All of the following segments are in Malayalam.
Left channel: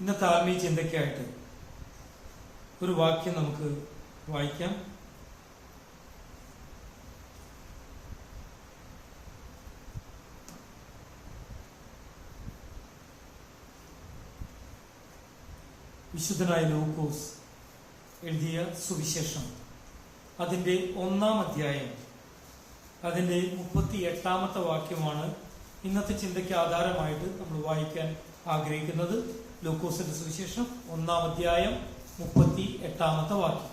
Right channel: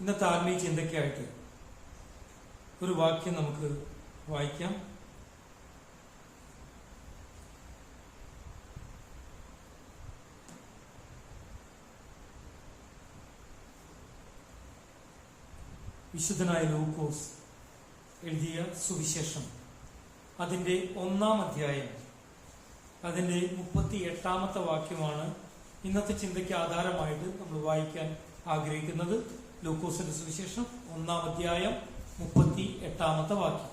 ഇന്നത്തെ ആത്മീയ ചിന്തയ്ക്കായിട്ട് ഒരു വാക്യം നമുക്ക് വായിക്കാം. വിശുദ്ധനായ ലൂക്കോസ് എഴുതിയ സുവിശേഷം അതിന്റെ 1-ാം അധ്യായം അതിന്റെ 38-ാമത്തെ വാക്യമാണ് ഇന്നത്തെ ചിന്തയ്ക്ക് ആധാരമായിട്ട് നമ്മൾ വായിക്കാൻ ആഗ്രഹിക്കുന്നത്. ലൂക്കോസിന്റെ സുവിശേഷം 1-ാം അധ്യായം 38-ാമത്തെ വാക്യം.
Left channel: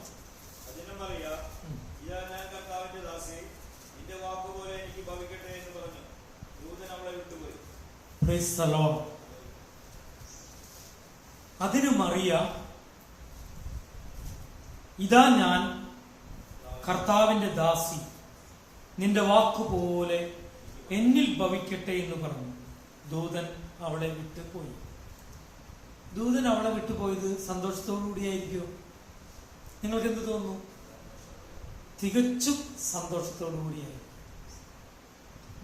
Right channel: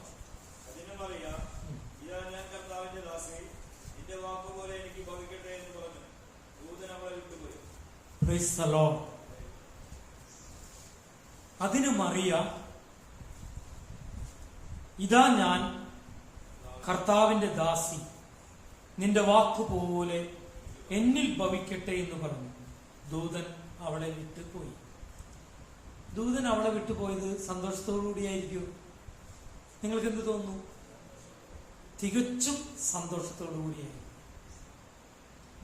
അതിന് മറിയ, ഇതാ ഞാൻ കർത്താവിന്റെ ദാസി, നിന്റെ വാക്കുപോലെ എന്നിൽ ഭവിക്കട്ടെ എന്ന് പറഞ്ഞു. ദൂതൻ അവളെ വിട്ടുപോയി. ദൂതൻ അവളെ വിട്ടുപോയത് സന്തോഷത്തോടുകൂടിയായിരിക്കും. നിങ്ങൾക്ക് എന്ത് തോന്നുന്നു? തികച്ചും സന്തോഷത്തോടുകൂടിയായി.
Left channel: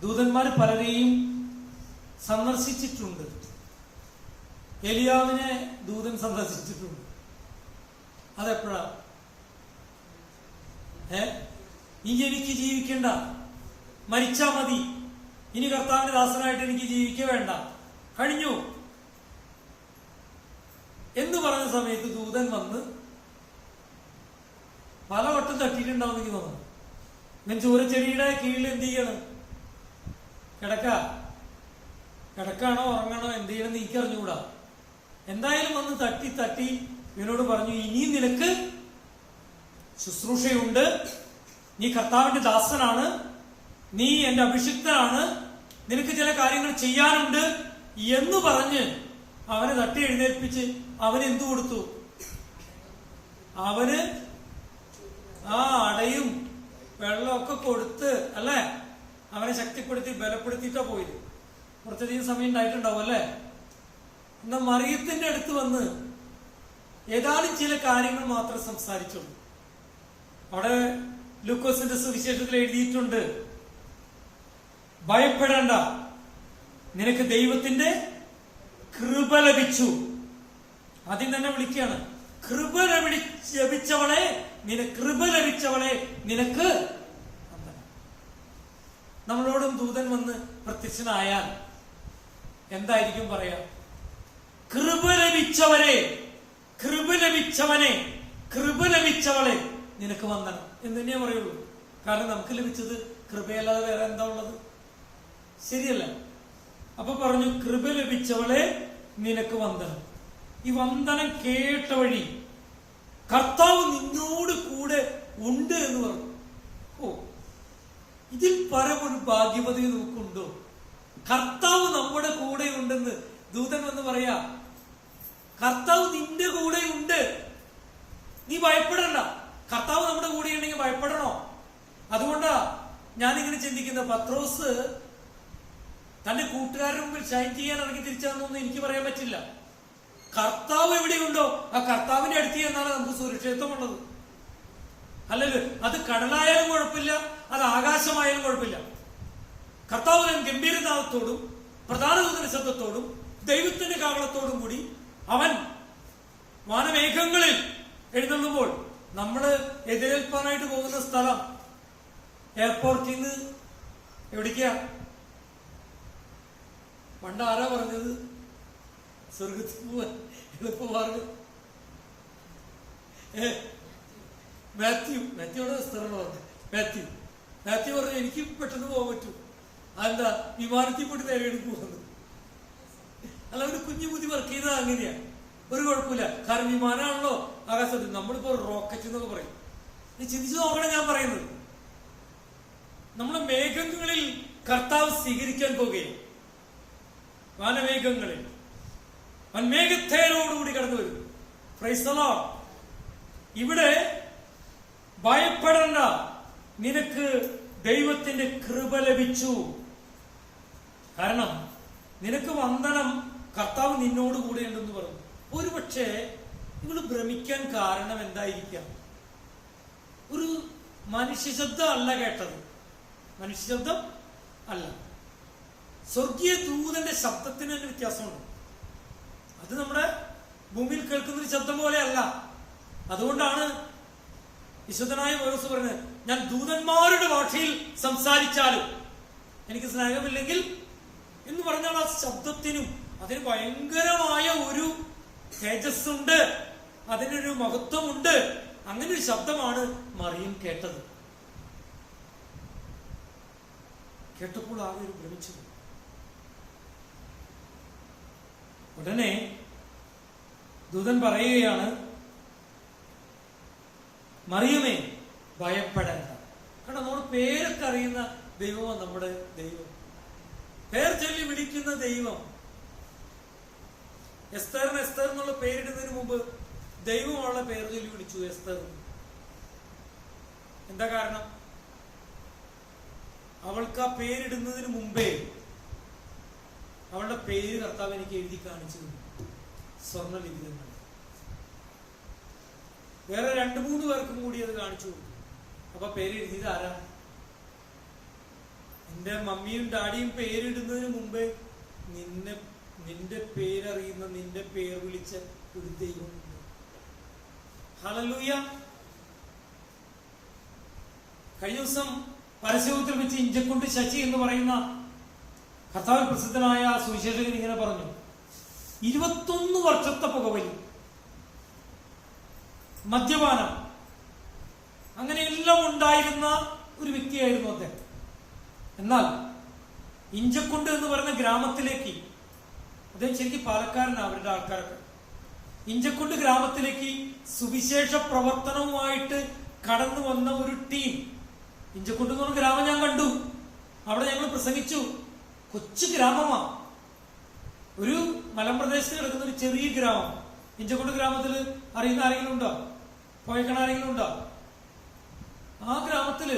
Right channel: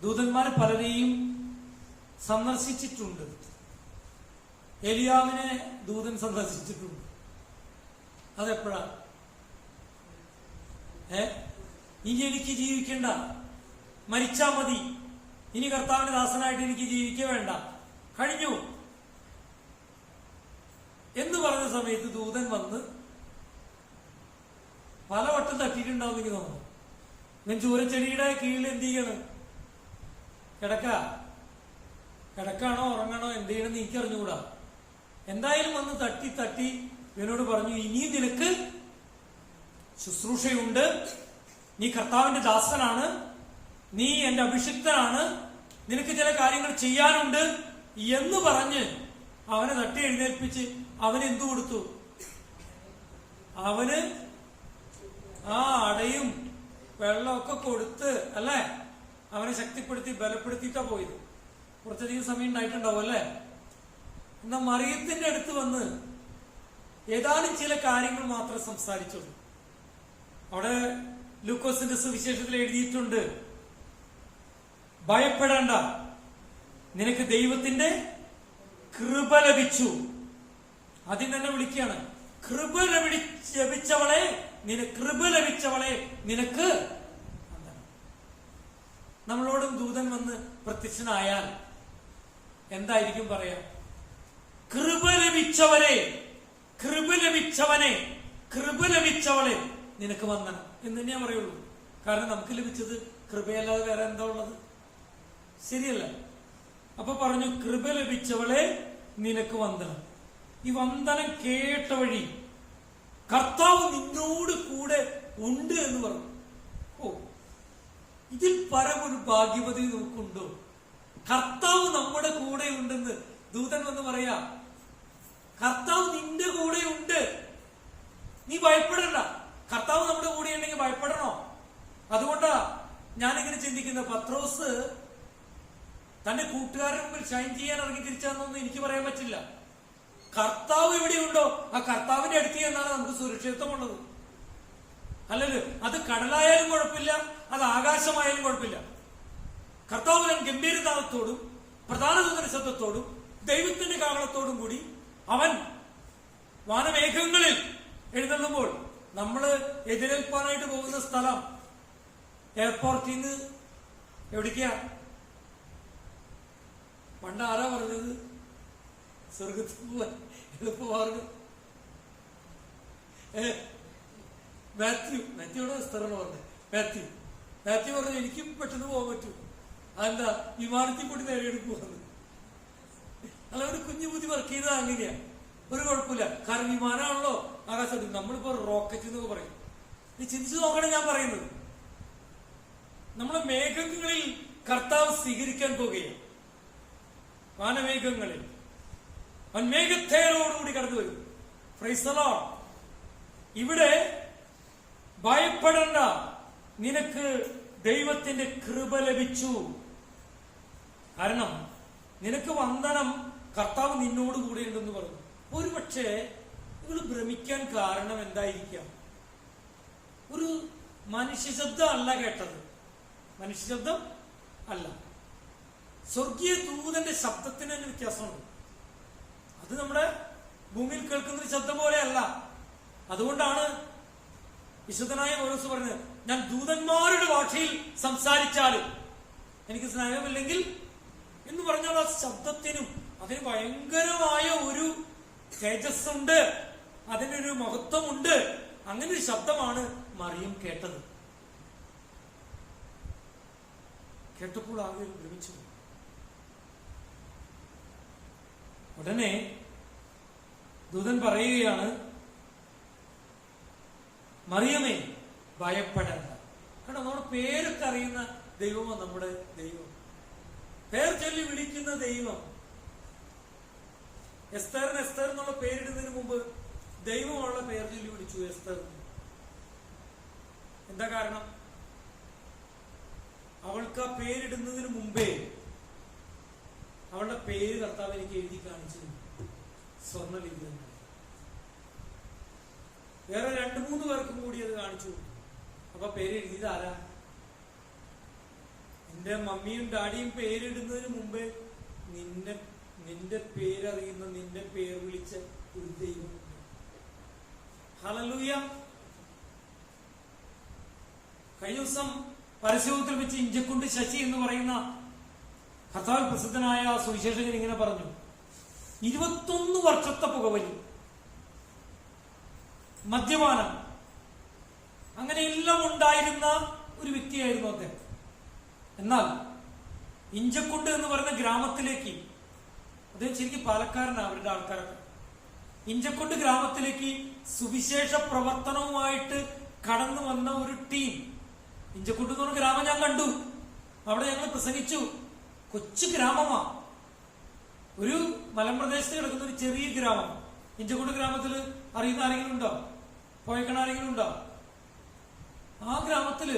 ദൂതന്മാർ പലരെയും സന്ദർശിച്ചിട്ടുണ്ട്. എലിയാവിനെ ദൂതൻ സന്ദർശിച്ചിട്ടുണ്ട്. അതെപ്പോഴാ? ഇനി എനിക്ക് ജീവിക്കണ്ട, മരിച്ചാ മതി, ഇനി കർത്താവിന്റെ ദാസനായിട്ട് എനിക്ക് ജീവിക്ക വേണ്ട, കഴിഞ്ഞു എന്ന് പറഞ്ഞ സമയത്ത് ദൂതൻ വന്ന് പലവട്ടം തട്ടിയിട്ടുണ്ടാവും. എനിക്ക് തോന്നുന്നു ഞാൻ ചൂരച്ചെടിയുടെ കീഴിൽ എന്ത് ചെയ്യണം? കിടക്കാണോ ഉറങ്ങണോ എന്ത് ചെയ്യണമെന്ന് എനിക്ക് അറിഞ്ഞുകൂടാ. എന്തായാലും വന്ന് തട്ടി തട്ടി ഇവനോട് പറഞ്ഞു, ഇനിയും നിനക്ക് ശുശ്രൂഷയുണ്ട്, നീ കർത്താവിന്റെ ദാസനാണ്, നീ എന്റെ അഭിഷിക്തനാണ്, നിനക്ക് ചില കാര്യങ്ങൾ ചെയ്യാനുണ്ട് എന്ന് പറഞ്ഞ് അവനെ തട്ടി എഴുന്നേൽപ്പിച്ച് അവന് എന്തു കൊടുത്തു? അവന് അടയും വെള്ളമൊക്കെ കൊടുത്ത് അല്ലേ അവനെ ശക്തിപ്പെടുത്തി ബലപ്പെടുത്തിയിട്ടാ പോയത്. കുറച്ചധികം സമയം ഉണ്ടായിട്ടുണ്ടാവും അല്ലേ? എന്നാ മറിയത്തിന്റെ അടുത്ത് വന്ന് ഏതാനും ചില കാര്യങ്ങൾ മാത്രം സംസാരിച്ചുള്ളൂ. അവിടെ ലൂക്കോസിന്റെ സുവിശേഷത്തിൽ എഴുതിയിട്ടുണ്ട്, ഭയപ്പെടേണ്ട, നിനക്ക് ദൈവത്തിന്റെ കൃപ ലഭിച്ചു. ആദ്യം തന്നെ വിളിക്കുകയാണ്, കൃപ ലഭിച്ചവളെ നിനക്ക്. നമ്മളോടും ദൂതൻ വന്ന് പ്രത്യക്ഷനായാൽ എന്തായിരിക്കും പറയാ? കൃപ ലഭിച്ചവനെ, കൃപ ലഭിച്ചവളെ നിനക്ക് വന്ദനം എന്ന് തന്നെയേ പറയുള്ളൂ. കാരണം നമുക്ക് ലഭിച്ചത് കൃപയല്ലാതെ വേറെ എന്താ ഉള്ളത്? ശരിയല്ല? അപ്പൊ പറഞ്ഞു, കൃപ ലഭിച്ചവളെ നിനക്ക് വന്ദനം. ഈ വന്ദനം കേട്ട വഴി കർത്താവ് നിന്നോട് കൂടെ ഉണ്ട് എന്ന് പറഞ്ഞു. ഇതിൽ പരമൊരു ഭാഗ്യവതി നമുക്കുണ്ടോ? കർത്താവ് നമ്മുടെ കൂടെ ഉണ്ടെന്ന് ദൂതൻ വന്ന് പറയാ. കർത്താവ് നിന്റെ കൂടെ ഉണ്ട്, നീ ഭയപ്പെടണ്ട. കർത്താവ് നമ്മുടെ കൂടെ ഉണ്ടെങ്കിൽ ഭയപ്പെടണോ? അതുകൊണ്ടാ ഞാനിങ്ങനെ ചിന്തിക്കുന്നത്, പത്രോസ് തന്റെ കൂട്ടുകാരുടെ മുമ്പിൽ ഷൈൻ ചെയ്യാൻ ഇറങ്ങി തിരിച്ചാണെന്നൊന്നും എനിക്ക് പറയാൻ പറ്റില്ല. കർത്താവ് എവിടെയുണ്ടോ ആ കർത്താവിന്റെ അടുത്ത് എന്നാണ് നമുക്ക് സുരക്ഷിതത്വമുള്ളത്. അല്ലല്ലോ, അത് കടലായാലും കുഴപ്പമില്ല, അത് ആകാശമായാലും കുഴപ്പമില്ല. കർത്താവ് ഗംഭീരനാഥത്തോടും പ്രധാന ദൂതന്റെ ശബ്ദത്തോടും ദൈവത്തിന്റെ കാവളത്തോടും കൂടി അവൻ വാനമേഘങ്ങളിൽ എഴുന്നള്ളുമ്പോൾ നമ്മള് എതിരേൽപ്പാനായിട്ട് പോകുന്ന സ്ഥലം എയർപോർട്ടിൽ നിന്ന് എവിടേക്കാ? പണ്ട് ആരാ പറഞ്ഞത്? സ്വർഗത്തിൽ പോവാൻ എളുപ്പമാർഗം. മാത്യുവിടെ സ്ഥലമാണ് പറഞ്ഞത്. മാത്യു പറഞ്ഞു, എനിക്ക് പെട്ടെന്ന് പോകാൻ പറ്റും. അതെന്താ? വിമാനത്തിൽ പോയിട്ട് നേരെ പോകുന്നത്. അല്ല, ഒരു കുഞ്ഞു ബുദ്ധി വർക്ക് ചെയ്തത് അങ്ങനെയാ, ഒരു കുഴപ്പമില്ല. കാരണം വിമാനമാണല്ലോ ആകാശത്ത്. നമ്മളിപ്പോ റോക്കറ്റ് എന്നൊക്കെ പറയും. നീ ചിന്തിച്ചു നോക്കണം ഞാൻ പറയുന്നത്. നമ്മളെ മേഘങ്ങളിൽ കർത്താവ് സ്വീകരിക്കാൻ പോകുകയാണ്. വാനമേഘങ്ങളിൽ അവൻ മേഘത്തേരോടുകൂടി കടന്നു വരും. Praise the Lord. ഇവിടെ ഭയപ്പെടണ്ട, നിനക്ക് ദൈവത്തിന്റെ കൃപ ലഭിച്ചു. കാരണം നിനക്ക് വന്ദനം, കർത്താവ് നിന്നോട് കൂടെ ഉണ്ടെന്ന് പറഞ്ഞു. ഒരുപക്ഷെ ഇവള് ഭ്രമിക്കാൻ കാരണം എന്തായിരിക്കാം? ഒരു മനുഷ്യശബ്ദം അല്ല കേട്ടത്, മനുഷ്യശബ്ദം അല്ല, സ്വർഗീയ ദൂതന്റെ ശബ്ദത്തിന് തന്നെ വ്യത്യാസമുണ്ട്. അത് നമ്മുടെ ഭൂമിയിൽ കേൾക്കുന്ന ഒരു ശബ്ദം പോലെയല്ല. അതുകൊണ്ടാണ് വിശുദ്ധനായ പൗലോസ് പറഞ്ഞത്, ഞാൻ ദൂതന്മാരുടെ ഭാഷയിൽ സംസാരിച്ചാലും എനിക്ക് സ്നേഹമില്ലെങ്കിൽ എന്ന് പറഞ്ഞാൽ ആ ശബ്ദത്തിനും അതിന് ഭയങ്കരമായ ഒരു തേജസ്സുണ്ട്, അതിനൊരു മഹത്വമുണ്ട്. അങ്ങനെ ഒരു ശബ്ദമാണ് മറിയം കേട്ടത്. കേട്ടപ്പോൾ ആകെ ഒരു ഭ്രമിച്ചു. ഉടനെ ദൂതൻ പറയുകയാണ്, മറിയമേ ഭയപ്പെടേണ്ട. കാരണം നമ്മുടെ പേരൊക്കെ അറിയുന്ന ദൈവമാണ് നമ്മുടെ ദൈവം, പേർ ചൊല്ലി വിളിക്കുന്ന ദൈവം. എസ്തറിന് എസ്തർ എന്നുള്ള പേരിടുന്നതിന് മുമ്പ് ദൈവമുള്ള പേർ ചൊല്ലി വിളിച്ചു എസ്തർ. എന്താ കാരണം? അവൾക്ക് ആ പേരിടുന്നതിന് മുമ്പേ അവളുടെ പേര് കർത്താവ് എനിക്ക് എഴുതി കാണിച്ചു സ്വർണ്ണലിഖിതങ്ങൾ. വേറെ 2-3 പേർക്കും കൂടി അത് കാണിച്ചു. അപ്പൊ പേര് എഴുതിയത് ആരാ? നിന്റെ മമ്മിയും ഡാഡിയും പേരിടുന്നതിന് മുമ്പേ നിന്റെ പേരറിയുന്ന, നിന്റെ പേർ വിളിച്ച ഒരു ദൈവമുണ്ട്. ഹല്ലേലൂയ. കഴിഞ്ഞ ദിവസം പരസ്യത്തിൽ വെച്ച് ഇഞ്ചക്കുണ്ട് ശശി എന്ന് പറയുന്ന കർത്താവിൽ പ്രസിദ്ധനായ സുവിശേഷകൻ ഇങ്ങനെ പറഞ്ഞു, 21 വർഷത്തെ പുകവലി, മദ്യപാനം, അങ്ങനെയെല്ലാം ഉണ്ടായിരുന്ന ഒരു വ്യക്തിയായിരുന്നു അദ്ദേഹം. എന്നാൽ ഇഞ്ചക്കുണ്ട് എന്ന് പറയുന്ന ഗ്രാമത്തിലേക്ക്, അദ്ദേഹം ശരിക്കും പാലക്കാരനാണ്, അവരുടെ ആൾക്കാരൊക്കെ, ഇഞ്ചക്കുണ്ട് ഗ്രാമത്തിലേക്ക് സുവിശേഷ പ്രവർത്തനവുമായിട്ട് കടന്നു വന്ന ഒരു ടീം. ഇഞ്ചക്കുണ്ട് എന്ന് പറഞ്ഞ ഗ്രാമം ഞാൻ കണ്ടു, അവിടെ ഞങ്ങൾ പ്രസംഗിച്ചു. കൊച്ചു ഗ്രാമമാ, ഒരു മലമ്പ്രദേശത്ത് കിടക്കുന്ന ഒരു ചെറിയ ഗ്രാമം. ഇഞ്ചക്കുണ്ട് ഗ്രാമത്തിൽ അറിയുന്ന ആരെങ്കിലും ഉണ്ടോ? പോയക്കണ ആരെങ്കിലും ഉണ്ടോ? ആ ഗ്രാമത്തില്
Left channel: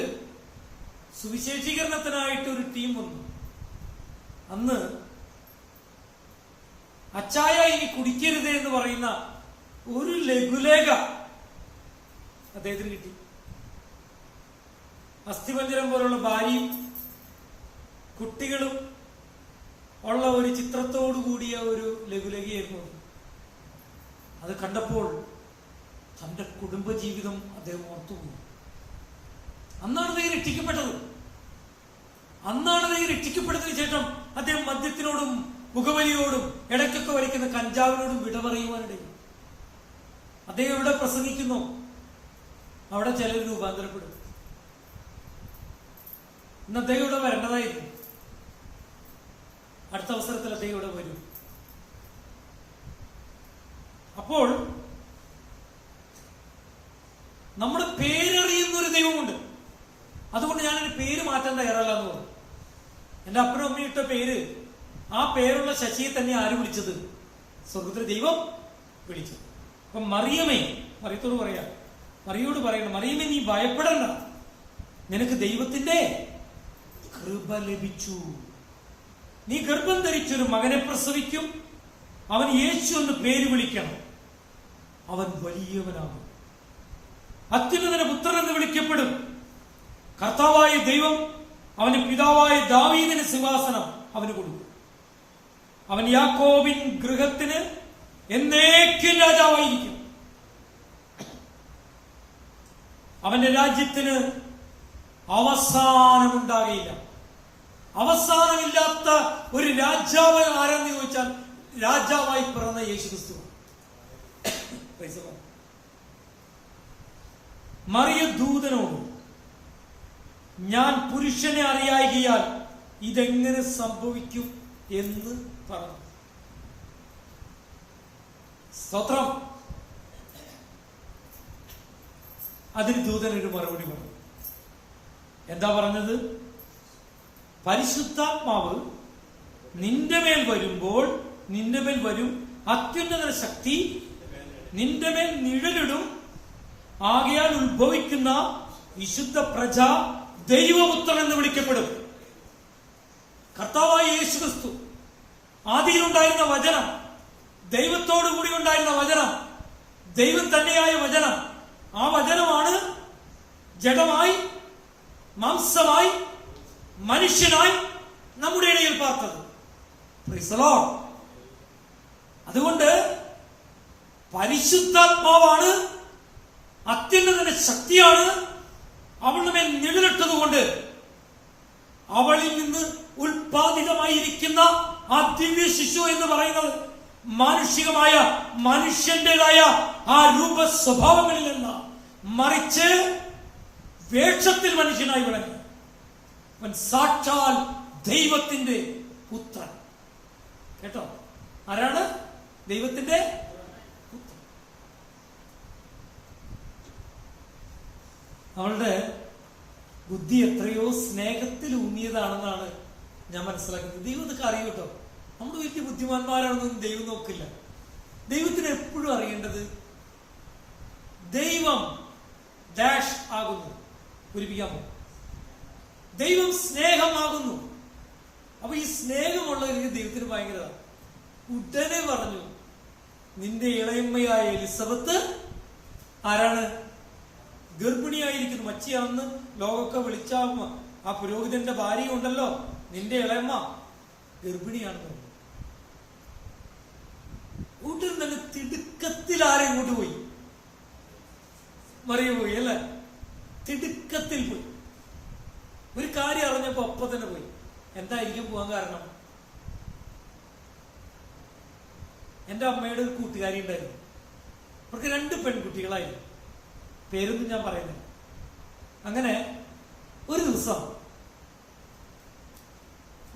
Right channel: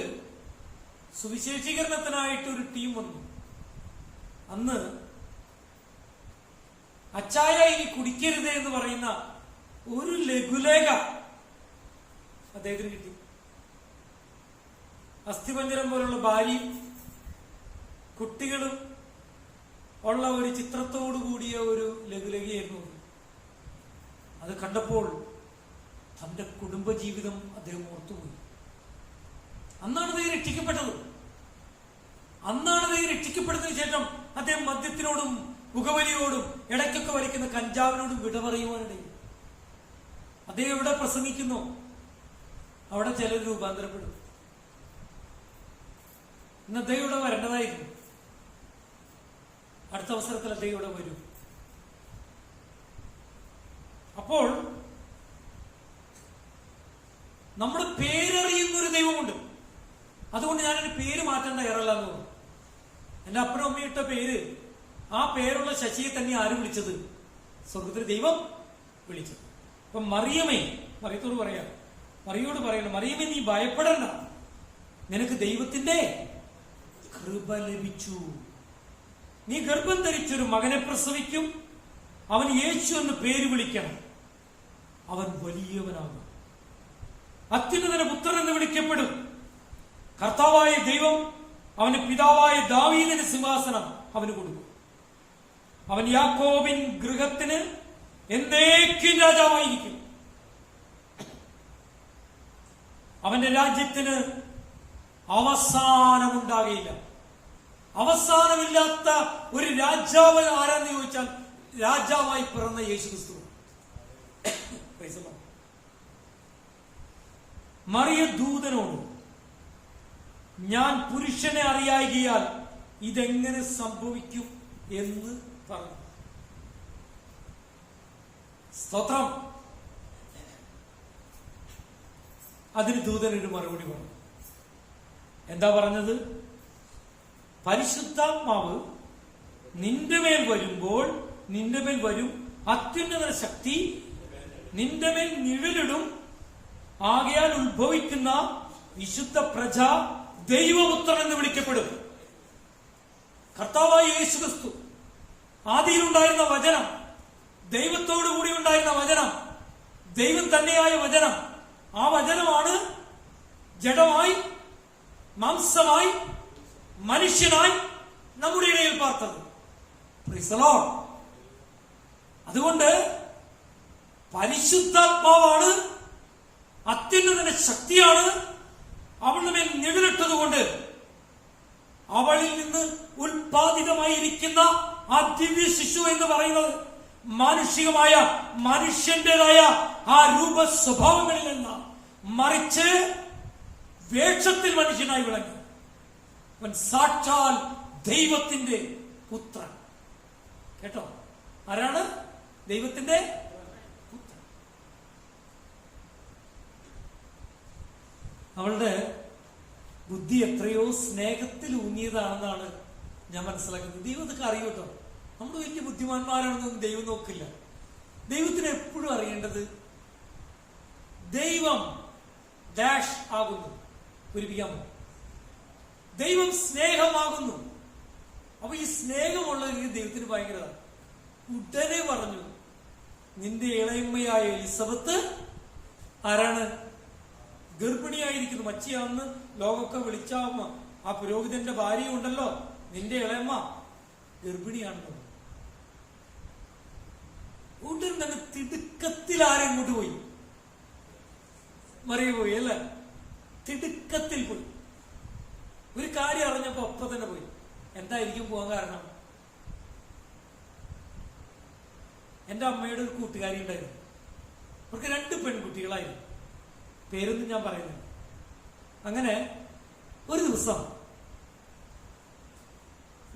സുവിശേഷീകരണത്തിനായിട്ട് ഒരു ടീം വന്നു. അന്ന് അച്ചായ ഇനി കുടിക്കരുത് എന്ന് പറയുന്ന ഒരു ലഘുലേഖ അദ്ദേഹത്തിന് കിട്ടി. അസ്ഥിപഞ്ജരം പോലുള്ള ഭാര്യയും കുട്ടികളും ഉള്ള ഒരു ചിത്രത്തോടു കൂടിയ ഒരു ലഘുലേഖയായിരുന്നു. അത് കണ്ടപ്പോൾ തന്റെ കുടുംബജീവിതം അദ്ദേഹം ഓർത്തുപോയി. അന്നാണ് അദ്ദേഹം രക്ഷിക്കപ്പെട്ടത്. അന്നാണ് അദ്ദേഹം രക്ഷിക്കപ്പെട്ടതിന് ശേഷം അദ്ദേഹം മദ്യത്തിനോടും പുകവലിയോടും ഇടയ്ക്കൊക്കെ വലിക്കുന്ന കഞ്ചാവിനോടും വിടമറിയുവാനിടയിൽ. അദ്ദേഹം എവിടെ പ്രസംഗിക്കുന്നു അവിടെ ചിലർ രൂപാന്തരപ്പെടും. ഇന്ന് അദ്ദേഹം ഇവിടെ വരേണ്ടതായിരുന്നു. അടുത്ത അവസരത്തിൽ അദ്ദേഹം ഇവിടെ വരും. അപ്പോൾ നമ്മുടെ പേരറിയുന്ന ഒരു ദൈവമുണ്ട്. അതുകൊണ്ട് ഞാനൊരു പേര് മാറ്റാൻ തയ്യാറല്ല എന്ന് പറഞ്ഞു. എന്റെ അപ്പനും അമ്മയും ഇട്ട പേര്, ആ പേരുള്ള ശശിയെ തന്നെ ആര് വിളിച്ചത്? സ്വർഗത്തിലെ ദൈവം വിളിച്ചത്. അപ്പൊ മറിയമേ, മറിയത്തോട് പറയാ, മറിയോട് പറയണം, മറിയമേ നീ ഭയപ്പെടണ്ട, നിനക്ക് ദൈവത്തിന്റെ കൃപ ലഭിച്ചു. നീ ഗർഭം ധരിച്ചൊരു മകനെ പ്രസവിക്കും, അവൻ യേശു എന്ന് പേര് വിളിക്കണം. അവൻ വലിയവനാകും, അത്യുന്നതന്റെ പുത്രൻ എന്ന് വിളിക്കപ്പെടും. കർത്താവായ ദൈവം അവന്റെ പിതാവായ ദാവീദിന് സിംഹാസനം അവന് കൊടുക്കും. അവൻ യാക്കോബിൻ ഗൃഹത്തിന് എന്നേക്കും രാജാവായിരിക്കും. അവന്റെ രാജ്യത്തിന് അവസാനമുണ്ടാകയില്ല. അവസാനമില്ലാത്ത ഒരു രാജാവ് ആരെന്ന് ചോദിച്ചാൽ രാജാവായി പിറന്ന യേശുക്രിസ്തു. മറിയ ദൂതനോട്, ഞാൻ പുരുഷനെ അറിയായികയാൽ ഇതെങ്ങനെ സംഭവിക്കും എന്ന് പറഞ്ഞു. സ്തോത്രം. അതിന് ദൂതനൊരു മറുപടി പറഞ്ഞു. എന്താ പറഞ്ഞത്? പരിശുദ്ധാത്മാവ് നിന്റെ മേൽ വരുമ്പോൾ, നിന്റെ മേൽ വരും, അത്യുന്നത ശക്തി നിന്റെ മേൽ നിഴലിടും. ആകയാൽ ഉത്ഭവിക്കുന്ന വിശുദ്ധ പ്രജ ദൈവപുത്രൻ എന്ന് വിളിക്കപ്പെടും. കർത്താവായ യേശുക്രിസ്തു, ആദിയിലുണ്ടായിരുന്ന വചനം, ദൈവത്തോടു കൂടി ഉണ്ടായിരുന്ന വചനം, ദൈവം തന്നെയായ വചനം, ആ വചനമാണ് ജഡമായി മാംസമായി മനുഷ്യനായി നമ്മുടെ ഇടയിൽ പാർത്തത്. Praise the Lord. അതുകൊണ്ട് പരിശുദ്ധാത്മാവാണ്, അത്യുന്നതന്റെ ശക്തിയാണ് അവളുടെ മേൽ നിഴലിട്ടതുകൊണ്ട് അവളിൽ നിന്ന് ഉൽപാദിതമായിരിക്കുന്ന ആ ദിവ്യ ശിശു എന്ന് പറയുന്നത് മാനുഷികമായ മനുഷ്യന്റേതായ ആ രൂപ സ്വഭാവങ്ങളിൽ നിന്ന് മറിച്ച് വേഷത്തിൽ മനുഷ്യനായി വിളങ്ങി. അവൻ സാക്ഷാൽ ദൈവത്തിന്റെ പുത്രൻ. കേട്ടോ, ആരാണ്? ദൈവത്തിന്റെ പുത്രൻ. അവളുടെ ബുദ്ധി എത്രയോ സ്നേഹത്തിൽ ഊന്നിയതാണെന്നാണ് ഞാൻ മനസ്സിലാക്കുന്നത്. ദൈവം ഇതൊക്കെ അറിയും കേട്ടോ. നമ്മൾ വലിയ ബുദ്ധിമാന്മാരാണെന്നൊന്നും ദൈവം നോക്കില്ല. ദൈവത്തിന് എപ്പോഴും അറിയേണ്ടത് ദൈവം ഡാഷ് ആകുന്നു. പൂരിപ്പിക്കാമോ? ദൈവം സ്നേഹമാകുന്നു. അപ്പൊ ഈ സ്നേഹമുള്ള ദൈവത്തിന് ഭയങ്കര ഉടനെ പറഞ്ഞു, നിന്റെ ഇളയമ്മയായ എലിസബത്ത് ആരാണ്? ഗർഭിണിയായിരിക്കുന്നു. മച്ചിയാണെന്ന് ലോകമൊക്കെ വിളിച്ച ആ പുരോഹിതന്റെ ഭാര്യ ഉണ്ടല്ലോ, നിന്റെ ഇളയമ്മ ഗർഭിണിയാണെന്ന്. ഉടൻ തന്നെ തിടുക്കത്തിൽ ആരെങ്ങോട്ട് പോയി? മറിയ പോയി അല്ലെ? തിടുക്കത്തിൽ പോയി. ഒരു കാര്യം അറിഞ്ഞപ്പോ ഒപ്പം തന്നെ പോയി. എന്തായിരിക്കും പോകാൻ കാരണം? എന്റെ അമ്മയുടെ ഒരു കൂട്ടുകാരി ഉണ്ടായിരുന്നു. അവർക്ക് 2 പെൺകുട്ടികളായിരുന്നു. പേരൊന്നും ഞാൻ പറയുന്നില്ല. അങ്ങനെ ഒരു ദിവസം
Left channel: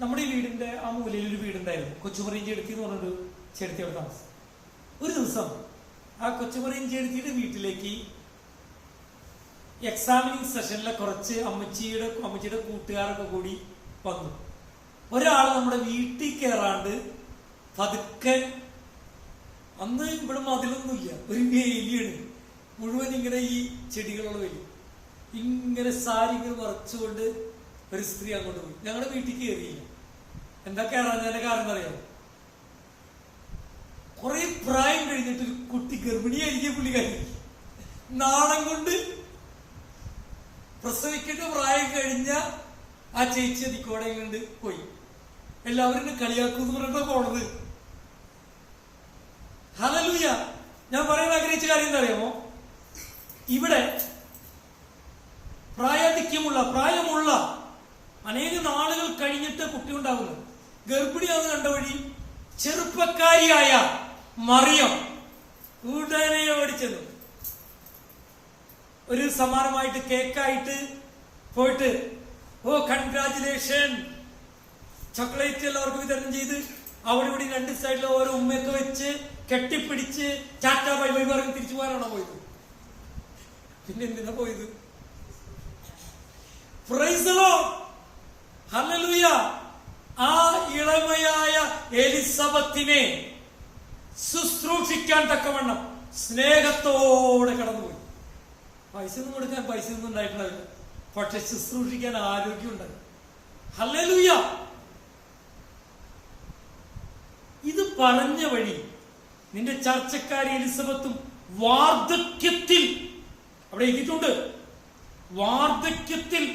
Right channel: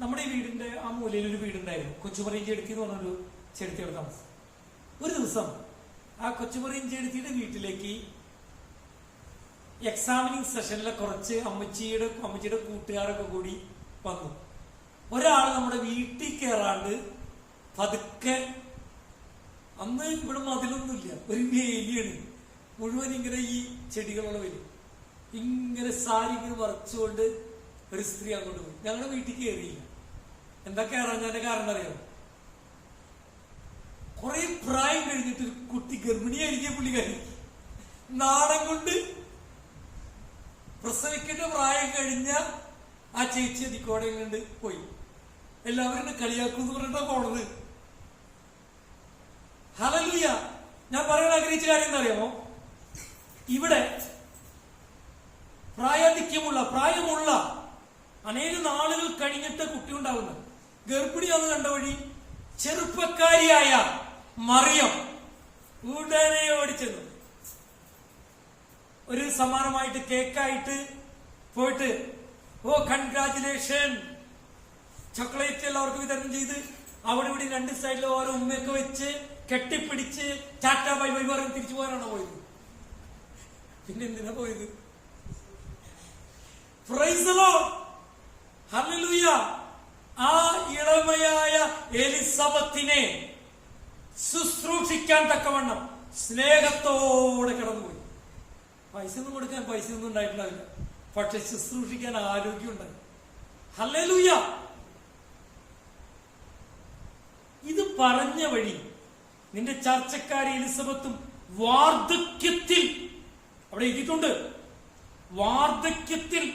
നമ്മുടെ ഈ വീടിന്റെ ആ മൂലയിൽ ഒരു വീടുണ്ടായിരുന്നു, കൊച്ചുമറിയും ചെടുത്തി എന്ന് പറഞ്ഞൊരു ചെടുത്തിയുടെ താമസം. ഒരു ദിവസം ആ കൊച്ചുമറിയും ചെടുത്തിയുടെ വീട്ടിലേക്ക് എക്സാമിനിങ് സെഷനിലെ കുറച്ച് അമ്മച്ചിയുടെ കൂട്ടുകാരൊക്കെ കൂടി വന്നു. ഒരാൾ നമ്മുടെ വീട്ടിൽ കയറാണ്ട് പതുക്കെ, അന്ന് ഇവിടെ മതിലൊന്നുമില്ല, ഒരു വേലിയാണ് മുഴുവൻ, ഇങ്ങനെ ഈ ചെടികളുള്ള വേലി, ഇങ്ങനെ സാരി ഇങ്ങനെ മറച്ചുകൊണ്ട് ഒരു സ്ത്രീ അങ്ങോട്ട് പോയി. ഞങ്ങളുടെ വീട്ടിൽ കയറിയില്ല. എന്താ കയറാഞ്ഞതിന്റെ കാരണം അറിയാമോ? കുറെ പ്രായം കഴിഞ്ഞിട്ട് ഒരു കുട്ടി ഗർഭിണിയായിരിക്കും പുള്ളിക്കാരി. നാണം കൊണ്ട് പ്രസവിക്കേണ്ട പ്രായം കഴിഞ്ഞ ആ ചേച്ചി അതിക്കോടെ കൊണ്ട് പോയി. എല്ലാവരും കളിയാക്കും പറഞ്ഞിട്ടാ പോണത്. ഹല്ലേലൂയ. ഞാൻ പറയാൻ ആഗ്രഹിച്ച കാര്യം എന്താ അറിയാമോ? ഇവിടെ പ്രായമുള്ള അനേക നാളുകൾ കഴിഞ്ഞിട്ട് കുട്ടി ഉണ്ടാകുന്നത്. ഗർഭിണിയാന്ന് കണ്ട വഴി ചെറുപ്പക്കാരിയായ മറിയം ഉടനെ ഓടിച്ചെന്നു. ഒരു സമ്മാനമായിട്ട് കേക്കായിട്ട് പോയിട്ട്, ഓ കൺഗ്രാറ്റുലേഷൻ, ചോക്ലേറ്റ് എല്ലാവർക്കും വിതരണം ചെയ്ത് അവിടെ ഇവിടെ 2 സൈഡിൽ ഓരോ ഉമ്മയൊക്കെ വെച്ച് കെട്ടിപ്പിടിച്ച് ടാറ്റാ ബൈ ബൈ പറഞ്ഞ് തിരിച്ചു പോകാനാണോ പോയത്? പിന്നെ എന്തിനാ പോയത്? Praise the Lord, hallelujah. ആ ഇളമയായ എലിസബത്തിനെ ശുശ്രൂഷിക്കാൻ തക്കവണ്ണം സ്നേഹത്തോടെ കടന്നുപോയി. പൈസയൊന്നും കൊടുക്കാൻ പൈസയൊന്നും ഉണ്ടായിട്ടുണ്ടാവില്ല, പക്ഷെ ശുശ്രൂഷിക്കാൻ ആരോഗ്യം ഉണ്ടായി. ഹല്ലേലൂയ. ഇത് പറഞ്ഞ വഴി നിന്റെ ചർച്ചക്കാരി എലിസബത്തും വാർദ്ധക്യത്തിൽ, അവിടെ എഴുതിയിട്ടുണ്ട്, വാർദ്ധക്യത്തിൽ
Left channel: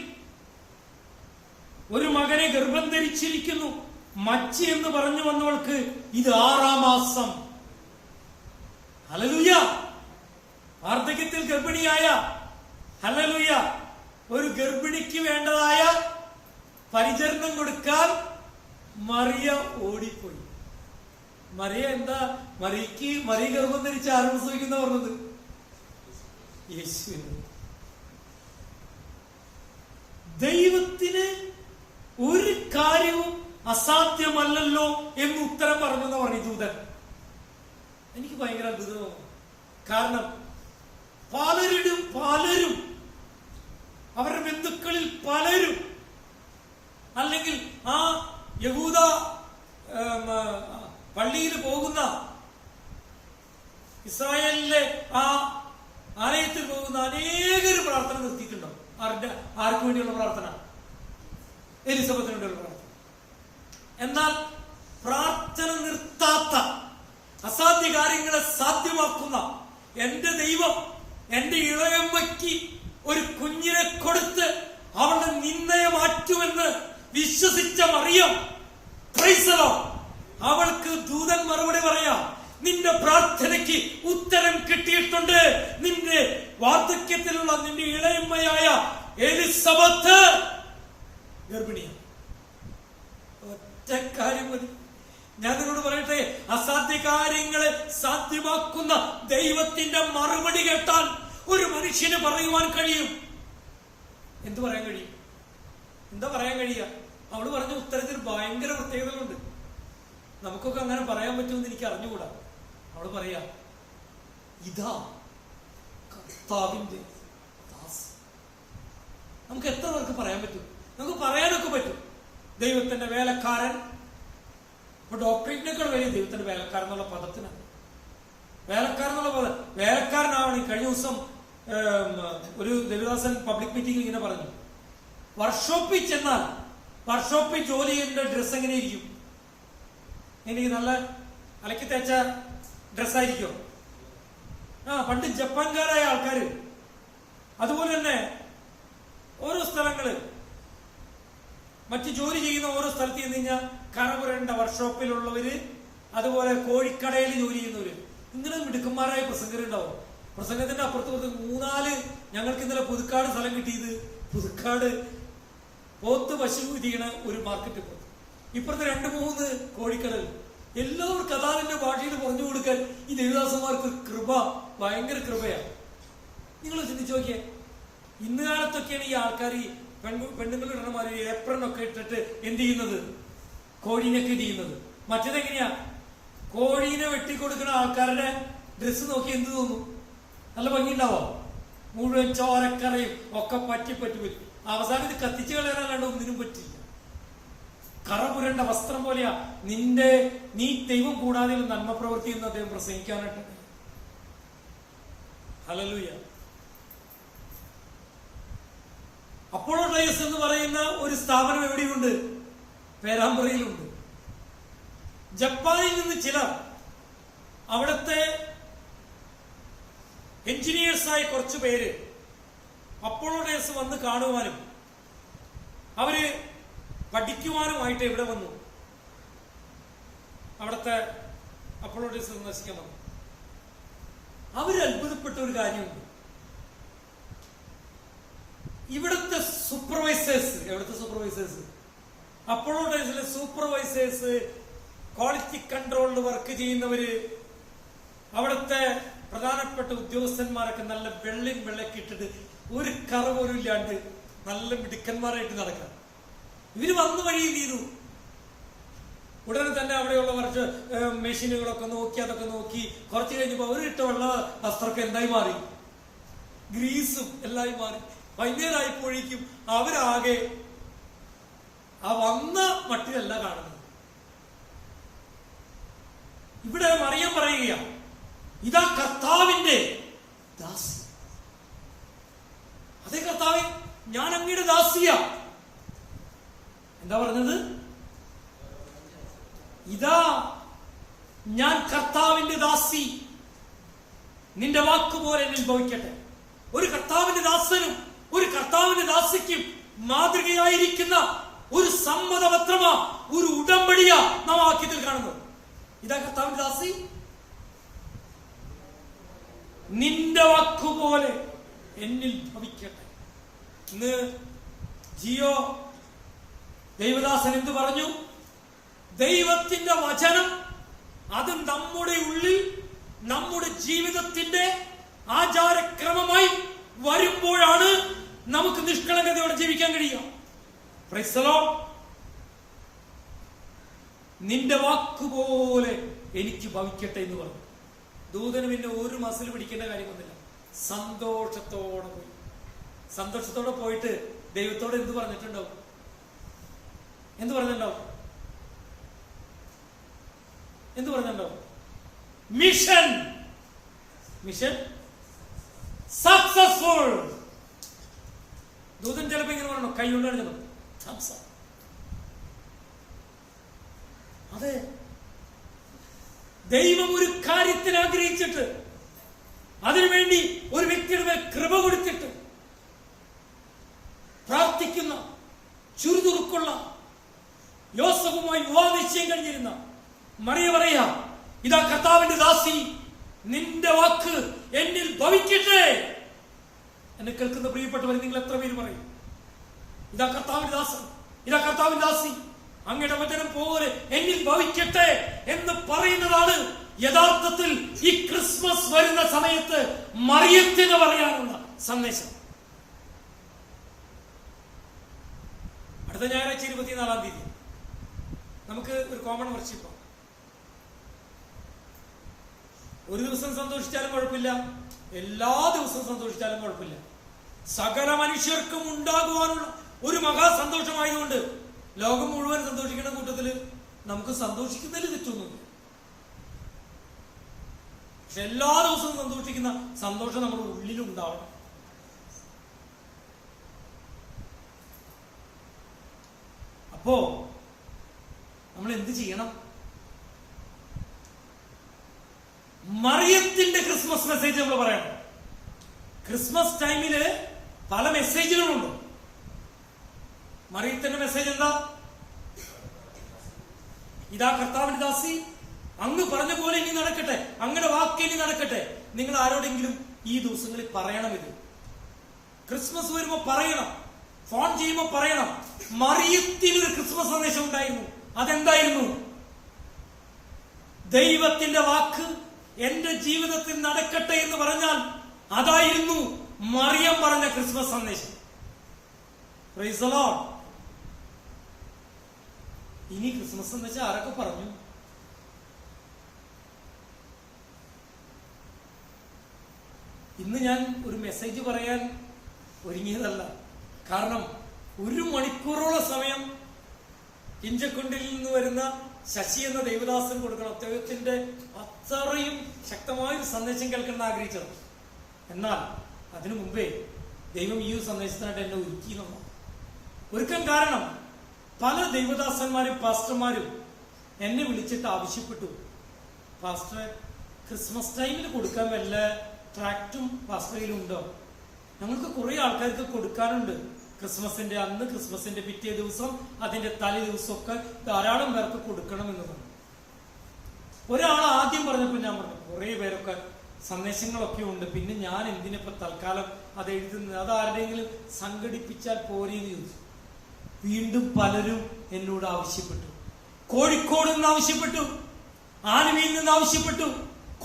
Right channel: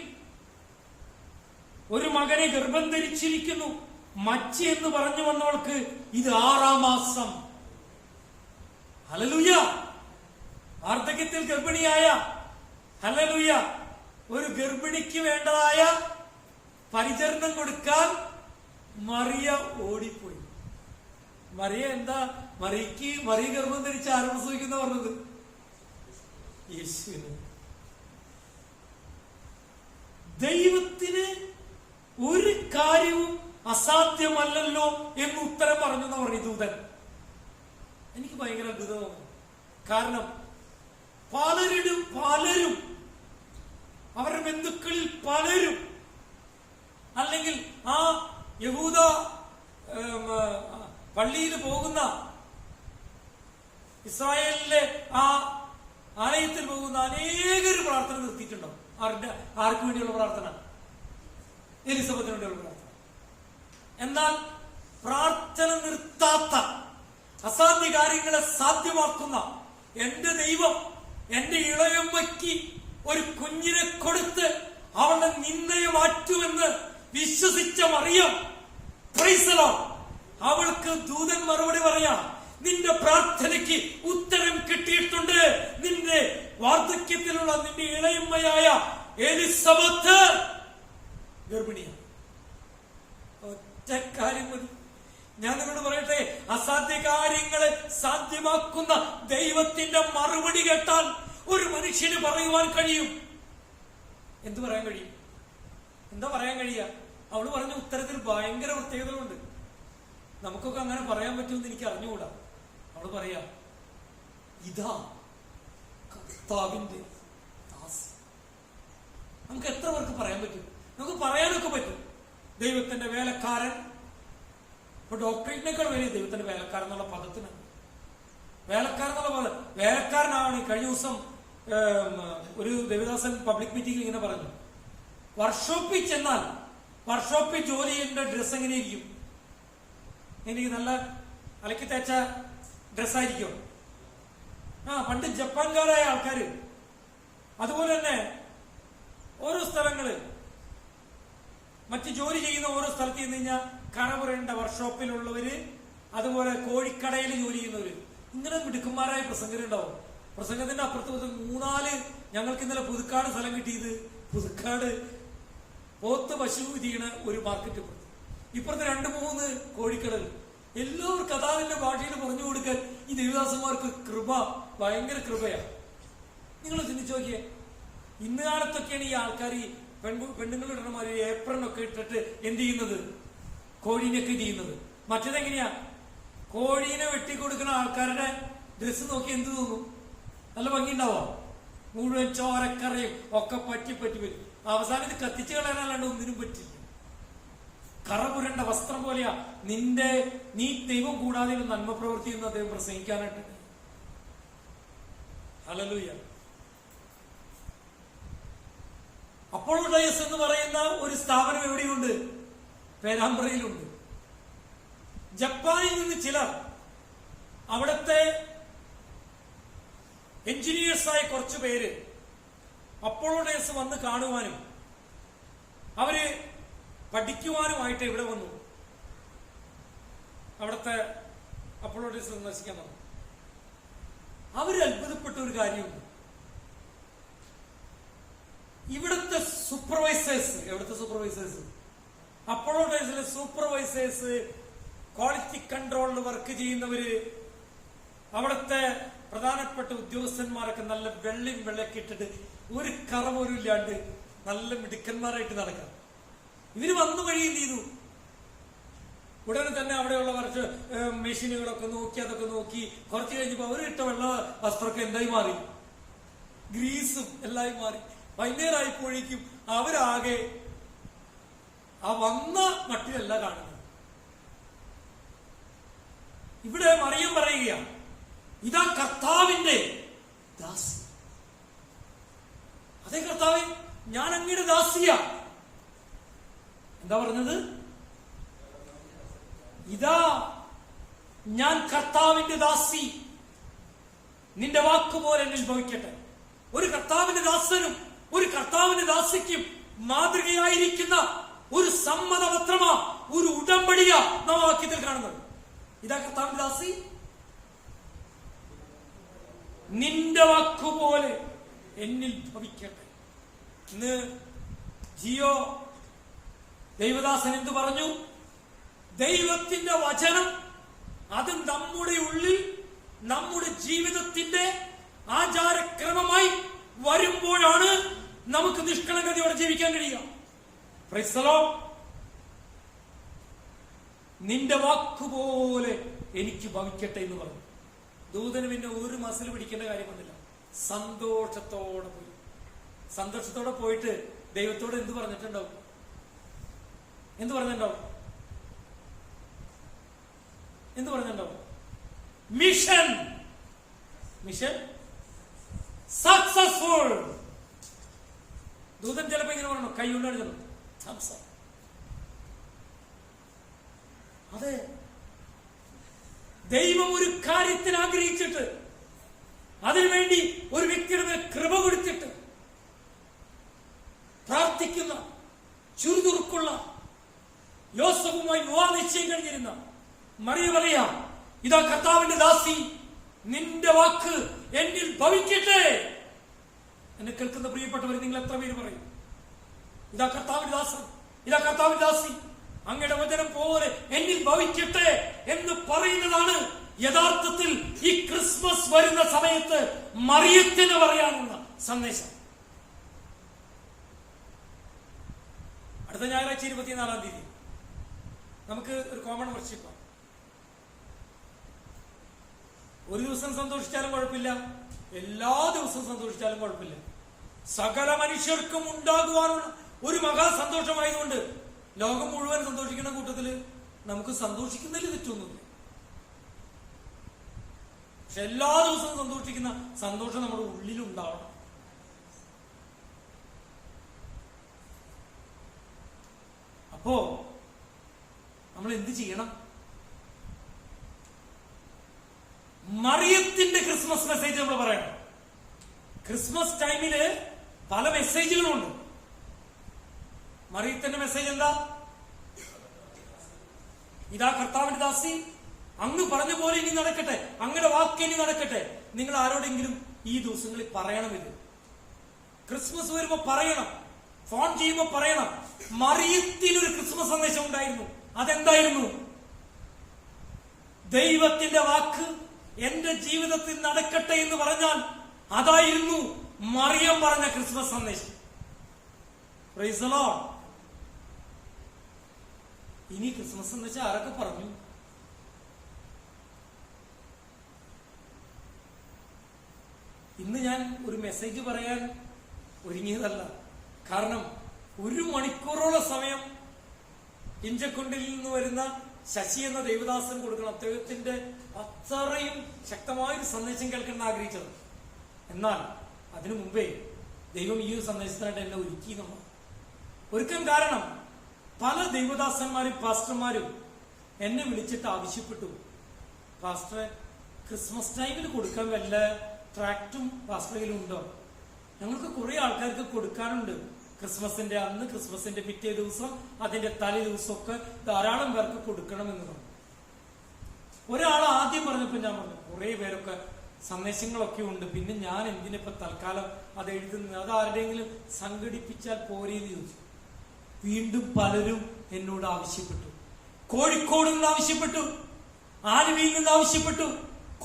ഒരു മകനെ ഗർഭം ധരിച്ചിരിക്കുന്നു. മച്ചി എന്ന് പറഞ്ഞു വന്നവൾക്ക് ഇത് 6-ാം മാസം. ഹല്ലേലൂയ. വാർദ്ധക്യത്തിൽ ഗർഭിണിയായ, ഹല്ലേലൂയ, ഒരു ഗർഭിണിക്ക് വേണ്ടതായ പരിചരണം കൊടുക്കാൻ മറിയ ഓടിപ്പോയി. മറിയ എന്താ? മറിയ ഗർഭം ധരിച്ച് ആരും പ്രസവിക്കുന്ന പറഞ്ഞത്? യേശുവിന്. ദൈവത്തിന് ഒരു കാര്യവും അസാധ്യമല്ലല്ലോ എന്ന് ഉത്തരം പറഞ്ഞു എന്ന് പറഞ്ഞു ദൂതൻ. എനിക്ക് ഭയങ്കര അത്ഭുതമാണ്. കാരണം പലരും അവരുടെ ബന്ധുക്കളിൽ പലരും, അല്ലെങ്കിൽ ആ യഹൂദ പള്ളിയിൽ പോകുന്ന, ഇസ്രായേലിലെ ആ ആലയത്തിൽ പോകുന്ന അനേകർ പ്രാർത്ഥന നിർത്തിയിട്ടുണ്ടാവും. ആർക്ക് വേണ്ടിയുള്ള പ്രാർത്ഥന? എലിസബത്തിന് വേണ്ടിയുള്ള പ്രാർത്ഥന. എന്നാൽ പ്രാർത്ഥന നിർത്താത്ത, അസാധ്യ കാര്യങ്ങളെ സാധ്യമാക്കുന്ന എന്റെ ദൈവം എന്റെ ഇളയമ്മയ്ക്ക് ഒരു കുഞ്ഞിനെ കൊടുത്ത് അവളുടെ നിന്ദയെ മാറ്റുമെന്ന് വിശ്വസിച്ച മറിയം, പ്രൈസ് ദി ലോർഡ്, അവൾക്ക് ദൂതൻ മറുപടി പറയാം, നിന്റെ പ്രാർത്ഥനയ്ക്ക് ഉത്തരം കിട്ടിയിട്ടുണ്ട്. നിന്റെ വാർദ്ധക്യത്തിലുള്ള നിന്റെ ഇളയമ്മയായ എലിസബത്ത് ഗർഭിണിയാണ്. ഒറ്റ കാര്യം മതി. ഞാൻ നിങ്ങളോട് പറയട്ടെ, അസാധ്യ കാര്യങ്ങളെ സാധ്യമാക്കുന്ന ദൈവത്തിന്റെ മറുപടി കേട്ടാൽ ഒരു മനുഷ്യന് പറയുവാൻ കഴിയും. എന്തു പറയാൻ കഴിയും? എന്താ പറയാൻ കഴിയുക? അവള് പറഞ്ഞ ഉത്തരത്തിൽ ഭയങ്കര പ്രത്യേകതകളുണ്ട്. നമുക്കൊക്കെ അങ്ങനെ പറയാൻ പറ്റുമെന്ന് എനിക്ക് അറിഞ്ഞുകൂടാ. അവള് പറയാ, ഇതാ കർത്താവിന്റെ ദാസി. നമുക്ക് എത്ര പേർക്ക് പറയാൻ പറ്റും? നമുക്ക് പറയാനൊക്കെ പറ്റും. ദൈവത്തിന്റെ വേലക്കാരൻ. ഇപ്പൊ ഡോക്ടറേറ്റിനേക്കാൾ വലിയ ദൈവത്തിന്റെ വേലക്കാരൻ എന്നുള്ള പദത്തിനാണ്. വേലക്കാരൻ എന്നുള്ള പദം വേലക്കാരനാവണം. കഴിഞ്ഞ ദിവസം ഒരു ദേവദാസൻ പബ്ലിക് മീറ്റിംഗിൽ ഇങ്ങനെ പറഞ്ഞു, വർക്ക്ഷോപ്പിൽ ചെന്നാൽ വർക്ക്ഷോപ്പിൽ ജോലി ചെയ്യേണ്ട ഡ്രസ് എങ്ങനെ ഇരിക്കും? എനിക്ക് നല്ല അലക്കി തേച്ച ഡ്രസ്സായിരിക്കും. പണ്ട് ജപ്പാൻകാരായ ആൾക്കാര് അതുപോലെ തന്നെ ഓരോ സ്ഥലങ്ങള് മറ്റ് ജോലി ചെയ്യുന്ന ഓരോ സ്ഥലത്ത് ചെന്ന് കഴിഞ്ഞാൽ കറപുരണ്ട വർക്ക്ഷോപ്പിലുള്ളവര്, അതുപോലെ കോഴിക്കടയിൽ ജോലി ചെയ്യുന്നവര്, ഇങ്ങനെ മിടുക്കന്മാരായ പ്രസംഗരുണ്ടാവും. പ്രസംഗത്തിന്റെ അപ്പുറത്ത് 3-4 ഞങ്ങൾക്ക് ഇന്നലെ പുതുക്കാട് സ്ഥലം കിട്ടിയത്. പുതുക്കാട് പോത്ത് പശു ചെയ്യണ ഒരു മാർക്കറ്റ്, ഇപ്പുറത്ത് 2-3 കോഴിക്കടൽ. എല്ലാവർക്കും അതാതിന്റെ ഭാഷയിൽ പറഞ്ഞു കൊടുക്കാൻ ഈ ദേവദാസന്മാർക്ക് കൃപ, ഭയങ്കര കൃപയാണ്. നിങ്ങൾ ചിന്തിച്ചു നോക്കിയേ, ഇന്ന് കാലത്തൊക്കെയാണ് ഈ ആൾക്കാർ ഈ പെണ്ണുങ്ങളുടെ ഇടമാര് ഏപ്രനൊക്കെ ഇട്ടിട്ട് എന്ത് ചെയ്യുന്നത്? കോഴീനൊക്കെ ചെയ്യുന്നത്. മറ്റേതെങ്ങനെയാ? കോഴീനെ വെട്ടിക്കൊടുക്കുന്ന ആൾക്കാരുടെ ഡ്രസ്സ് നോക്കി എന്ത് തോന്നും? നല്ല ഭംഗിയുണ്ടാവോ? മുഴുവൻ ചോരക്കറയും ഒക്കെ പറ്റി വരും. അവസാനം ഇത് കത്തിച്ചു കളയാനല്ലാണ്ട് ഒന്നിനും പറ്റില്ല. കറപുരണ്ട വസ്ത്രം പോലെയാ നീ ദൈവം കൂടാതെ നന്മ പ്രവൃത്തി എന്ന് അദ്ദേഹം പ്രസംഗിക്കാനായിട്ട്. ഹല്ലേലൂയ. അപ്പോളോ ഡയസ് എന്ന് പറയുന്ന ഒരു സ്ഥാപനം എവിടെയുണ്ട്? പേരാമ്പ്രയിലുണ്ട്. ജപ്പാനിൽ നിന്ന് ചിലർ അവിടുത്തെ എഞ്ചിനീയേഴ്സായ കുറച്ചു പേര് അപ്പോളോ ഡയസ് വന്ന് കാണുവാനും അവര് പഠിക്കുവാനുമായിട്ട് ഇവിടെ വന്നു. അവിടുത്തെ അപ്പോളോ ഡയസ് സന്ദർശിക്കാൻ വന്നു. അവര് അത്ഭുതപ്പെട്ട ഒരു കാര്യമുണ്ട്. ഇവിടുത്തെ സൂപ്പർവൈസേഴ്സ് അപ്പോളോ ഡയസിലെ സൂപ്പർവൈസേഴ്സ്, ക്വാളിറ്റി കൺട്രോളിൽ വർക്ക് ചെയ്യുന്നവര്, അവിടുത്തെ പ്രധാനപ്പെട്ട ഉദ്യോഗസ്ഥന്മാരൊക്കെ നല്ല വെള്ളയൊക്കെ ഇട്ടിട്ട് ഒരു കറ പോലും ഇല്ലാണ്ട് നല്ല മിടുക്കന്മാരായിട്ട് നടക്കാം. ഇവര് വന്നു വഴി ചെയ്തു. ഉടനെ തന്നെ അവിടെയുള്ള കുറച്ച് മെഷീനുകളൊക്കെ നോക്കി, അതൊക്കെ നോക്കി കുറച്ച് കഴിഞ്ഞപ്പോ അവരിട്ട വെള്ള വസ്ത്രമൊക്കെ എന്തായി മാറി? ഗ്രീസും എല്ലായി മാറി. വൈകുന്നേരമായപ്പോഴേക്കും അവരാകെ ആ വന്ന മട്ടിലല്ല കാണുന്നത്. ഇവിടെ മറിയം പറയുക, ഇതാ കർത്താവിന്റെ ദാസി. അതേ കർത്താവേ, ഞാൻ അങ്ങയുടെ ദാസിയാ. എന്താ പറഞ്ഞത്? ഇതാ ഞാൻ കർത്താവിന്റെ ദാസി, നിന്റെ വാക്കുപോലെ എന്നിൽ ഭവിക്കട്ടെ. ഒരു കർത്താവിന്റെ ദാസനും ഒരു കർത്താവിന്റെ ദാസിക്കും മാതൃകയായിരിക്കുന്ന ഒരു സമ്മതപത്രമാ, ഒരു ഉടമ്പടിയാ നാം വാക്യത്തിൽ കാണുന്നത്. ഇതാ കർത്താവിന്റെ ദാസി, നിന്റെ വാക്കുപോലെ എന്നിൽ ഭവിക്കട്ടെ. ഇന്ന് ജിയോ ദൈവദാസൻ എന്ത് പറഞ്ഞു? ദൈവത്തിന്റെ വചനം അത് നമ്മുടെ ഉള്ളിൽ, നമ്മുടെ ജീവിതത്തിന്റെ ആചാരക്രമമായി വരുമ്പോഴാണ് നമുക്ക് നിഷ്കളങ്കതയോടെ ജീവിക്കാൻ കഴിയുക. Praise the Lord. നിന്റെ വാക്കുപോലെ എനിക്ക് ഭവിക്കട്ടെ എന്ന് പറഞ്ഞു. ദൂതന് പിന്നെ ഒരു മസിൽ പിടിക്കേണ്ട കാര്യമൊന്നുമില്ല. സന്തോഷത്തോടെ പോയി. സന്തോഷത്തോടെ പോയിട്ട് ദൈവത്തോട് എന്ത് പറഞ്ഞിട്ടുണ്ടാവും? Mission successful. ദൂതൻ ചിലപ്പോ ഇങ്ങനെ പറഞ്ഞു, കൈ കൊണ്ടാണ്. അതെ, ദൈവം ഒരു കാര്യത്തിന് ആഗ്രഹിച്ചിട്ട് അതിനുവേണ്ടി ഒരു വ്യക്തിയുടെ മേൽ കൃപ കൊടുത്തിട്ട് പ്രാർത്ഥിക്കുന്ന, ചുറുചുറുക്കുള്ള, യോസഫുമായി വിവാഹ നിശ്ചയം കഴിഞ്ഞിരുന്ന മറിയ പറയാ, ഇതാ കർത്താവ് കർത്താവിന്റെ ദാസി, നിന്റെ വാക്ക് എന്നിൽ ഭവിക്കട്ടെ. എന്നെ കേൾക്കുന്ന പ്രിയപ്പെട്ടവരെ, നിങ്ങൾ എത്ര പേര് പറയും, ഇതാ കർത്താവിന്റെ ദാസൻ, ഇതാ കർത്താവിന്റെ ദാസി, അങ്ങയുടെ വചനം പോലെ എന്നിൽ ഭവിക്കട്ടെ എന്ന് പറയുന്നതാണ് യഥാർത്ഥത്തിൽ ഈ ക്രിസ്മസ് വരുന്ന സമയത്ത് മറിയത്തിന് പറയാനുള്ള സന്ദേശം. അടുത്ത ഞായറാഴ്ച 24-ാം തീയതി നമുക്ക് ഒരു കോമൺ വർഷിപ്പ്. ഒരു ദിവസം സന്തോഷിച്ചാലും കുഴപ്പമില്ല, എല്ലാ ദിവസവും സന്തോഷിച്ചാലും കുഴപ്പമില്ല. സകല മനുഷ്യർക്കും ഉണ്ടാകുവാനുള്ള ഒരു മഹാസന്തോഷമായതുകൊണ്ട് ലോകം മുഴുവൻ സന്തോഷിക്കുന്ന കൂട്ടത്തില് നമുക്ക് സന്തോഷിക്കുന്നതിൽ തെറ്റൊന്നുമില്ല. പക്ഷെ എല്ലാ ദിവസവും സന്തോഷിക്കുന്ന സന്തോഷം നമ്മുടെ ഉള്ളിലുണ്ടാവണം. അപ്പോ നമ്മൾ എന്ത് ചെയ്യണം? മറിയത്തിന്റെ ക്രിസ്മസ് മെസ്സേജ് നമ്മൾ പറയണം. ക്രിസ്മസ് ടൈമില് പല മെസ്സേജുകളുണ്ട്. മറിയത്തിന്റെ മെസ്സേജ് എന്താ? ഇതാ കർത്താവിന്റെ ദാസി, അങ്ങ് പറഞ്ഞ പോലെ ഇനി നടക്കട്ടെ, അങ്ങയുടെ വാക്ക് ഇനി നടക്കട്ടെ. നിങ്ങൾ ആരോടെങ്കിലും ഈ ദിവസങ്ങളിൽ പറയണം. ഇത് ക്രിസ്മസ് വരുമ്പോ പറയണം, ഫോൺ ചെയ്യുമ്പോ പറയണം. മറിയത്തിൽ ഒരു ക്രിസ്മസ് സന്ദേശം ഉണ്ടായിരുന്നു. അതെന്തായിരുന്നു? ദൈവത്തിന്റെ വാക്ക് എന്റെ ജീവിതത്തിൽ നടക്കട്ടെ എന്ന് പറഞ്ഞാൽ അതായിരുന്നു മറിയം പറഞ്ഞ ക്രിസ്മസ് സന്ദേശം. Praise the Lord. ഇനി ക്രിസ്മസ് എന്ന് വെച്ചാൽ ആരൊക്കെ പറഞ്ഞു? ഇന്ന് ഞാൻ ഒരു മെസ്സേജ് പറയാൻ ഒരുങ്ങിയതല്ല. കാരണം 1 മണിക്കൂറോളം സമയം ഇഞ്ചക്കുണ്ടിൽ നിന്ന് വരുന്ന ശശി എന്ന ദേവദാസൻ കൊടുക്കണം. അദ്ദേഹത്തിന്റെ അത്രയും ശക്തമായൊരു സന്ദേശം കേൾക്കണം ആഗ്രഹിച്ചത്. എന്നാൽ അതിനു മുമ്പേ ദൈവം ഈ ഒരു സന്ദേശത്തിനായിട്ട് എന്നെ ഒരുക്കാൻ കാരണം പല ദൈവദാസന്മാരും പാസ്റ്റർമാരും എന്നെ വിളിച്ചിട്ട് ആവശ്യപ്പെട്ടു, പാസ്റ്റർ ക്രിസ്മസ് ടൈമിൽ കൊടുക്കാൻ വല്ല ട്രാക്റ്റും പാസ്റ്ററിലും ഉണ്ടോ? ഞങ്ങൾക്ക് കുറെ ആൾക്കാർക്ക് കൊടുക്കാനുണ്ട്. ക്രിസ്മസിന്റെ അന്ന്, ക്രിസ്മസിന്റെ പിറ്റേ ദിവസം, അതിന്റെ തലേ ദിവസമൊക്കെ ധാരാളം പേർക്ക് കൊടുക്കണമെന്ന് പറഞ്ഞു. ഒരാൾ ആദ്യം പറഞ്ഞപ്പോ ഞാൻ പറഞ്ഞു കുറെ പേരൊക്കെ സന്ദേശങ്ങളൊക്കെ ഉണ്ട്, പിന്നെ ഞാൻ എന്തിനിപ്പോ തൽക്കാലം അത് എഴുതുന്നത്, അത് ആരുടെയെങ്കിലും സംഘടിപ്പിച്ചാൽ പോരെന്ന് ചോദിച്ചു. വീണ്ടും പലരും എന്നോട് ആവശ്യപ്പെട്ടു. കോഴിക്കോട് നിന്ന് ആവശ്യപ്പെട്ടു, ആലുവയിൽ നിന്ന് ആവശ്യപ്പെട്ടു,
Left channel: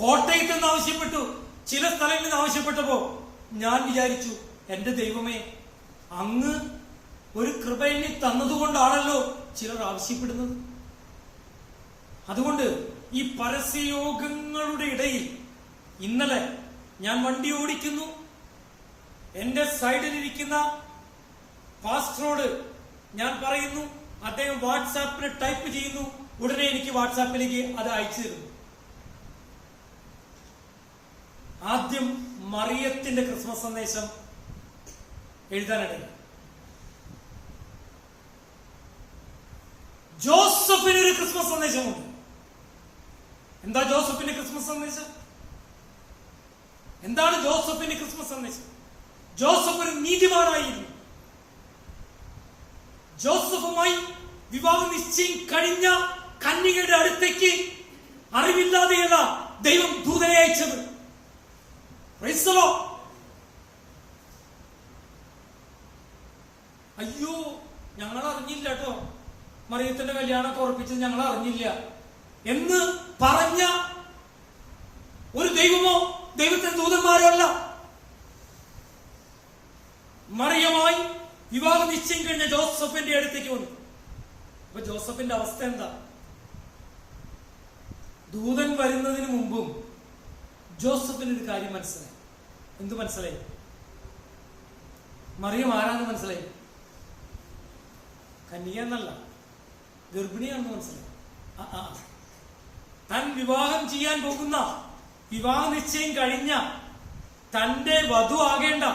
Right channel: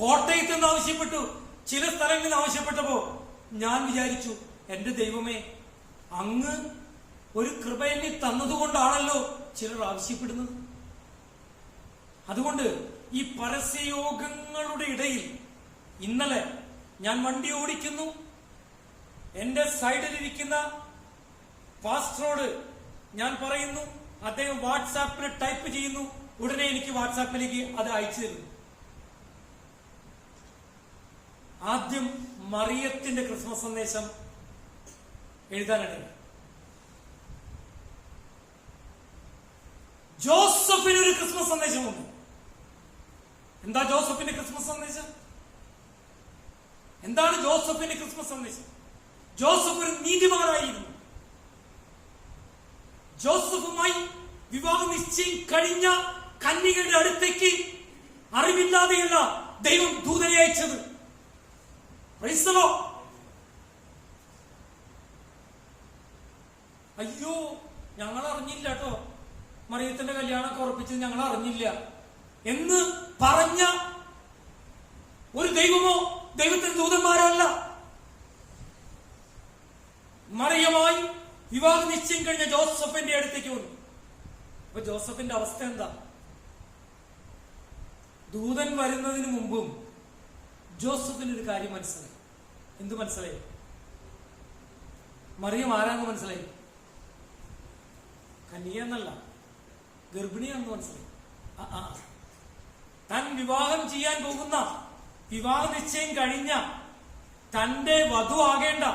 കോട്ടയത്ത് നിന്ന് ആവശ്യപ്പെട്ടു, ചില സ്ഥലങ്ങളിൽ നിന്ന് ആവശ്യപ്പെട്ടപ്പോ ഞാൻ വിചാരിച്ചു, എന്റെ ദൈവമേ, അങ്ങ് ഒരു കൃപ എന്നിൽ തന്നതുകൊണ്ടാണല്ലോ ചിലർ ആവശ്യപ്പെടുന്നത്. അതുകൊണ്ട് ഈ പരസ്യയോഗങ്ങളുടെ ഇടയിൽ ഇന്നലെ ഞാൻ വണ്ടി ഓടിക്കുന്നു, എന്റെ സൈഡിലിരിക്കുന്ന പാസ്റ്ററോട് ഞാൻ പറയുന്നു, അദ്ദേഹം വാട്സാപ്പിൽ ടൈപ്പ് ചെയ്യുന്നു, ഉടനെ എനിക്ക് വാട്സാപ്പിലേക്ക് അത് അയച്ചു തരുന്നു. ആദ്യം മറിയത്തിന്റെ ക്രിസ്മസ് സന്ദേശം എഴുതാനിടയിൽ ജോസഫിനൊരു ക്രിസ്മസ് സന്ദേശമുണ്ട്. എന്താ ജോസഫിന്റെ ക്രിസ്മസ് സന്ദേശം? എന്താണ് ജോസഫിന്റെ ക്രിസ്മസ് സന്ദേശം? ജോസഫ് ഒരു നീതിമാനായിരുന്നു. ജോസഫുമായി വിവാഹ നിശ്ചയം കഴിഞ്ഞ കന്യകയുടെ അടുത്തേക്ക് അറിവില്ലാതെയല്ല ദൈവം ദൂതനെ അയച്ചത്. അയ്യോ, ഞങ്ങൾ അറിഞ്ഞില്ല കേട്ടോ, മറിയത്തിന്റെ കല്യാണമൊക്കെ ഉറപ്പിച്ചത് ഞങ്ങൾ അറിഞ്ഞില്ല എന്ന് പറഞ്ഞ ഒരു ദൈവമോ ദൈവത്തിന്റെ ദൂതന്മാരോ അല്ല. മറിയമായി വിവാഹ നിശ്ചയം കഴിഞ്ഞ ജോസഫിന്റെ അടുത്തേക്ക് വന്നു. അപ്പൊ ജോസഫിന്റെ അവസ്ഥ എന്താ? ദൂതൻ വരുന്നതിന് മുമ്പും ജോസഫിന് ഒരു കാര്യം മനസ്സിലായി. എന്തു മനസ്സിലായി? മറിയം ആരാന്ന് മനസ്സിലായി. കന്യകയെന്നല്ല, ഗർഭിണിയാണെന്ന് മനസ്സിലായി. താൻ വിവാഹം ചെയ്യാൻ പോകുന്ന, വിവാഹ നിശ്ചയം കഴിഞ്ഞ തന്റെ വധു ആകേണ്ട,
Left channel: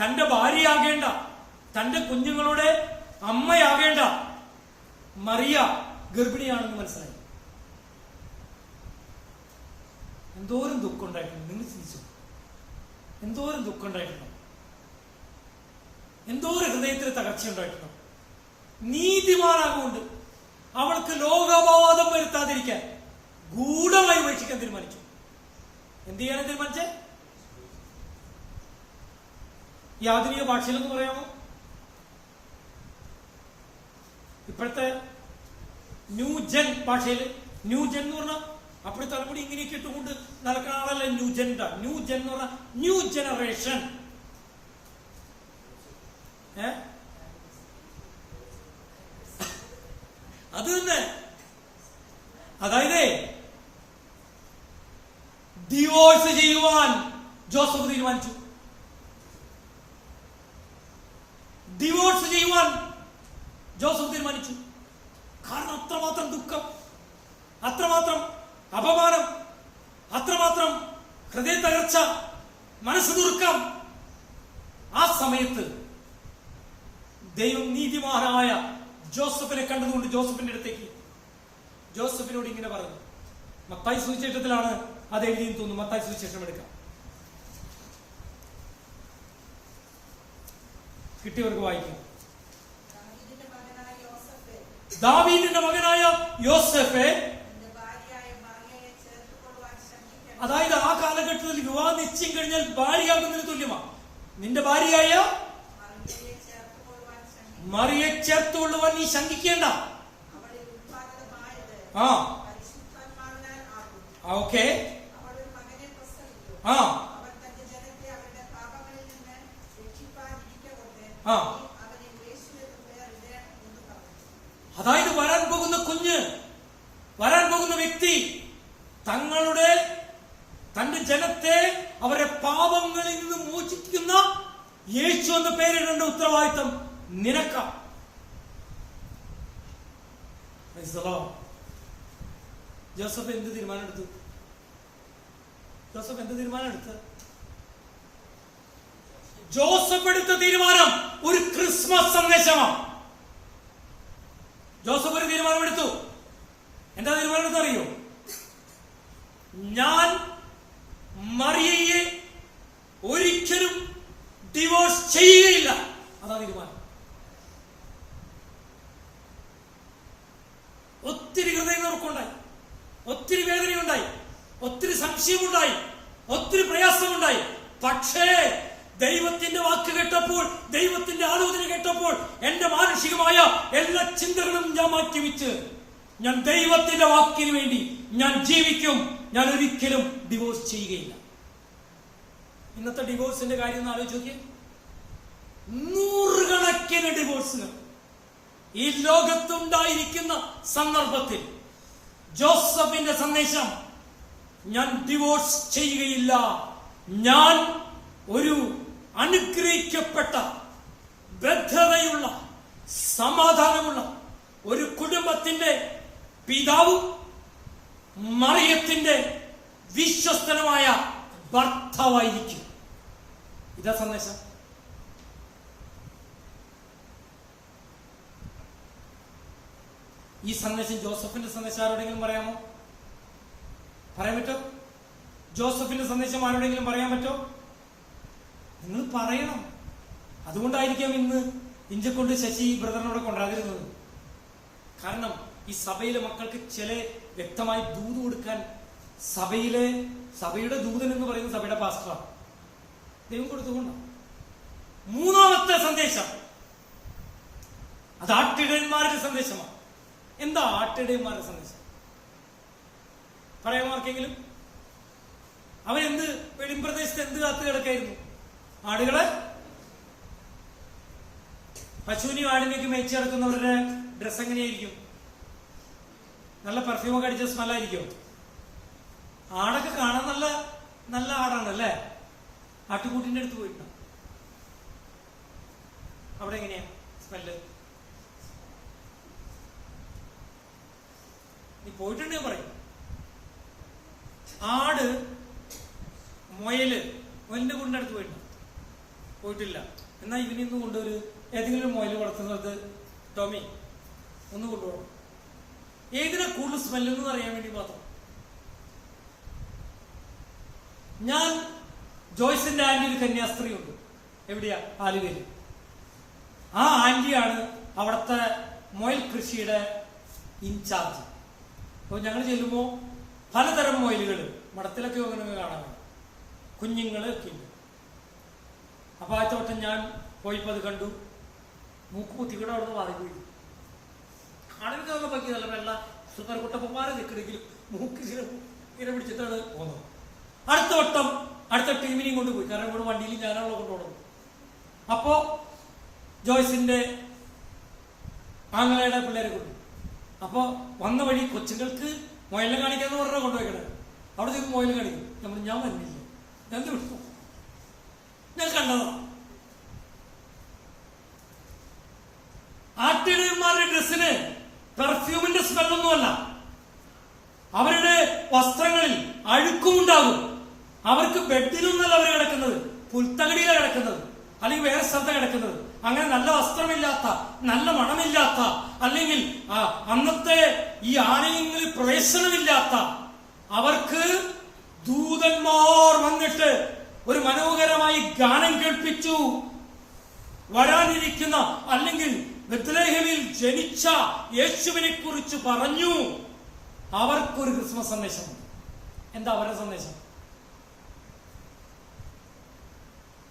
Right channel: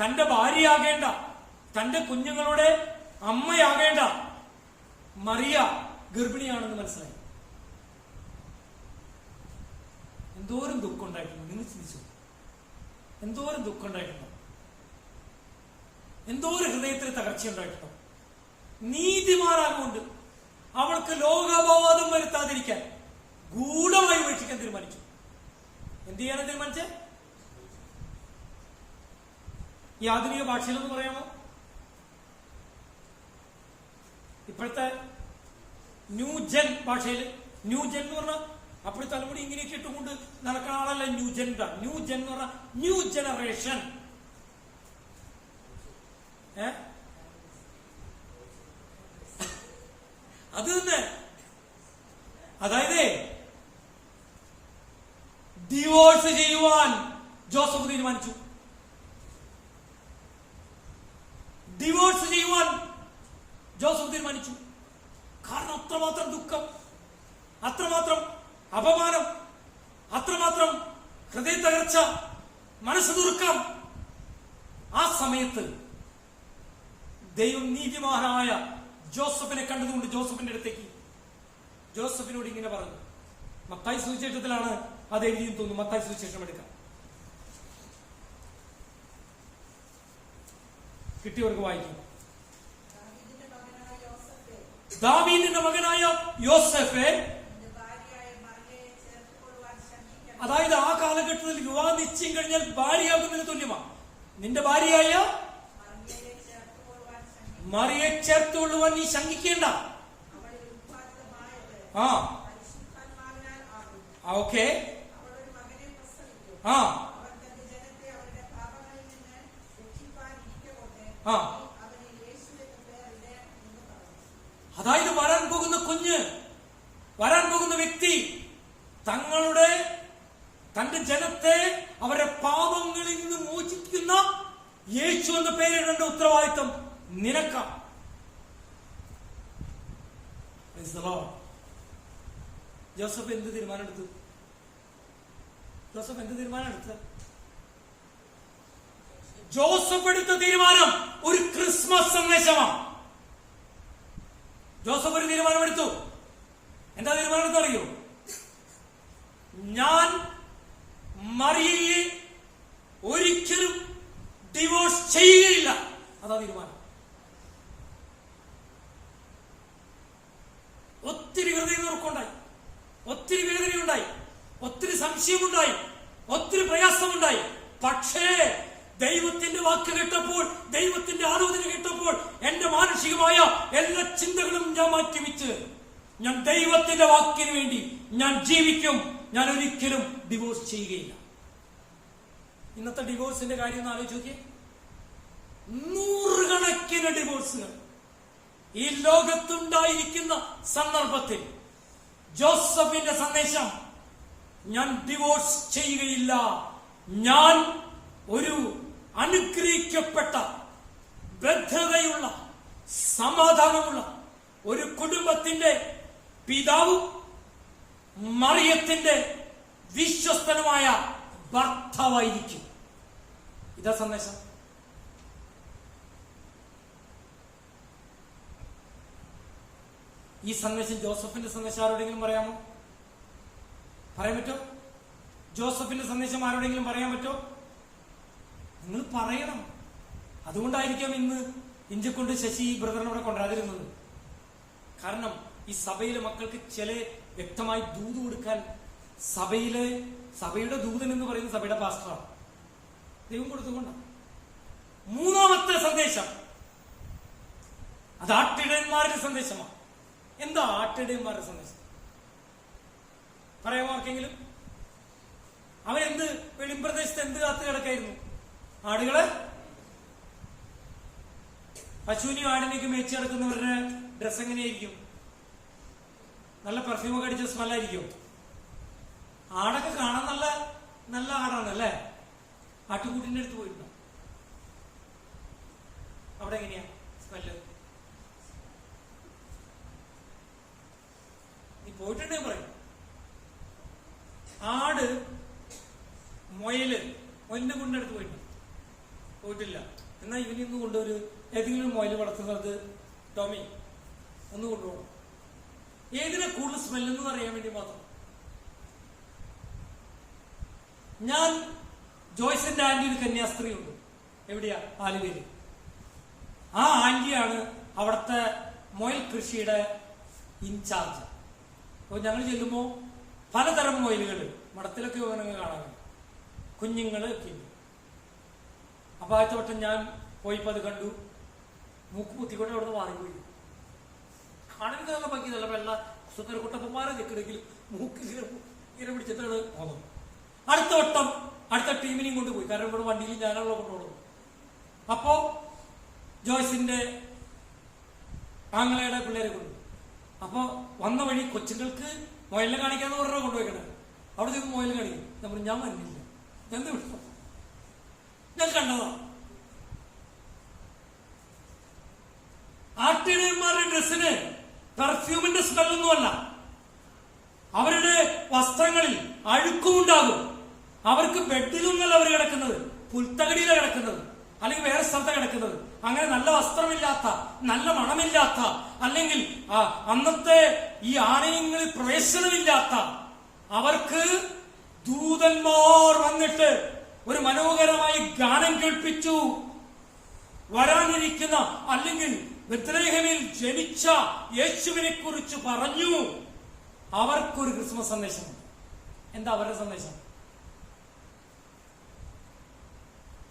തന്റെ ഭാര്യയാകേണ്ട, തന്റെ കുഞ്ഞുങ്ങളുടെ അമ്മയാകേണ്ട മറിയ ഗർഭിണിയാണെന്ന് മനസ്സിലായി. എന്തോരം ദുഃഖം ഉണ്ടായിട്ടുണ്ട്, നിങ്ങൾ ചിന്തിച്ചു. എന്തോരം ദുഃഖം ഉണ്ടായിട്ടുണ്ട്, എന്തോരം ഹൃദയത്തിൽ തകർച്ചയുണ്ടായിട്ടുണ്ട്. നീതിമാനാകൊണ്ട് അവൾക്ക് ലോകബോധം വരുത്താതിരിക്കാൻ ഗൂഢമായി ഉപേക്ഷിക്കാൻ തീരുമാനിച്ചു. എന്ത് ചെയ്യാൻ തീരുമാനിച്ചേ? ഈ ആധുനിക ഭാഷയിലൊന്ന് പറയാമോ? ഇപ്പോഴത്തെ ന്യൂജൻ ഭാഷയിൽ, ന്യൂജൻ എന്ന് പറഞ്ഞാൽ അപ്പോൾ തലമുടി ഇങ്ങനെയൊക്കെ ഇട്ടുകൊണ്ട് നടക്കുന്ന ആളല്ല ന്യൂജൻ. ന്യൂജൻ എന്ന് പറഞ്ഞാൽ ന്യൂ ജനറേഷൻ. അത് തന്നെ. അതായത് ഡിവോഴ്സ് ചെയ്യുവാൻ ജോസഫ് തീരുമാനിച്ചു. ഡിവോഴ്സ് ചെയ്യുവാൻ ജോസഫ് തീരുമാനിച്ചു. കാരണം അത്രമാത്രം ദുഃഖം, അത്രമാത്രം അപമാനം, അത്രമാത്രം ഹൃദയ തകർച്ച, മനസ്സ് ദുർക്കം. ആ സമയത്ത് ദൈവം നീതിമാനായ ജോസഫിനെ കണ്ടതുകൊണ്ട് ജോസഫിന്റെ അടുത്തേക്ക് ജോസഫിനോട് ഇങ്ങനെ പറഞ്ഞു. മത്തായി സുവിശേഷത്തിലാണ് അത് എഴുതിയെന്ന് തോന്നുന്നു. മത്തായി സുവിശേഷം എടുക്കാം. കിട്ടിയവർക്ക് വായിക്കും. ദാവീദിന്റെ മകനായ യോസേഫേ, അതായത് ആ കാലഘട്ടത്തിൽ വിവാഹ നിശ്ചയം കഴിഞ്ഞാൽ ഭാര്യയാകുന്നതിന് തുല്യമാണ്. നിന്റെ ഭാര്യയായ മറിയെ ചേർത്തുകൊള്ളുവാൻ നീ ശങ്കിക്കേണ്ട. ഓക്കെ. അതായത് വരാൻ പോകുന്ന കുഞ്ഞ്, വരാൻ പോകുന്ന വ്യക്തി തന്റെ ജനത്തെ അവരെ പാപങ്ങളിൽ നിന്ന് മോചിക്കുന്ന യേശു എന്ന പേരിടേണ്ട ഉത്തരവാദിത്തം നിനക്ക. ജോസഫ് എന്ത് തീരുമാനം എടുത്തു? ജോസഫ് എടുത്ത തീരുമാനം ഒരു ക്രിസ്മസ് സന്ദേശമാണ്. ജോസഫ് ഒരു തീരുമാനമെടുത്തു. എന്താ തീരുമാനം അറിയോ? ഞാൻ മറിയയെ ഒരിക്കലും ഡിവോഴ്സ് ചെയ്യുകയില്ല. അതാ തീരുമാനം. ഒത്തിരി ഹൃദയനുറുക്കമുണ്ടായി, ഒത്തിരി വേദനയുണ്ടായി, ഒത്തിരി സംശയമുണ്ടായി, ഒത്തിരി പ്രയാസമുണ്ടായി. പക്ഷേ ദൈവത്തിന്റെ വാക്ക് കേട്ടപ്പോൾ, ദൈവത്തിന്റെ ആലോചന കേട്ടപ്പോൾ എന്റെ മാനുഷികമായ എല്ലാ ചിന്തകളും ഞാൻ മാറ്റിവെച്ച് ഞാൻ ദൈവത്തിന്റെ വാക്കിന് വേണ്ടി ഞാൻ ജീവിക്കും. ഞാൻ ഒരിക്കലും ഡിവോഴ്സ് ചെയ്യുകയില്ല. ഇന്നത്തെ ഡിവോഴ്സിന്റെ കാര്യം ഒന്ന് ആലോചിച്ച് നോക്കിയേ. നൂറുകണക്കിന് ഡിവോഴ്സുകൾ ഈ ലോകത്തുണ്ടായിരിക്കുന്ന സന്ദർഭത്തിൽ ജോസഫിന്റെ സന്ദേശം, ഞാൻ ഡിവോഴ്സ് ചെയ്യുകയില്ല. ഞാൻ ഒരു അനുഗ്രഹിക്കപ്പെട്ട, ഭദ്രതയുള്ള, സമാധാനമുള്ള ഒരു കുടുംബത്തിന്റെ പിതാവും മറിയത്തിന്റെ വിശ്വസ്തനുമായ ഭർത്താവായിരിക്കും. ഇതാ സന്ദേശം. ഈ സന്ദേശം ജോസഫിന്റെ സന്ദേശം ആരോടെങ്കിലും പറയാമോ? പറയാൻ പറ്റോ? ജോസഫിന്റെ സന്ദേശം ആരോടെങ്കിലും പറയാൻ പറ്റോ? നിങ്ങൾ പറയണം. അതുകൊണ്ടായിരിക്കാം ഇന്ന് ഇഞ്ചക്കൊണ്ട് ശശി ബ്രദറിനോട് കൊണ്ടുവരാതിരുന്നത്. കാരണം ഈ സഭയിലെ മക്കൾക്ക് ചില വ്യക്തമായി ദൂത് കൊടുക്കാൻ സഭയുടെ ദൂതൻ എന്ന് പറയുന്ന സഭയുടെ പാസ്റ്ററാണ്. ദൈവം കൊടുത്തുകൊണ്ട് മൂന്നാമത്തെ സന്ദേശം അത് ആട്ടിടയന്മാരുടെ സന്ദേശമാണ്. എന്താ ആട്ടിടയന്മാരുടെ സന്ദേശം? പറയാമോ ആർക്കെങ്കിലും? അവരെന്ത് വെളിമ്പ്രദേശത്ത് എന്ത് കാത്തു കിടക്കായിരുന്നു? ആടുകളെ, പശുവിനെയും ആടിനേക്ക് മേച്ചു കിടക്കുന്നവരുടെ ഡ്രസ് എങ്ങനെയായിരിക്കും? നല്ല പെർഫ്യൂമൊക്കെ അടിച്ച സ്മെല്ലായിരിക്കും. ആടൊക്കെ കാണാൻ നല്ല നല്ല ആടാണ് അല്ലേ? ആട്ടുകൂട്ടിന്റെ അടുത്ത് പോയിട്ടുണ്ടോ? അവിടെ എങ്ങനെയാ സ്മെല്ല്? നീ പോയിട്ടുണ്ടെങ്കിൽ പറയും. ആട്, മുയലിന്റെ കൂടിന്റെ അടുത്ത് പോയിട്ടുണ്ടോ? പോയിട്ടില്ല. എന്നാ ഇവനിന്ന് കൊണ്ടൊരു ഏതെങ്കിലും മുയൽ വളർത്തുന്നത് ടോമി ഒന്ന് കൊണ്ടുപോകണം. ഏതിനാ കൂടുതൽ സ്മെല്ലെന്ന് അറിയാൻ വേണ്ടി മാത്രം. ഞാൻ ജോയ്സിന്റെ ആന്റി ഒരു കന്യാസ്ത്രീ ഉണ്ട്. എവിടെയാ? ആലുവയില്. ആ ആന്റിയാണ് അവിടുത്തെ മുയൽ കൃഷിയുടെ ഇൻചാർജ്. അപ്പൊ ഞങ്ങൾ ചെല്ലുമ്പോ പലതരം മൊയിലുകൾ മഠത്തിലൊക്കെ അങ്ങനെ കാണാൻ കുഞ്ഞുങ്ങള് ഒക്കെ ഉണ്ട്. അപ്പൊ ആദ്യത്തെ വട്ടം ഞാൻ പോയിപ്പോ അത് കണ്ടു. മൂക്ക് കുത്തിക്കൊണ്ട് അവിടെ നിന്ന് മാറിപ്പോയി. കാണാൻ നല്ല ഭംഗി, നല്ല വെള്ള സുന്ദരക്കുട്ടപ്പന്മാരെ നിൽക്കണമെങ്കിലും മൂക്ക് ഇങ്ങനെ പിടിച്ചിട്ടാണ് പോകുന്നത്. അടുത്ത വട്ടം അടുത്ത ടീമിനെയും കൊണ്ടുപോയി. കാരണം ഇവിടെ വണ്ടിയിൽ ഞാനുള്ള കൊണ്ടുപോകണം. അപ്പോ ജോയ്സിന്റെ ആങ്ങളയുടെ പിള്ളേരെ കൊണ്ടു. അപ്പൊ വന്ന വഴി കൊച്ചുങ്ങൾക്ക് മൊയിലിനെ കാണിക്കാന്ന് പറഞ്ഞാൽ കൊണ്ടുപോയിക്കണേ. അവിടെ ചെന്ന് മൊയിലിനെ കാണിക്കും. ഞാൻ വന്നില്ല, ഞാൻ കണ്ടതാ. ആട്ടിടയന്മാരുടെ ഡ്രസ്സിന് പെർഫ്യൂമിന്റെ സ്മെല്ലൊന്നുമല്ല. അവരുടെ വസ്ത്രങ്ങളിൽ അഴുക്കുമുണ്ടാകും. അവർക്ക് ബെഡിലൊന്നല്ല അവർ കിടക്കുന്നത്, പുൽത്തകടിയിലാണ് കിടക്കുന്നത്, അല്ലെങ്കിൽ വേറെ സ്ഥലത്താണ് കിടക്കുന്നത്. അങ്ങനെ നല്ല വസ്ത്രമില്ലാത്ത, നല്ല മണമില്ലാത്ത, അല്ലെങ്കിൽ അന്നത്തെ ഈ ആലയങ്ങളിൽ പ്രവേശനമില്ലാത്ത അവർക്ക് ദൂതന്മാർ വന്നിട്ട് ഒരു മനോഹരമായി ഗാനം കേൾപ്പിച്ചു. വരാനിരിക്കുന്ന അല്ലെങ്കിൽ ബെത്ലഹേമിൽ ജനിച്ച യേശുവിനെ കുറിച്ച് പറഞ്ഞു. അവർക്കൊരു ക്രിസ്മസ് സന്ദേശമുണ്ട്. എന്താ അവരുടെ സന്ദേശം?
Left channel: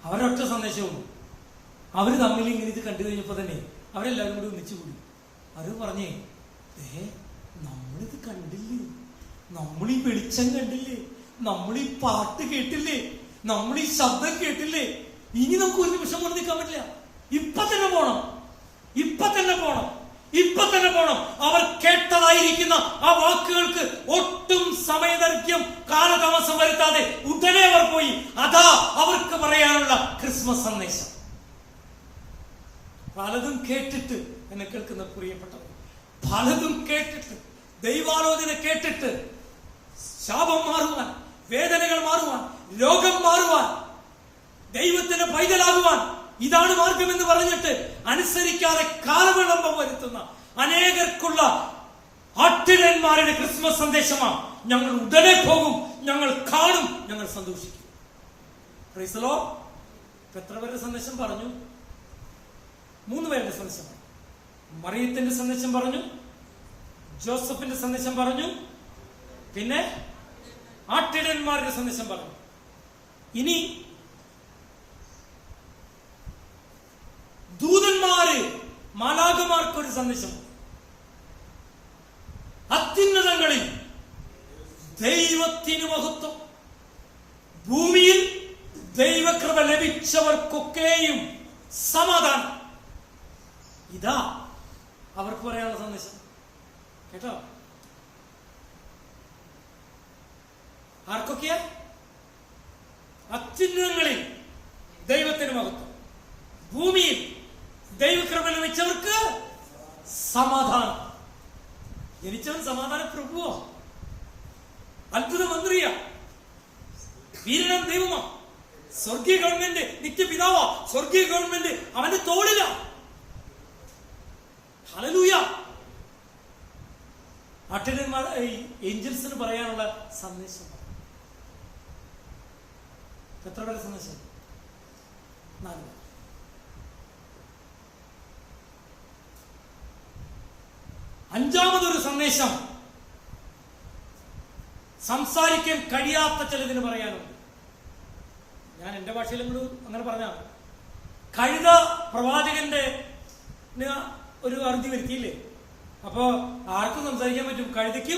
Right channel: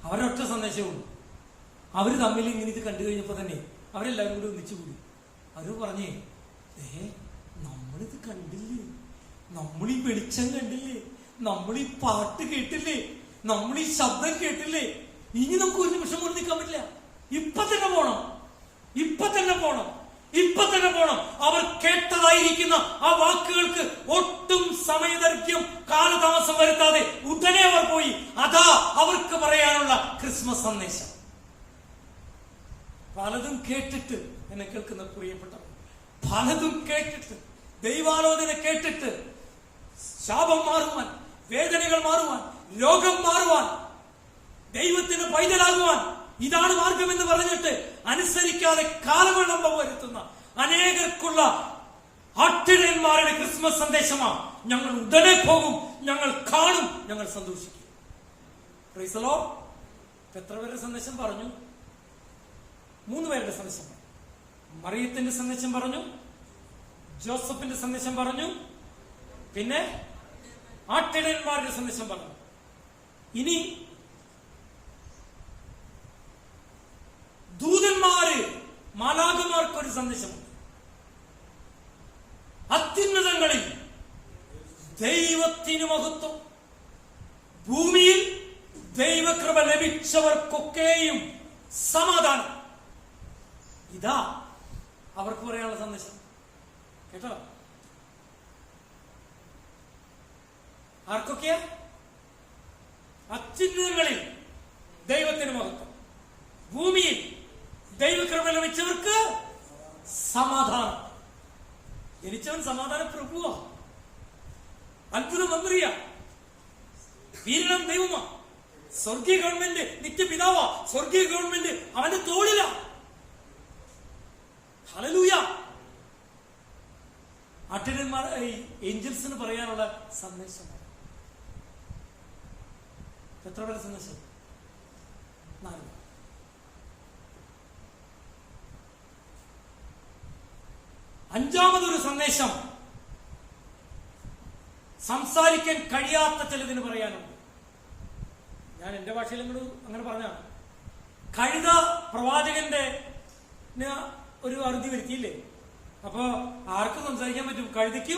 അവരൊറ്റ സന്ദേശവും. അവര് തമ്മിൽ ഇങ്ങനെ ഇത് കണ്ടു കഴിഞ്ഞപ്പോ തന്നെ അവരെല്ലാവരും കൂടി ഒന്നിച്ചുകൂടി. അവര് പറഞ്ഞേ, നമ്മളിത് കണ്ടില്ലേ, നമ്മളീ വെളിച്ചം കണ്ടില്ലേ, നമ്മളീ പാട്ട് കേട്ടില്ലേ, നമ്മളീ ശബ്ദം കേട്ടില്ലേ, ഇനി നമുക്ക് ഒരു നിമിഷം കൊണ്ട് നിൽക്കാൻ പറ്റില്ല. ഇപ്പൊ തന്നെ പോണം, ഇപ്പൊ തന്നെ പോണം, ഇപ്പൊ തന്നെ പോണം. അവർ കേട്ടതായിരിക്കുന്ന ആ വാക്കുകൾക്ക് ഒട്ടും സമയദൈർഘ്യം കാലതാമസം വരുത്താതെ ഉടനെ അവർ പോയി. അതാ അവർക്ക് പറയാനുള്ള ക്രിസ്മസ് സന്ദേശം. പലതും കേട്ടിട്ട് എന്നെ കേൾക്കുന്ന പ്രിയപ്പെട്ടവർ, പലതും കേട്ടിട്ട്, ദൈവാലോചന കേട്ടിട്ട് ശാപം മാറുവാൻ, വേദനകൾ മാറുവാൻ, രോഗം മാറുവാൻ, ദൈവത്തിന് പൈതലാകുവാൻ ഇതാണ് മാർഗം എന്ന് പറഞ്ഞിട്ട് അനുസരിക്കാതെ കാലവിളംബം വരുത്തുന്ന അനേകർക്കുള്ള ആട്ടിടയന്മാരുടെ ക്രിസ്മസ് സന്ദേശമാണ്. ഞങ്ങൾ ഉടനെ പോകും, ഞങ്ങൾ കാണും, ഞങ്ങൾ സന്തോഷിക്കും. Praise the Lord. എത്ര പേരുടെ സന്ദേശം പറഞ്ഞു? 3 പേരുടെ സന്ദേശം പറഞ്ഞു. മറിയത്തിന്റെ സന്ദേശം പറഞ്ഞു, ജോസഫിന്റെ സന്ദേശം പറഞ്ഞു, പിന്നെ ആട്ടിടയന്മാരുടെ സന്ദേശം പറഞ്ഞു. ഇനി ദൂതന്മാര്, മാലാഖമാർക്കൊരു സന്ദേശം. അത്യുന്നതങ്ങളിൽ ദൈവത്തിന് മഹത്വം, ഭൂമിയിൽ ദൈവകൃപ ലഭിച്ചവർക്കൊക്കെയും സമാധാനം. ഇതാ അവർക്ക് പറയാനുള്ള സന്ദേശം. കേട്ടോ? ആർക്കൊക്കെയാ? അത്യുന്നതങ്ങളിൽ ദൈവത്തിന് മഹത്വം, ഭൂമിയിൽ ദൈവകൃപ ലഭിച്ചവർക്ക് സമാധാനം. ജനിച്ചവൻ സമാധാന പ്രഭുവോ, അത്ഭുത മന്ത്രിയാ, വീരനാം ദൈവമാ, സ്വർഗീയ ഗവൺമെന്റ് നിത്യപിതാവാ, സ്വർഗീയ ഗവൺമെന്റ് അവന്റെ തോളിലാ. ഹല്ലേലൂയ. ആട്ടിടയന്മാർ ഏഞ്ചൽസിന് പറയാനുള്ള സന്ദേശം. എത്ര പേരുടെ സന്ദേശം? 4. അഞ്ചാമതൊരു സന്ദേശം സംസാരിക്കാൻ കഴിയാത്ത ചിലതിന് പറയാനുണ്ട്. ഞാൻ എന്റെ ഭാഷയിലും കൂടെ അങ്ങനെ പറഞ്ഞാണ്. കഴുത പ്രവാചകന്റെ ഒരു അറുതി വരുത്തിയില്ലേ? അപ്പോ ആർക്കും സംസാരിക്കാൻ പറ്റും? കഴുതയ്ക്ക്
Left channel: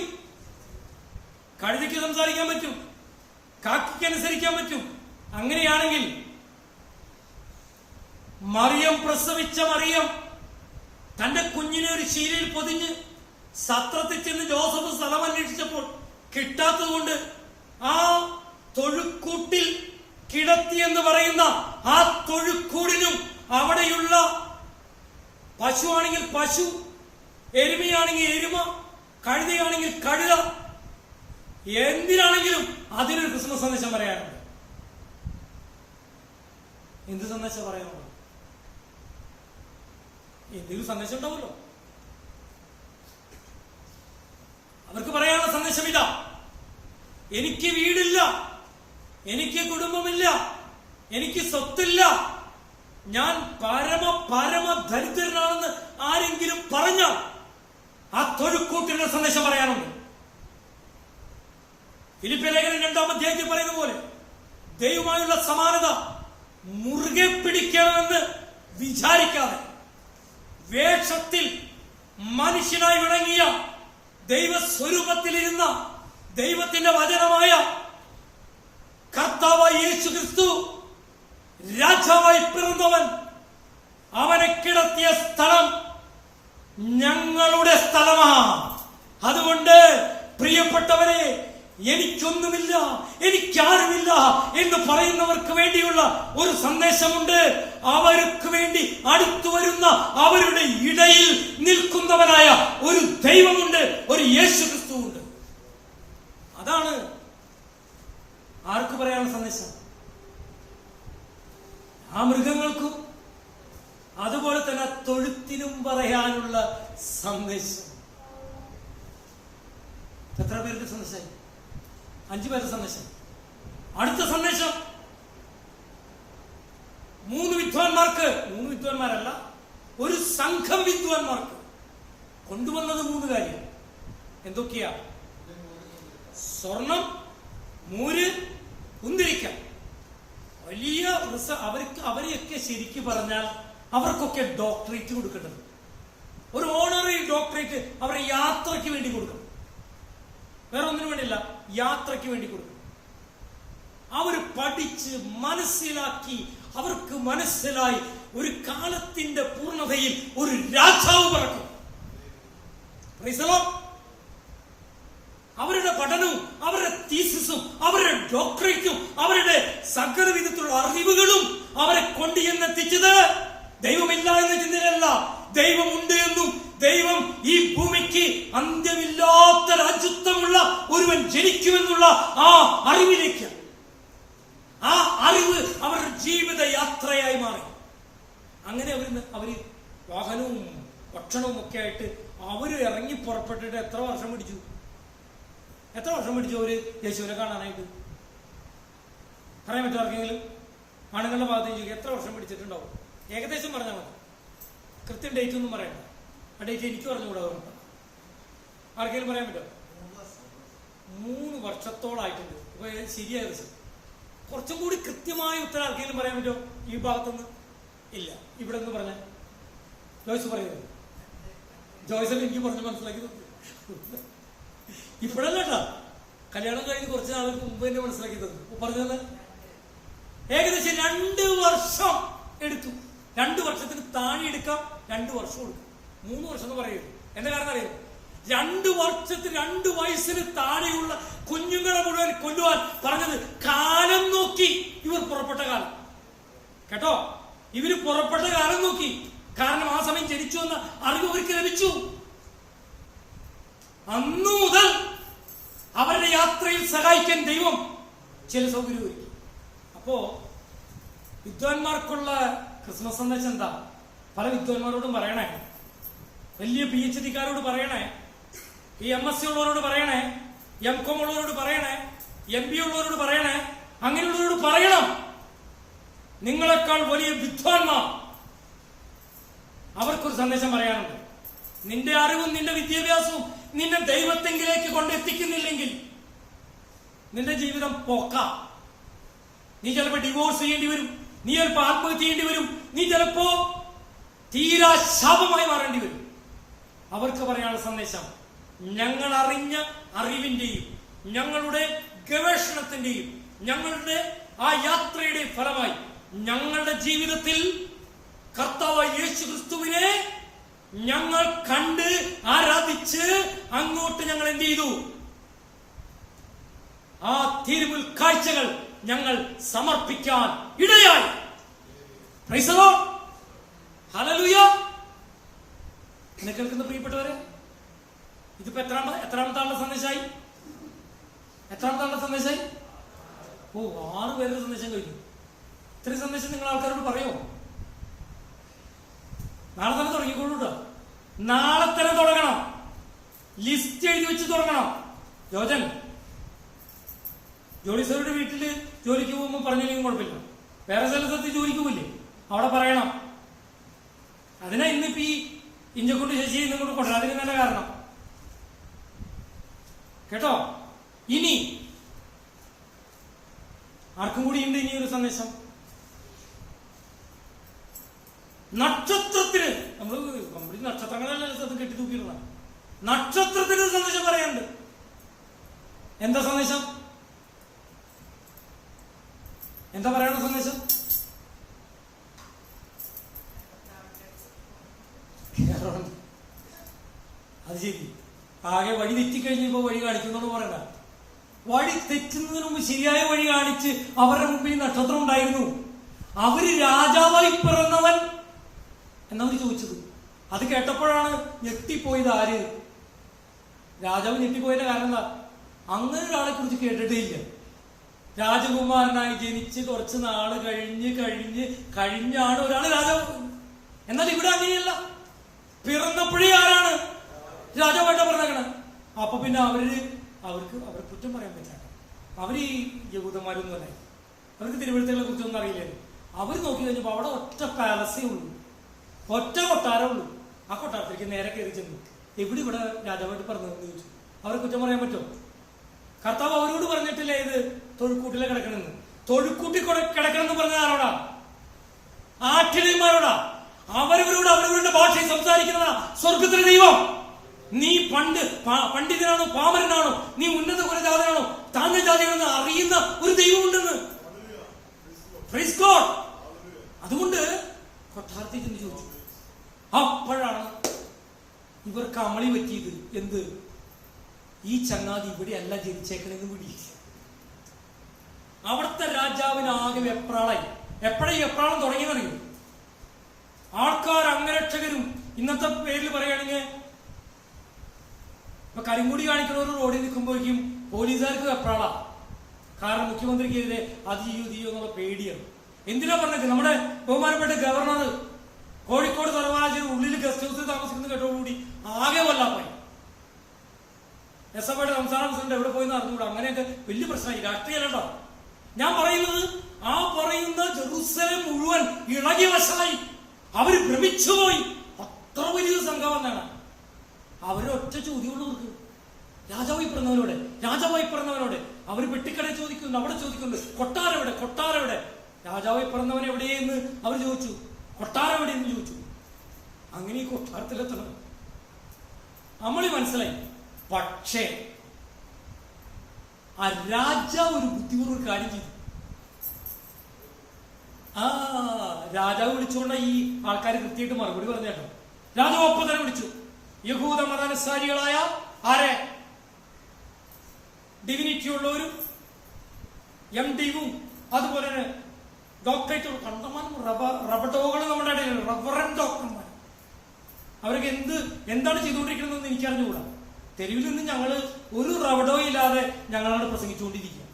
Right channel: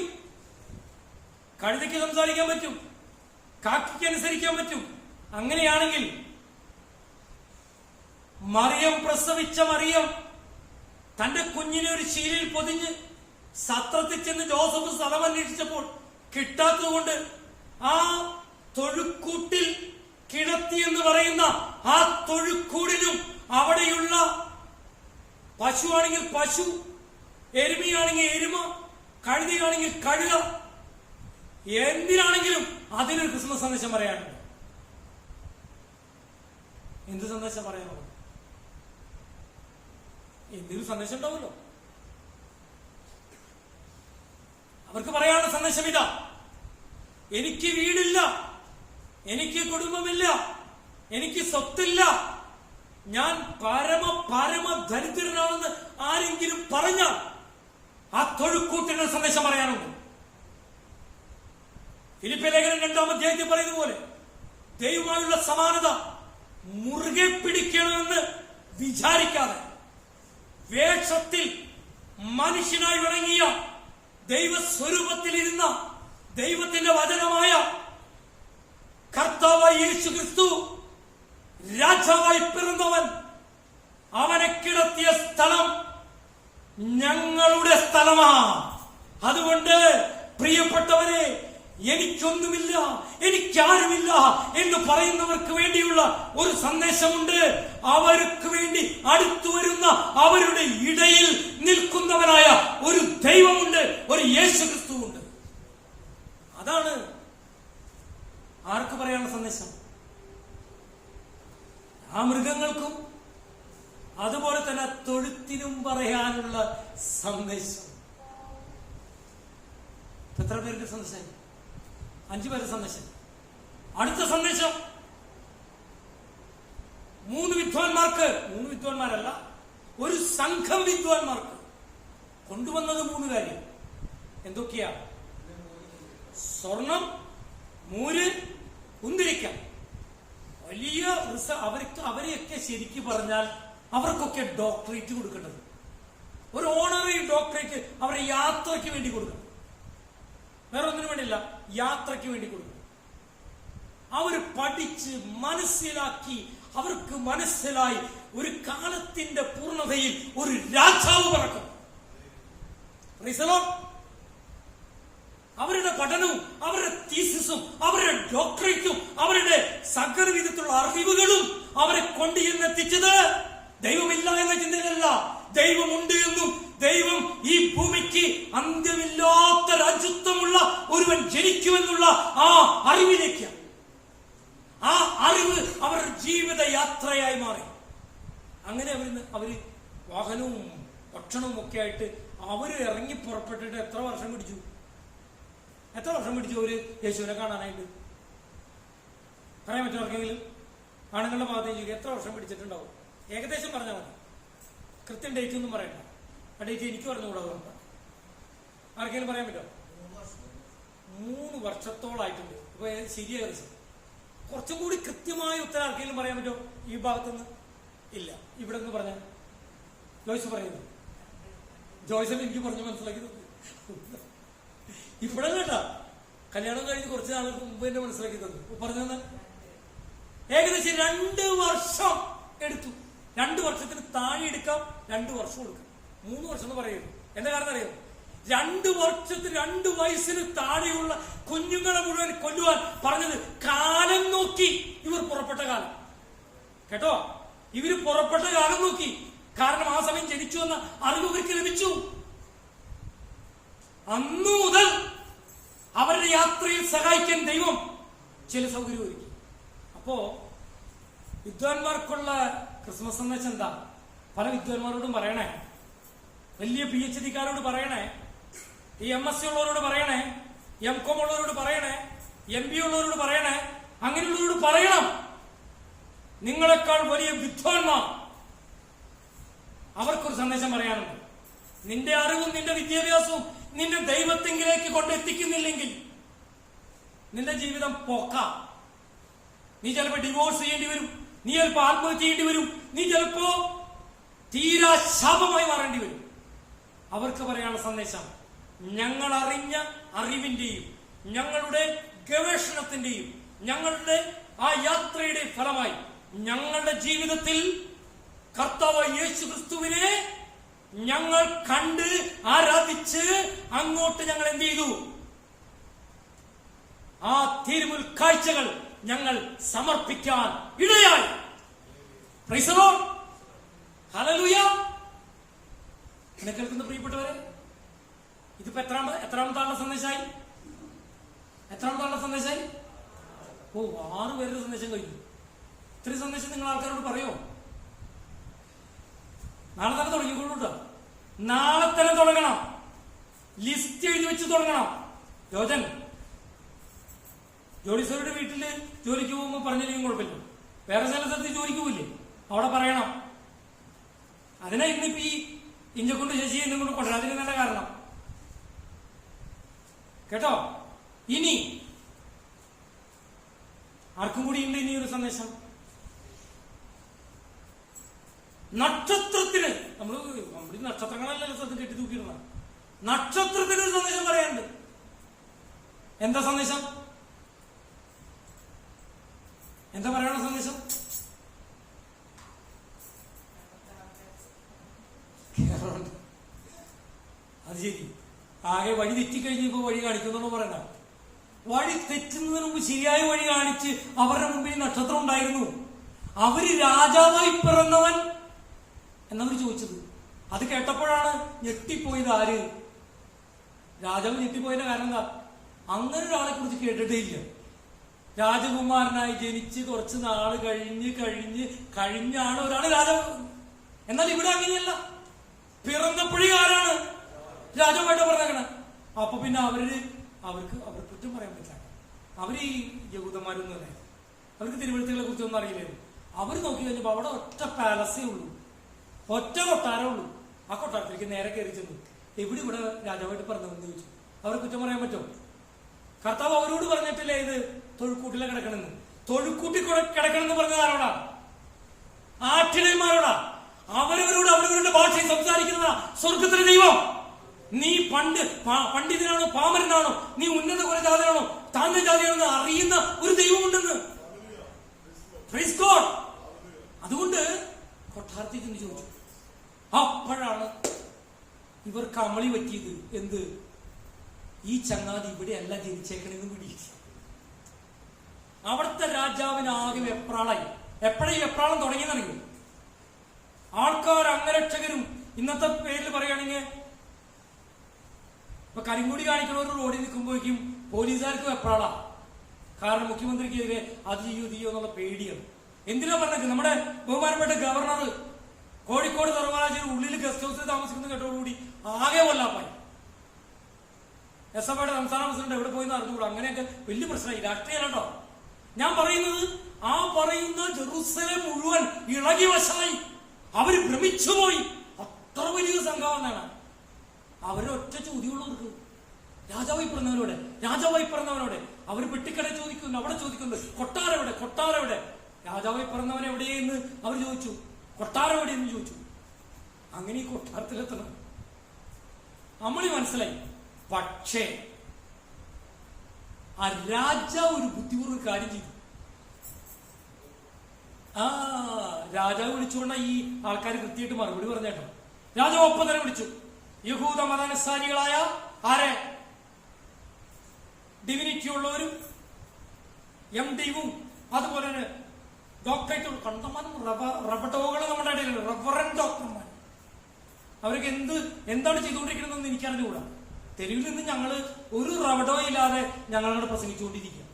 സംസാരിക്കാൻ പറ്റും, കാക്കയ്ക്ക് അനുസരിക്കാൻ പറ്റും. അങ്ങനെയാണെങ്കിൽ മറിയം, പ്രസവിച്ച മറിയം തന്റെ കുഞ്ഞിനെ ഒരു ശീലയിൽ പൊതിഞ്ഞ് സത്രത്തിൽ ചെന്ന് ജോസഫ് സ്ഥലം അന്വേഷിച്ചപ്പോൾ കിട്ടാത്തതുകൊണ്ട് ആ തൊഴുക്കൂട്ടിൽ കിടത്തിയെന്ന് പറയുന്ന ആ തൊഴുക്കൂടിനും അവിടെയുള്ള പശുവാണെങ്കിൽ പശു, എരുമയാണെങ്കിൽ എരുമ, കഴുതയാണെങ്കിൽ കഴുത, എന്തിനാണെങ്കിലും അതിനൊരു ക്രിസ്മസ് സന്ദേശം പറയാനുണ്ട്. എന്ത് സന്ദേശം പറയാനുള്ളത്? എന്തെങ്കിലും സന്ദേശം ഉണ്ടാവുമല്ലോ. അവർക്ക് പറയാനുള്ള സന്ദേശം ഇതാ: എനിക്ക് വീടില്ല, എനിക്ക് കുടുംബമില്ല, എനിക്ക് സ്വത്തില്ല, ഞാൻ പരമ ദരിദ്രനാണെന്ന് ആരെങ്കിലും പറഞ്ഞാൽ ആ തൊഴുക്കൂട്ടിന്റെ സന്ദേശം പറയാനുണ്ട്. ഫിലിപ്പിയ ലേഖനം 2-ാം അധ്യായത്തിൽ പറയുന്ന പോലെ ദൈവമായുള്ള സമാനത മുറുകെ പിടിക്കണമെന്ന് വിചാരിക്കാതെ വേഷത്തിൽ മനുഷ്യനായി വിളങ്ങിയ ദൈവസ്വരൂപത്തിലിരുന്ന ദൈവത്തിന്റെ വചനമായ കർത്താവായ യേശു ക്രിസ്തു രാജാവായി പിറന്നവൻ, അവനെ കിടത്തിയ സ്ഥലം ഞങ്ങളുടെ സ്ഥലമാണ്. അതുകൊണ്ട് പ്രിയപ്പെട്ടവരെ, എനിക്കൊന്നുമില്ല, എനിക്കാരുമില്ല എന്ന് പറയുന്നവർക്ക് വേണ്ടിയുള്ള ഒരു സന്ദേശമുണ്ട്. അവർക്ക് വേണ്ടി അടുത്തു വരുന്ന അവരുടെ ഇടയിൽ നിൽക്കുന്നവനായ ഒരു ദൈവമുണ്ട്, ഒരു യേശു ക്രിസ്തുവുണ്ട്. അതാണ് ആർക്ക് പറയാനുള്ള സന്ദേശം? ആ മൃഗങ്ങൾക്കും അതുപോലെ തന്നെ തൊഴുത്തിനും പറയാനുള്ള സന്ദേശം. എത്ര പേർക്ക് സന്ദേശമായി? 5 പേരുടെ സന്ദേശം. അടുത്ത സന്ദേശം 3 വിദ്വാൻമാർക്ക്, 3 വിദ്വാൻമാരല്ല, ഒരു സംഘം വിദ്വാൻമാർക്ക് കൊണ്ടുവന്നത് 3 കാര്യം. എന്തൊക്കെയാ? സ്വർണം, മൂര്, കുന്തിരിക്ക. വലിയ അവരെയൊക്കെ ശരിക്കും പറഞ്ഞാൽ അവർക്കൊക്കെ ഡോക്ടറേറ്റ് കൊടുക്കേണ്ടത്, ഒരു ഓണററി ഡോക്ടറേറ്റ് അവരെ യാത്രയ്ക്ക് വേണ്ടി കൊടുക്കണം. വേറെ ഒന്നിനു വേണ്ടിയില്ല, യാത്രയ്ക്ക് വേണ്ടി കൊടുക്കണം. അവർ പഠിച്ച് മനസ്സിലാക്കി, അവർക്ക് മനസ്സിലായി ഒരു കാലത്തിന്റെ പൂർണ്ണതയിൽ ഒരു രാജാവ് പിറക്കും. അവരുടെ പഠനവും അവരുടെ തീസിസും അവരുടെ ഡോക്ടറേറ്റും അവരുടെ സകല വിധത്തിലുള്ള അറിവുകളും അവരെ കൊണ്ട് എന്നെത്തിച്ചത് ദൈവമില്ല എന്ന ചിന്തയിലല്ല, ദൈവമുണ്ട് എന്നും ദൈവം ഈ ഭൂമിക്ക് അന്ത്യമില്ലാത്ത രാജ്യത്വമുള്ള ഒരുവൻ ജനിക്കുമെന്നുള്ള ആ അറിവിലേക്ക്, ആ അറിവ് അവരുടെ ജീവിത യാത്രയായി മാറി. അങ്ങനെ അവര് വാഹനവും ഭക്ഷണവും ഒക്കെ ആയിട്ട് അവര് ഇറങ്ങി പുറപ്പെട്ടിട്ട് എത്ര വർഷം പിടിച്ചു അവര് യേശുവിനെ കാണാനായിട്ട്? പറയാൻ പറ്റും ആർക്കെങ്കിലും? ആണുങ്ങളുടെ ഭാഗത്തേക്ക് എത്ര വർഷം പിടിച്ചിട്ടുണ്ടാവും? ഏകദേശം പറഞ്ഞാൽ മതി, കൃത്യം ഡേറ്റ് ഒന്നും പറയണ്ട. ആ ഡേറ്റ് എനിക്ക് പറഞ്ഞുകൂടാ. ആർക്കെങ്കിലും പറയാൻ പറ്റുമോ? 3 വർഷത്തോളായിട്ടുണ്ട്. ഇപ്പൊ ശരിയായ ദിവസം കുറച്ചും കൂടി കൃത്യമായ ഉത്തരം ആർക്കെങ്കിലും പറയാൻ പറ്റുമോ ഈ ഭാഗത്തുനിന്ന്? ഇല്ല. ഇവിടെ നിന്ന് പറഞ്ഞ ജോയ്സ് പറയുന്നു. ജോയ്സ് എനിക്ക് പറഞ്ഞു മനസ്സിലാക്കി ഇപ്പോഴല്ല കേട്ടാ, കല്യാണം കഴിഞ്ഞ് കുറച്ച് നാൾക്ക് മുമ്പ് എന്നെ മനസ്സിലാക്കി തന്നു. പറഞ്ഞത് ഏകദേശം 2 വർഷം എടുത്തു. 2 വർഷത്തിന് താഴെ എടുക്കാം, 2 വർഷം എടുക്കാം. 3 വർഷം എന്ന് പറയുന്നു. എന്താ കാരണം അറിയാം? 2 വർഷത്തിന് 2 വയസ്സിന് താഴെയുള്ള കുഞ്ഞുങ്ങളെ മുഴുവൻ കൊല്ലുവാൻ പറഞ്ഞത് കാലം നോക്കി. ഇവർ പുറപ്പെട്ട കാലം കേട്ടോ, ഇവര് പുറപ്പെട്ട കാലം നോക്കി. കാരണം ആ സമയം ജനിച്ചു എന്ന അറിവ് അവർക്ക് ലഭിച്ചു. അന്നു മുതൽ അവരുടെ യാത്രയിൽ സഹായിക്കാൻ ദൈവം ചില സൗകര്യം ഒരുക്കി. അപ്പോ വിദ്വാൻമാർക്കുള്ള ക്രിസ്മസ് സന്ദേശം എന്താ? പല വിദ്വാൻമാരോടും പറയണേ, വലിയ PhD-കാരോട് പറയണേ, ഈ MSc ഉള്ളവരോട് പറയണേ, MCom ഉള്ളവരോട് പറയണേ, MB ഉള്ളവരോട് പറയണേ, അങ്ങനെയുള്ളവരോട് പറയണം, നിങ്ങളെക്കാൾ വലിയ വിദ്വാൻമാർ അവർക്കൊരു സന്ദേശം പറയാനുണ്ട്. നിന്റെ അറിവും നിന്റെ വിദ്യാഭ്യാസവും നിന്നെ ദൈവത്തെങ്കിലേക്ക് കൊണ്ടെത്തിക്കുന്നില്ലെങ്കിൽ നിന്റെ ജീവിതം പോക്കാം. നീ ചിലപ്പോ ഡിവോഴ്സ് ചെയ്യേണ്ടി വരും, നീ ചിലപ്പോ ആത്മഹത്യ ചെയ്യേണ്ടി വരും, നീ ചിലപ്പോ തീരാ ശാപമായി മാറേണ്ടി വരും. അവർക്ക് പറയാനുള്ള സന്ദേശം, ഞങ്ങൾ അറിഞ്ഞ അറിവിന്റെയും ഞങ്ങളുടെ ഗവേഷണത്തിന്റെയും ഞങ്ങളുടെ ആ യാത്രയുടെ ഫലമായി ഞങ്ങളുടെ ജീവിതത്തിൽ കർത്താവായ യേശു ക്രിസ്തുവിനെ ഞങ്ങൾ കണ്ട് ആരാധിച്ച് അങ്ങോട്ട് ഞങ്ങൾ എന്ത് ചെയ്തു? ആ തിരുമുൽ കാഴ്ചകൾ ഞങ്ങൾ സമർപ്പിക്കാൻ ഇടയായി. Praise the Lord, hallelujah. എന്നെ കേൾക്കുന്ന പ്രിയപ്പെട്ടവരെ, ഇതിപ്പോ എത്രാമത്തെ സന്ദേശമായി? എത്രാമത്തെ സന്ദേശമായി? 6 പേരുടെ സന്ദേശം കഴിഞ്ഞു. ഇത്രയും സന്ദേശം നിങ്ങൾ ആൾക്കാരോട് പറയുമോ? നാളെ തന്നെ തുടങ്ങിക്കൊള്ളൂട്ടോ. നാളെ തന്നെ തുടങ്ങണം. ലിസ്റ്റ് എഴുതി വെച്ച് തുടങ്ങണം. ജോലി സാറുടെ വീട്ടില് ജോലിക്ക് പോകുമ്പോൾ പറഞ്ഞില്ലെങ്കിൽ കുഴപ്പമില്ല, വേറെ സ്ഥലത്തെത്തി ജോലിക്ക് പോയില്ലേ, അവിടെ പറയണം. അതിനാ ഇന്നിപ്പോ ഈ ഇഞ്ചക്കൊണ്ട് ശശി എന്നും കൊണ്ടുവരണം. അതിന് നല്ല കാരണം കേട്ടോ. ഇനി ആർക്കും കൂടി ഉണ്ട് ഇനിയൊരു സന്ദേശം. നക്ഷത്രത്തിന് നമ്മുടെ നക്ഷത്രങ്ങളെല്ലാം സ്ഥലത്ത് കെട്ടി തൂക്കിയിരുന്ന നക്ഷത്രത്തിന് ഒരു സന്ദേശം പറയാനുണ്ട്. എന്താ സന്ദേശം? എന്താ പറയാനുള്ള സന്ദേശം? അത് ശരി, ആകെ വഴി തെറ്റിക്കഴിഞ്ഞപ്പോ വഴി കാണിക്കുന്നു പറയണ്ട. വഴി തെറ്റുന്നതിന് മുമ്പ് ശരിയായ വഴി കാണിച്ച് അവരുടെ മുമ്പിൽ നക്ഷത്രം ഉണ്ടായിരുന്നു. അവര് രാജാവായി പിറന്നവൻ എന്നവര് ചോദിച്ചത്. അത് കേട്ടപ്പോഴാണ് ഞെട്ടിപ്പോയത്. ആര്? രാജാവ് ഞെട്ടിപ്പോയതിന്റെ കാരണം എന്താ? അങ്ങനെ ഒരാളെ കുറിച്ച് കേട്ടിട്ടേ ഇല്ല. രാജകുമാരനായി ജനിച്ച് കുറച്ച് നാള് കഴിഞ്ഞാണ് ഒരാള് രാജാവ്. എന്നാൽ ഇവിടെ അങ്ങനെയല്ല. പിറന്നപ്പോഴേ ആരാണ്? രാജാവായിട്ടാ പറഞ്ഞേക്കണ. അപ്പൊ പിന്നെ അവർക്ക് കുറ്റം പറയാൻ പറ്റില്ല. അവര് ഈ യഹൂദന്മാരൊന്നും അല്ലേ, അവർക്ക് തിരുവഴുത്തുകളെ കുറിച്ചൊന്നും അറിയില്ലായിരുന്നു. അവര് നോക്കി കഴിഞ്ഞപ്പോ അവിടെ ഒറ്റ പാലസേ ഉള്ളൂ, ഒറ്റ കൊട്ടാരേ ഉള്ളൂ. ആ കൊട്ടാരത്തിലേക്ക് നേരെ കയറി ചെന്നു. ഇവിടെ രാജാവായിട്ട് പറഞ്ഞതെന്ന് ചോദിച്ചു. അവരെ കുറ്റം പറയാൻ പറ്റുമോ? കർത്താവ് അവരോട് പറഞ്ഞിട്ടില്ലേ ഇത് തൊഴുക്കൂട്ടിലെ കിടക്കണമെന്ന്? തൊഴുക്കൂട്ടി കിടക്കണമെന്ന് പറഞ്ഞത് ആരോടാ? ആട്ടിടയന്മാരോടാ. അവരവരുടെ ഭാഷയിൽ സംസാരിക്കുന്നതാ സ്വർഗത്തിലെ ദൈവം. നീ പണ്ഡിതനാണോ പാമരനാണോ, നീ ഉന്നത കുലജാതനാണോ താഴ്ന്ന ജാതിയാണെന്ന് അറിയുന്ന ഒരു ദൈവമുണ്ടെന്ന്. Praise God. അതുകൊണ്ട് കൊട്ടാരത്തിൽ ചെന്ന് ചോദിച്ചു. അപ്പോഴാണ് ഇവർക്ക് അമളി പറ്റിയത്. എന്ത്? ഈ ചങ്ങാതി ഇവിടെ അല്ല ജനിച്ചേക്കണെന്ന് പിടി. അവിടുത്തെ രാജാവിന് ആകെ വെപ്രാളായി. എപ്പോഴാ ഈ വെപ്രാളം തുടങ്ങിയെന്നറിയും? ആൾക്കാർ അംഗരക്ഷകരും ഇന്നത്തെ പേരിൽ പറയുകയാണെങ്കിൽ ഇപ്പൊ കരിങ്കൊടി കാണിക്കുന്ന ഒരു റോഡിൽ നിൽക്കുമ്പോഴേക്കും പോലീസുകാർക്ക് വെപ്രാള. കാരണം മുഖ്യമന്ത്രിക്കെതിരെ അത് ചെയ്യോ എന്നുള്ള പേടിയാണ്. എന്തിനാ പറഞ്ഞത്? നമ്മുടെ ബഹുമാനപ്പെട്ട ഗവർണർ കോഴിക്കോട് സർവകലാശാല ഉള്ളിൽ ഗസ്റ്റ് ഹൗസിൽ താമസിക്കുന്ന കേട്ടോടുകൂടി ആകെ കൊല്ലാപ്പായി. SFയുടെ സംസ്ഥാന പ്രസിഡന്റ് എവിടെ പോയി അറിഞ്ഞുകൂടാ. അങ്ങനെയൊക്കെ വലിയ പ്രശ്നമായി. രാഷ്ട്രീയം കേട്ടോ ഞാൻ പറയുന്നത്. ആ പറയുന്ന ജെറുസലേം മുഴുവൻ ഇളകി വശമായി. അവര് ഭ്രമിച്ചുപോയി. അത്ര വലിയ സംഘമാണ്. അവരൊറ്റ ചോദ്യമുള്ളവർക്ക് രാജാവായി പിറന്നവനോട് അവര് പെട്ടിക്കടയിൽ ചോദിക്കുന്നു, അവിടെ ചോദിക്കുന്നത് കൊട്ടാരെവിടെ? രാജാവായി പിറന്നവൻ എവിടെയെന്ന് അവർ ചോദിച്ചു. കൊട്ടാരെവിടെയെന്ന് ചോദിച്ചു. അങ്ങനെ ഈ കൊട്ടാരത്തിലെത്തണം. അമളി മനസ്സിലായി. പക്ഷേ ആ രാജാവ് ഒരു ബുദ്ധിപൂർവ്വം ഒരു കാര്യം ചെയ്തു. രാജാവ് വിളിച്ചുകൊണ്ട് ഈ ആൾക്കാർ കൃത്യമായിട്ട് മറുപടി പറഞ്ഞേട്ടോ. രാജാവ് ഒപ്പം തന്നെ വിളിച്ചു. യഹൂദ മതാനുസാരികളായ ആരെ? ഡിവിനിറ്റി ഉള്ളവരും MD-യും അതുപോലെ തന്നെ ഡോക്ടറേറ്റ് കണ്ടമാനം റബഡോകൾ നമ്മുടെ ഇടയിലുണ്ട്. റവറന്റ് ഡോക്ടർമാർ. അവർക്ക് എന്താണ് ചെയ്തുകൊണ്ടിരിക്കണമെന്ന് എനിക്കറിഞ്ഞുകൂടാ. തെരുവിൽ നിന്ന് ഞങ്ങള് ഒരു റബഡോ ഇല്ലാതെ ഞങ്ങളവിടെ പ്രസംഗിച്ചുകൊണ്ടിരിക്കുക.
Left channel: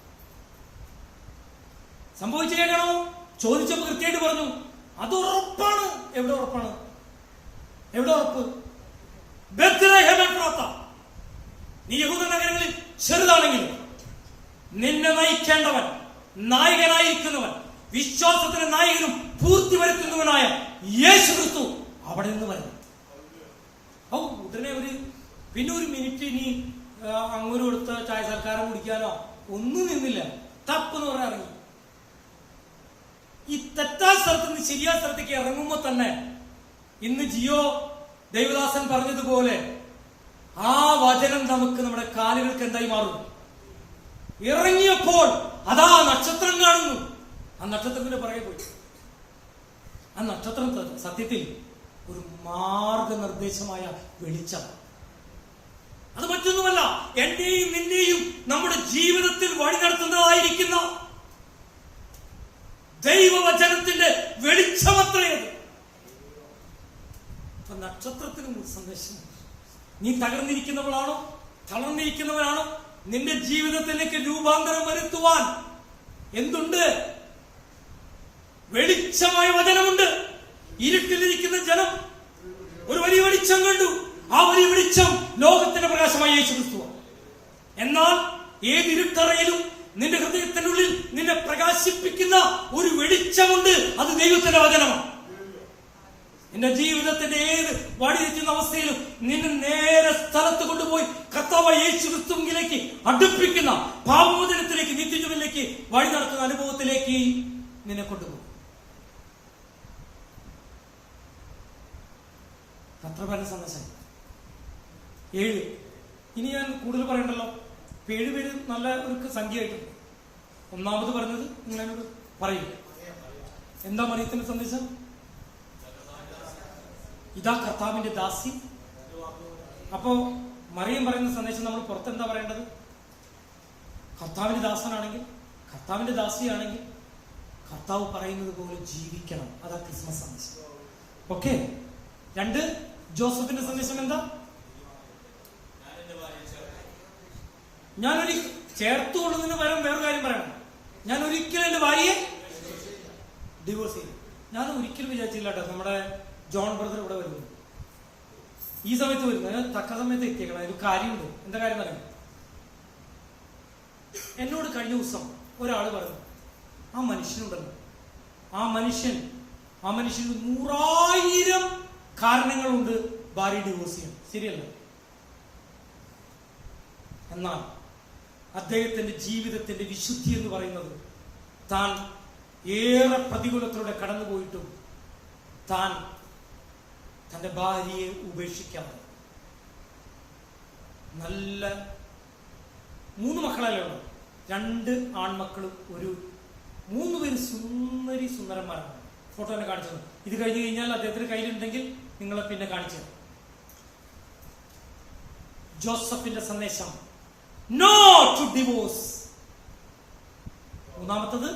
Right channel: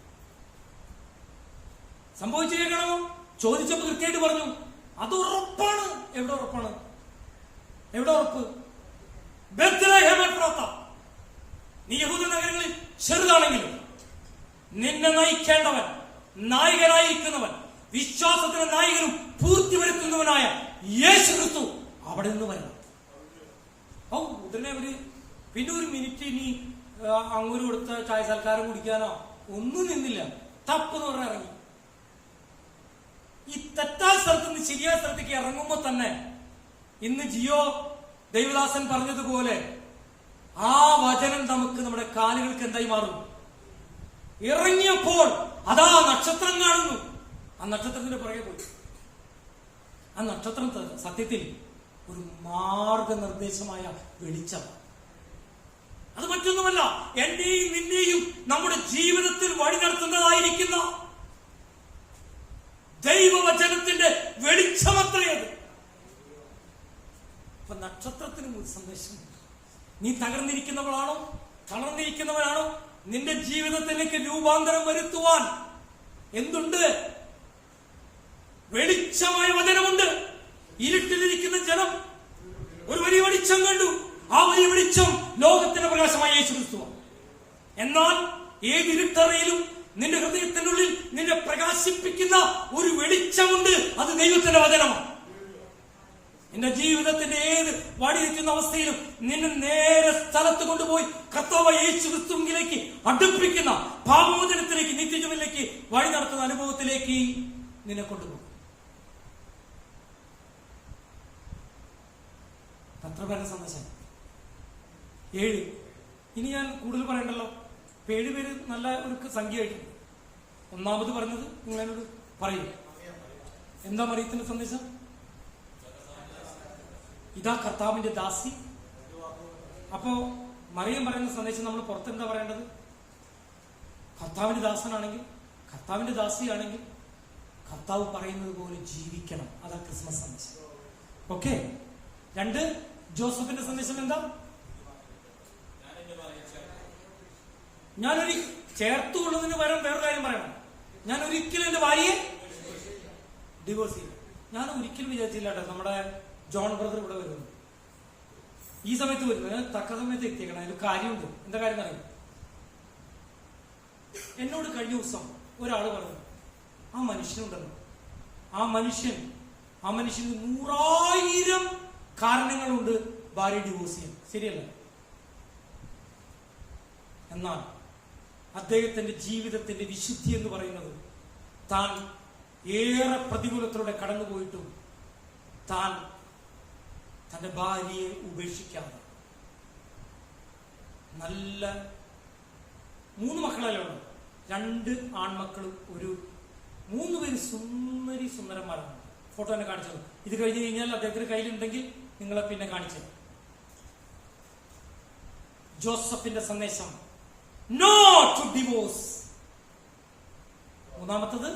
സംഭവിച്ചു കേൾക്കണോ? ചോദിച്ചപ്പോൾ കൃത്യമായിട്ട് പറഞ്ഞു. അത് ഉറപ്പാണ്. എവിടെ ഉറപ്പാണ്? ബെത്ലഹേം എഫ്രാത്ത. നീ യഹൂദ നഗരങ്ങളിൽ ചെറുതാണെങ്കിലും നിന്നെ നയിക്കേണ്ടവൻ, നായകനായിരിക്കുന്നവൻ, വിശ്വാസത്തിന്റെ നായകനും പൂർത്തി വരുത്തുന്നവനായ യേശു ക്രിസ്തു അവിടെ നിന്ന് വരുന്നു. ഉടനെ പിന്നെ ഒരു മിനിറ്റ് ഇനി അങ്ങനെ കൊടുത്ത ചായ സൽക്കാരം കുടിക്കാനോ ഒന്നും നിന്നില്ല. തപ്പെന്ന് പറഞ്ഞാൽ ഇറങ്ങി. ഈ തെറ്റായ സ്ഥലത്ത് നിന്ന് ശരിയായ സ്ഥലത്തേക്ക് ഇറങ്ങുമ്പോ തന്നെ ഇന്ന് ജിയോ ദേവദാസൻ പറഞ്ഞതുപോലെ ആ വചനം നമുക്ക് നമ്മുടെ കാലുകൾക്ക് എന്തായി മാറും? ഇറങ്ങിയപ്പോൾ അതാ നക്ഷത്രം കാണുന്നു. ആ നക്ഷത്രത്തിന്റെ പുറകെ പോയി. ആ നക്ഷത്രം സത്യത്തിൽ ഒരു മാർഗനിർദ്ദേശമായ വെളിച്ചം. അത് മറ്റൊന്നുമല്ല, എന്റെയും നിന്റെയും നമ്മുടെ ജീവിതത്തിൽ വഴി നടത്തുന്നതായിരിക്കുന്ന ദൈവവചനത്തിന്റെ വെളിച്ചമത്രയത്. അപ്പൊ നക്ഷത്രത്തിനും ഒരു സന്ദേശമുണ്ട്. നീ തകർന്നിരിക്കുന്നവളാണോ, തളർന്നിരിക്കുന്നവനാണോ? നിന്റെ ജീവിതത്തിലേക്ക് രൂപാന്തരം വരുത്തുവാൻ എന്തുണ്ട്? വെളിച്ചമായ വചനമുണ്ട്. ഇരുട്ടിലിരിക്കുന്ന ജനം ഒരു വലിയ വെളിച്ചം കണ്ടു. ആ വലിയ വെളിച്ചം ലോകത്തിന്റെ പ്രകാശമായ യേശു ക്രിസ്തു. എന്നാൽ ഏത് ഇരുട്ടറയിലും നിന്റെ ഹൃദയത്തിനുള്ളിൽ നിന്നെ പ്രകാശിപ്പിക്കുന്ന ഒരു വെളിച്ചമുണ്ട്. അത് ദൈവത്തിന്റെ വചനമാണ്. എന്റെ ജീവിതത്തിന്റെ ഏത് വഴിതെറ്റുന്ന അവസ്ഥയിലും നിന്നെ നേരെ സ്ഥലത്ത് കൊണ്ടുപോയി കർത്താവായ യേശു ക്രിസ്തുവിലേക്ക് അടുപ്പിക്കുന്ന പാപമോചനത്തിലേക്ക്, നിത്യജീവനിലേക്ക് വഴി നടത്തുന്ന അനുഭവത്തിലേക്ക് നിന്നെ കൊണ്ടുപോകും. പത്രപരന സന്ദേശം 7. ഇനി ഞാൻ കൂടുതൽ പറയണ്ടല്ലോ. 7 പേര് നല്ല ഒരു സംഖ്യയായിട്ടുണ്ട്. ഒന്നാമത് പറഞ്ഞത് നിങ്ങളോട് പറയില്ല. എന്താ മറിയത്തിന്റെ സന്ദേശം? ഇതാ കർത്താവിന്റെ ദാസി. അപ്പോ മറിയം പറയുന്ന സന്ദേശം നമ്മൾ പുറത്തെന്താ പറയേണ്ടത്? കർത്താവിന്റെ ദാസനാണെങ്കിൽ, കർത്താവിന്റെ ദാസിയാണെങ്കിൽ കർത്താവ് പറയുന്നത് പോലെ ജീവിക്കണം. അതാ ക്രിസ്മസ് സന്ദേശം. ഓക്കെ. 2, ജോസഫിന്റെ സന്ദേശം എന്താ? ഞാനൊരു ചേർത്തുകൊള്ളുന്നതിന് പകരം വേറൊരു കാര്യം പറയണം. ഞാൻ ഒരിക്കലും എന്റെ ഭാര്യയെ ഡിവോഴ്സ് ചെയ്യും. ഞാൻ ഒരിക്കലും വിചാരിച്ചില്ല കേട്ടോ നമ്മുടെ ജോൺ ബ്രദർ ഇവിടെ വരുന്നു. ഈ സമയത്ത് വരുന്നു. ഞാൻ തക്ക സമയത്ത് എത്തിയേക്കണം. ഒരു കാര്യമുണ്ട്. എന്താ കാര്യം പറയും? എന്നോട് കഴിഞ്ഞ ദിവസം ഒരാൾ പറഞ്ഞു, ആ മനുഷ്യനുണ്ടല്ലോ, ആ മനുഷ്യന് 100,000 കാരണങ്ങളുണ്ട് ഭാര്യ ഡിവോഴ്സ് ചെയ്യാൻ. ശരിയല്ല? എന്നാൽ അദ്ദേഹത്തിന്റെ ജീവിതത്തിന്റെ വിശുദ്ധി എന്ന് പറയുന്നത് താൻ ഏറെ പ്രതികൂലത്തിലൂടെ കടന്നുപോയിട്ടും താൻ തന്റെ ഭാര്യയെ ഉപേക്ഷിക്കാതെ നല്ല 3 മക്കളല്ലേ ഉള്ളൂ. 2 ആൺമക്കളും 3 പേര് സുന്ദരന്മാരാണ്. ഫോട്ടോ തന്നെ കാണിച്ചത്. ഇത് കഴിഞ്ഞ് കഴിഞ്ഞാൽ അദ്ദേഹത്തിന്റെ കയ്യിലുണ്ടെങ്കിൽ നിങ്ങളെ പിന്നെ കാണിച്ചു. ജോസഫിന്റെ സന്ദേശം നോ ടു ഡിവോഴ്സ്. മൂന്നാമത്തത്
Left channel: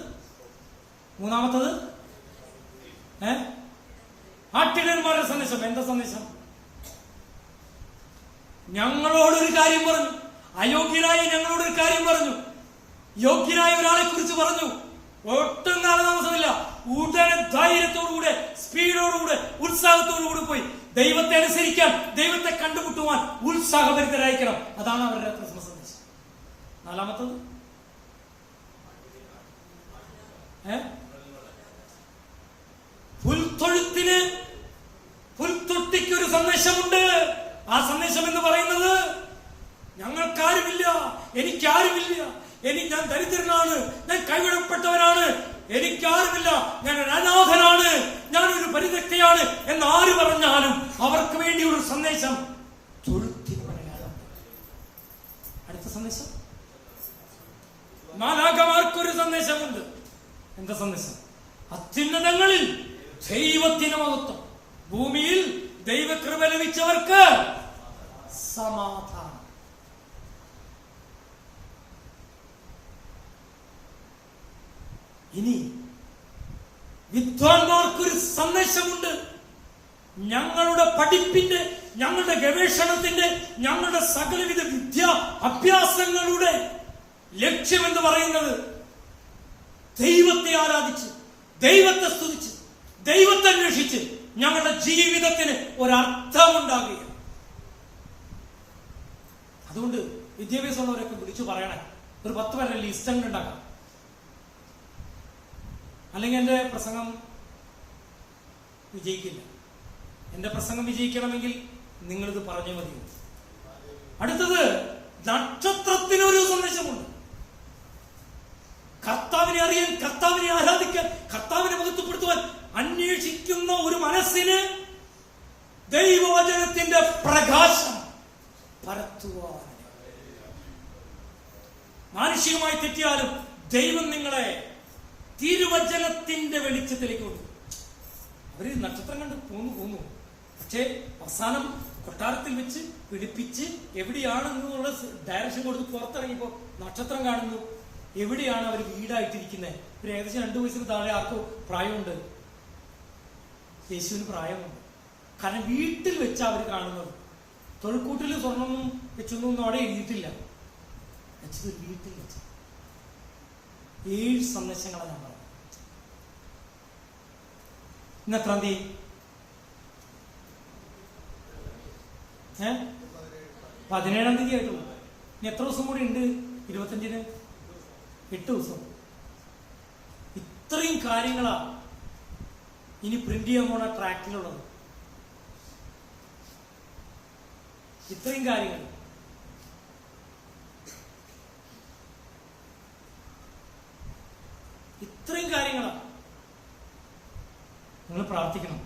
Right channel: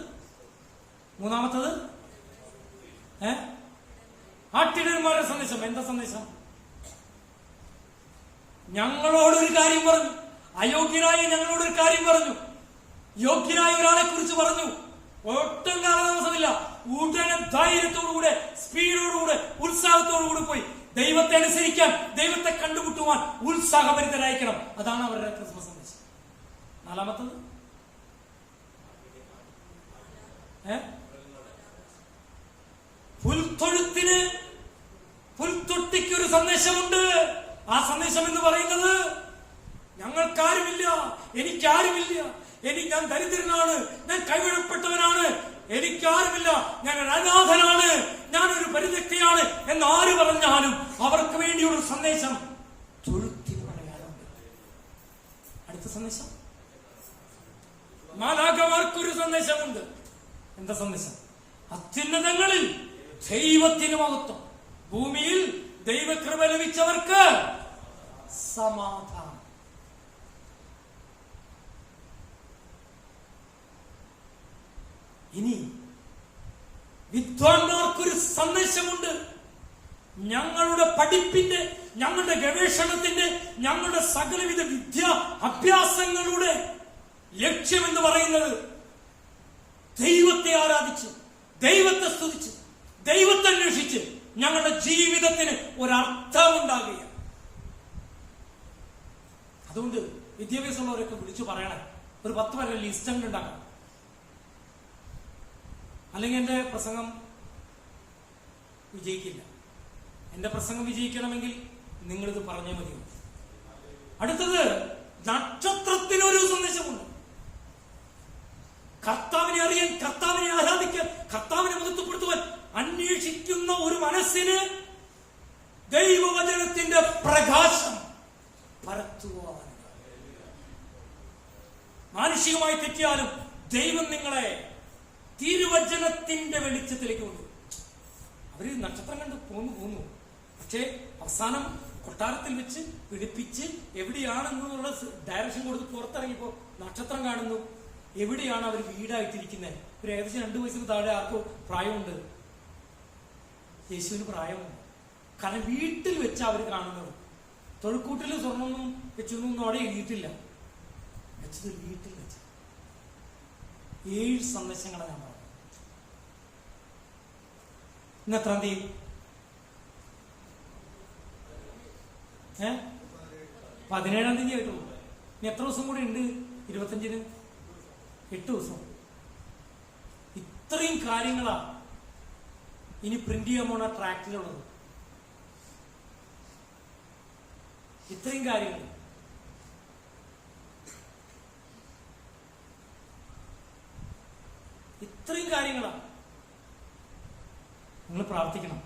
ആട്ടിടന്മാരുടെ സന്ദേശം. എന്താ സന്ദേശം? ഞങ്ങളോടൊരു കാര്യം പറഞ്ഞു, അയോഗ്യനായി ഞങ്ങളോടൊരു കാര്യം പറഞ്ഞു, യോഗ്യനായ ഒരാളെ കുറിച്ച് പറഞ്ഞു. ഒട്ടും കാലതാമസമില്ല, ഉടനെ ധൈര്യത്തോടുകൂടെ, സ്പീഡോടുകൂടെ, ഉത്സാഹത്തോടുകൂടി പോയി ദൈവത്തെ അനുസരിക്കാൻ, ദൈവത്തെ കണ്ടുമുട്ടുവാൻ ഉത്സാഹഭരിതരായിരിക്കണം. അതാണ് അവരുടെ ക്രിസ്മസ് സന്ദേശം. 4. പുൽത്തൊട്ടിക്കൊരു സന്ദേശമുണ്ട്. ആ സന്ദേശം എന്ന് പറയുന്നത് ഞങ്ങൾക്കാരുമില്ല, എനിക്കാരുമില്ല, ഞാൻ ദരിദ്രനാണ്, ഞാൻ കൈവിടപ്പെട്ടവനാണ്, എനിക്കാരുമില്ല, ഞാൻ ഒരു അനാഥനാണ്, ഞാനൊരു പരിത്യക്തയാണ് എന്ന് ആര് പറഞ്ഞാലും അവർക്ക് വേണ്ടിയുള്ള സന്ദേശം തൊഴുത്തി പറയാനുണ്ട്. അടുത്ത സന്ദേശം മാലാഖമാർക്കൊരു സന്ദേശമുണ്ട്. എന്താ സന്ദേശം? അത്യുന്നതങ്ങളിൽ ദൈവത്തിന് മഹത്വം, ഭൂമിയിൽ ദൈവകൃപ ലഭിച്ചവർക്ക് സമാധാനം. ഇനി വിദ്വാൻമാർക്കൊരു സന്ദേശമുണ്ട്. ഞങ്ങളുടെ പഠിപ്പിന്റെ, ഞങ്ങളുടെ ഗവേഷണത്തിന്റെ, ഞങ്ങളുടെ സകലവിധ അഭ്യാസങ്ങളുടെ ലക്ഷ്യമെന്ന് പറയുന്നത് ദൈവത്തെ ആരാധിച്ച്, ദൈവത്തെ സ്തുതിച്ച്, ദൈവത്തെ അന്വേഷിച്ച് ഞങ്ങളുടെ ജീവിതത്തിന് ഒരർത്ഥമുണ്ടാകുക. അതുകൊണ്ട് വിദ്യാഭ്യാസമുള്ളവരൊക്കെ വിളിച്ചു പറയണേ, ഒരു 10 പേരുടെ ലിസ്റ്റ് അങ്ങ് ഉണ്ടാക്കാം. അല്ലെങ്കിൽ എന്റെ പ്രസംഗം വിജയിക്കില്ല. എന്റെ പ്രസംഗം വിജയിക്കണമെങ്കിൽ നിങ്ങളിത് പറഞ്ഞേ മതി. അടുത്തത് നക്ഷത്രത്തിനൊരു സന്ദേശമുണ്ട്. കർത്താവിനെ അറിയാൻ, കർത്താവിനെ ആരാധിക്കാൻ, കർത്താവിനെ മഹത്വപ്പെടുത്തുവാൻ അന്വേഷിക്കുന്ന ഒരു മനസ്സിന് ദൈവവചനത്തിന്റെ പ്രകാശം പരത്തുവാൻ. മാനുഷികമായി തെറ്റിയാലും ദൈവം നിങ്ങളെ തിരുവചനത്തിന്റെ വെളിച്ചത്തിലേക്ക് കൊണ്ടു. അവര് നക്ഷത്രം കണ്ട് പോന്നു. പക്ഷേ അവസാനം കൊട്ടാരത്തിൽ വെച്ച് പിടിപ്പിച്ച് എവിടെയാണെന്നുള്ള ഡയറക്ഷൻ കൊടുത്ത് പുറത്തിറങ്ങിയപ്പോ നക്ഷത്രം കാണുന്നു. എവിടെയാണ് അവർ വീടായിട്ടിരിക്കുന്നത്? ഒരു ഏകദേശം 2 വയസ്സിന് താഴെ ആർക്കും പ്രായമുണ്ട്. യേശുവിന് പ്രായമുണ്ട്. കാരണം വീട്ടിൽ വെച്ച് അവർ കാണുന്നത്. തൊഴുക്കൂട്ടിൽ സ്വർണ്ണമൊന്നും വെച്ചൊന്നും അവിടെ എഴുതിയിട്ടില്ല. വെച്ചത് വീട്ടിൽ വെച്ച്. 7 സന്ദേശങ്ങളാണ് ഞാൻ പറഞ്ഞത്. ഇന്ന് എത്രാം തീയതി? 17-ാം തീയതി ആയിട്ടുള്ളൂ. ഇനി എത്ര ദിവസം കൂടി ഉണ്ട്? 25-ന് 8 ദിവസം. ഇത്രയും കാര്യങ്ങളാ ഇനി പ്രിന്റ് ചെയ്യാൻ പോണ ട്രാക്റ്റിലുള്ളത്. ഇത്രയും കാര്യങ്ങൾ. ഇത്രയും കാര്യങ്ങളാണ്. നിങ്ങൾ പ്രാർത്ഥിക്കണം.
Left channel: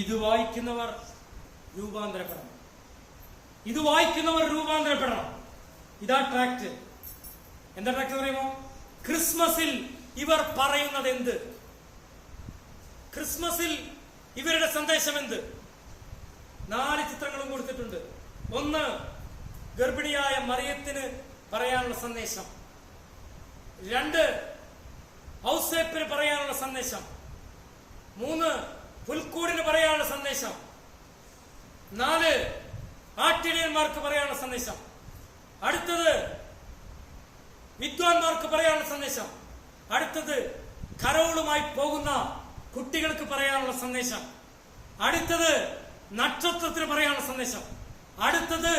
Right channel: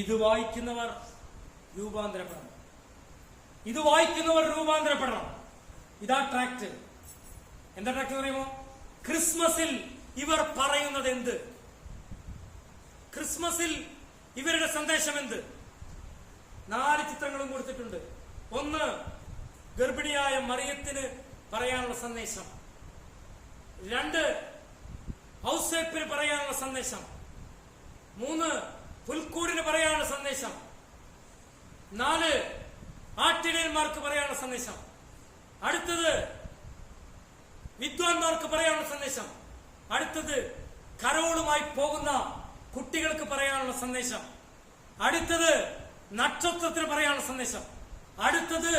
ഇത് വായിക്കുന്നവർ രൂപാന്തരപ്പെടണം. ഇത് വായിക്കുന്നവർ രൂപാന്തരപ്പെടണം. ഇതാ ട്രാക്ട്. എന്താ ട്രാക്ട് പറയുമോ? ക്രിസ്മസിൽ ഇവർ പറയുന്നത് എന്ത്? ക്രിസ്മസിൽ ഇവരുടെ സന്ദേശം എന്ത്? 4 ചിത്രങ്ങളും കൊടുത്തിട്ടുണ്ട്. 1, ഗർഭിണിയായ മറിയത്തിന് പറയാനുള്ള സന്ദേശം. 2, ഔസേപ്പിന് പറയാനുള്ള സന്ദേശം. 3, പുൽക്കൂടിന് പറയാനുള്ള സന്ദേശം. 4, ആട്ടിടയന്മാർക്ക് പറയാനുള്ള സന്ദേശം. അടുത്തത് വിദ്വാൻമാർക്ക് പറയാനുള്ള സന്ദേശം. അടുത്തത് കരോളുമായി പോകുന്ന കുട്ടികൾക്ക് പറയാനുള്ള സന്ദേശം. അടുത്തത് നക്ഷത്രത്തിന് പറയാനുള്ള സന്ദേശം. അടുത്തത്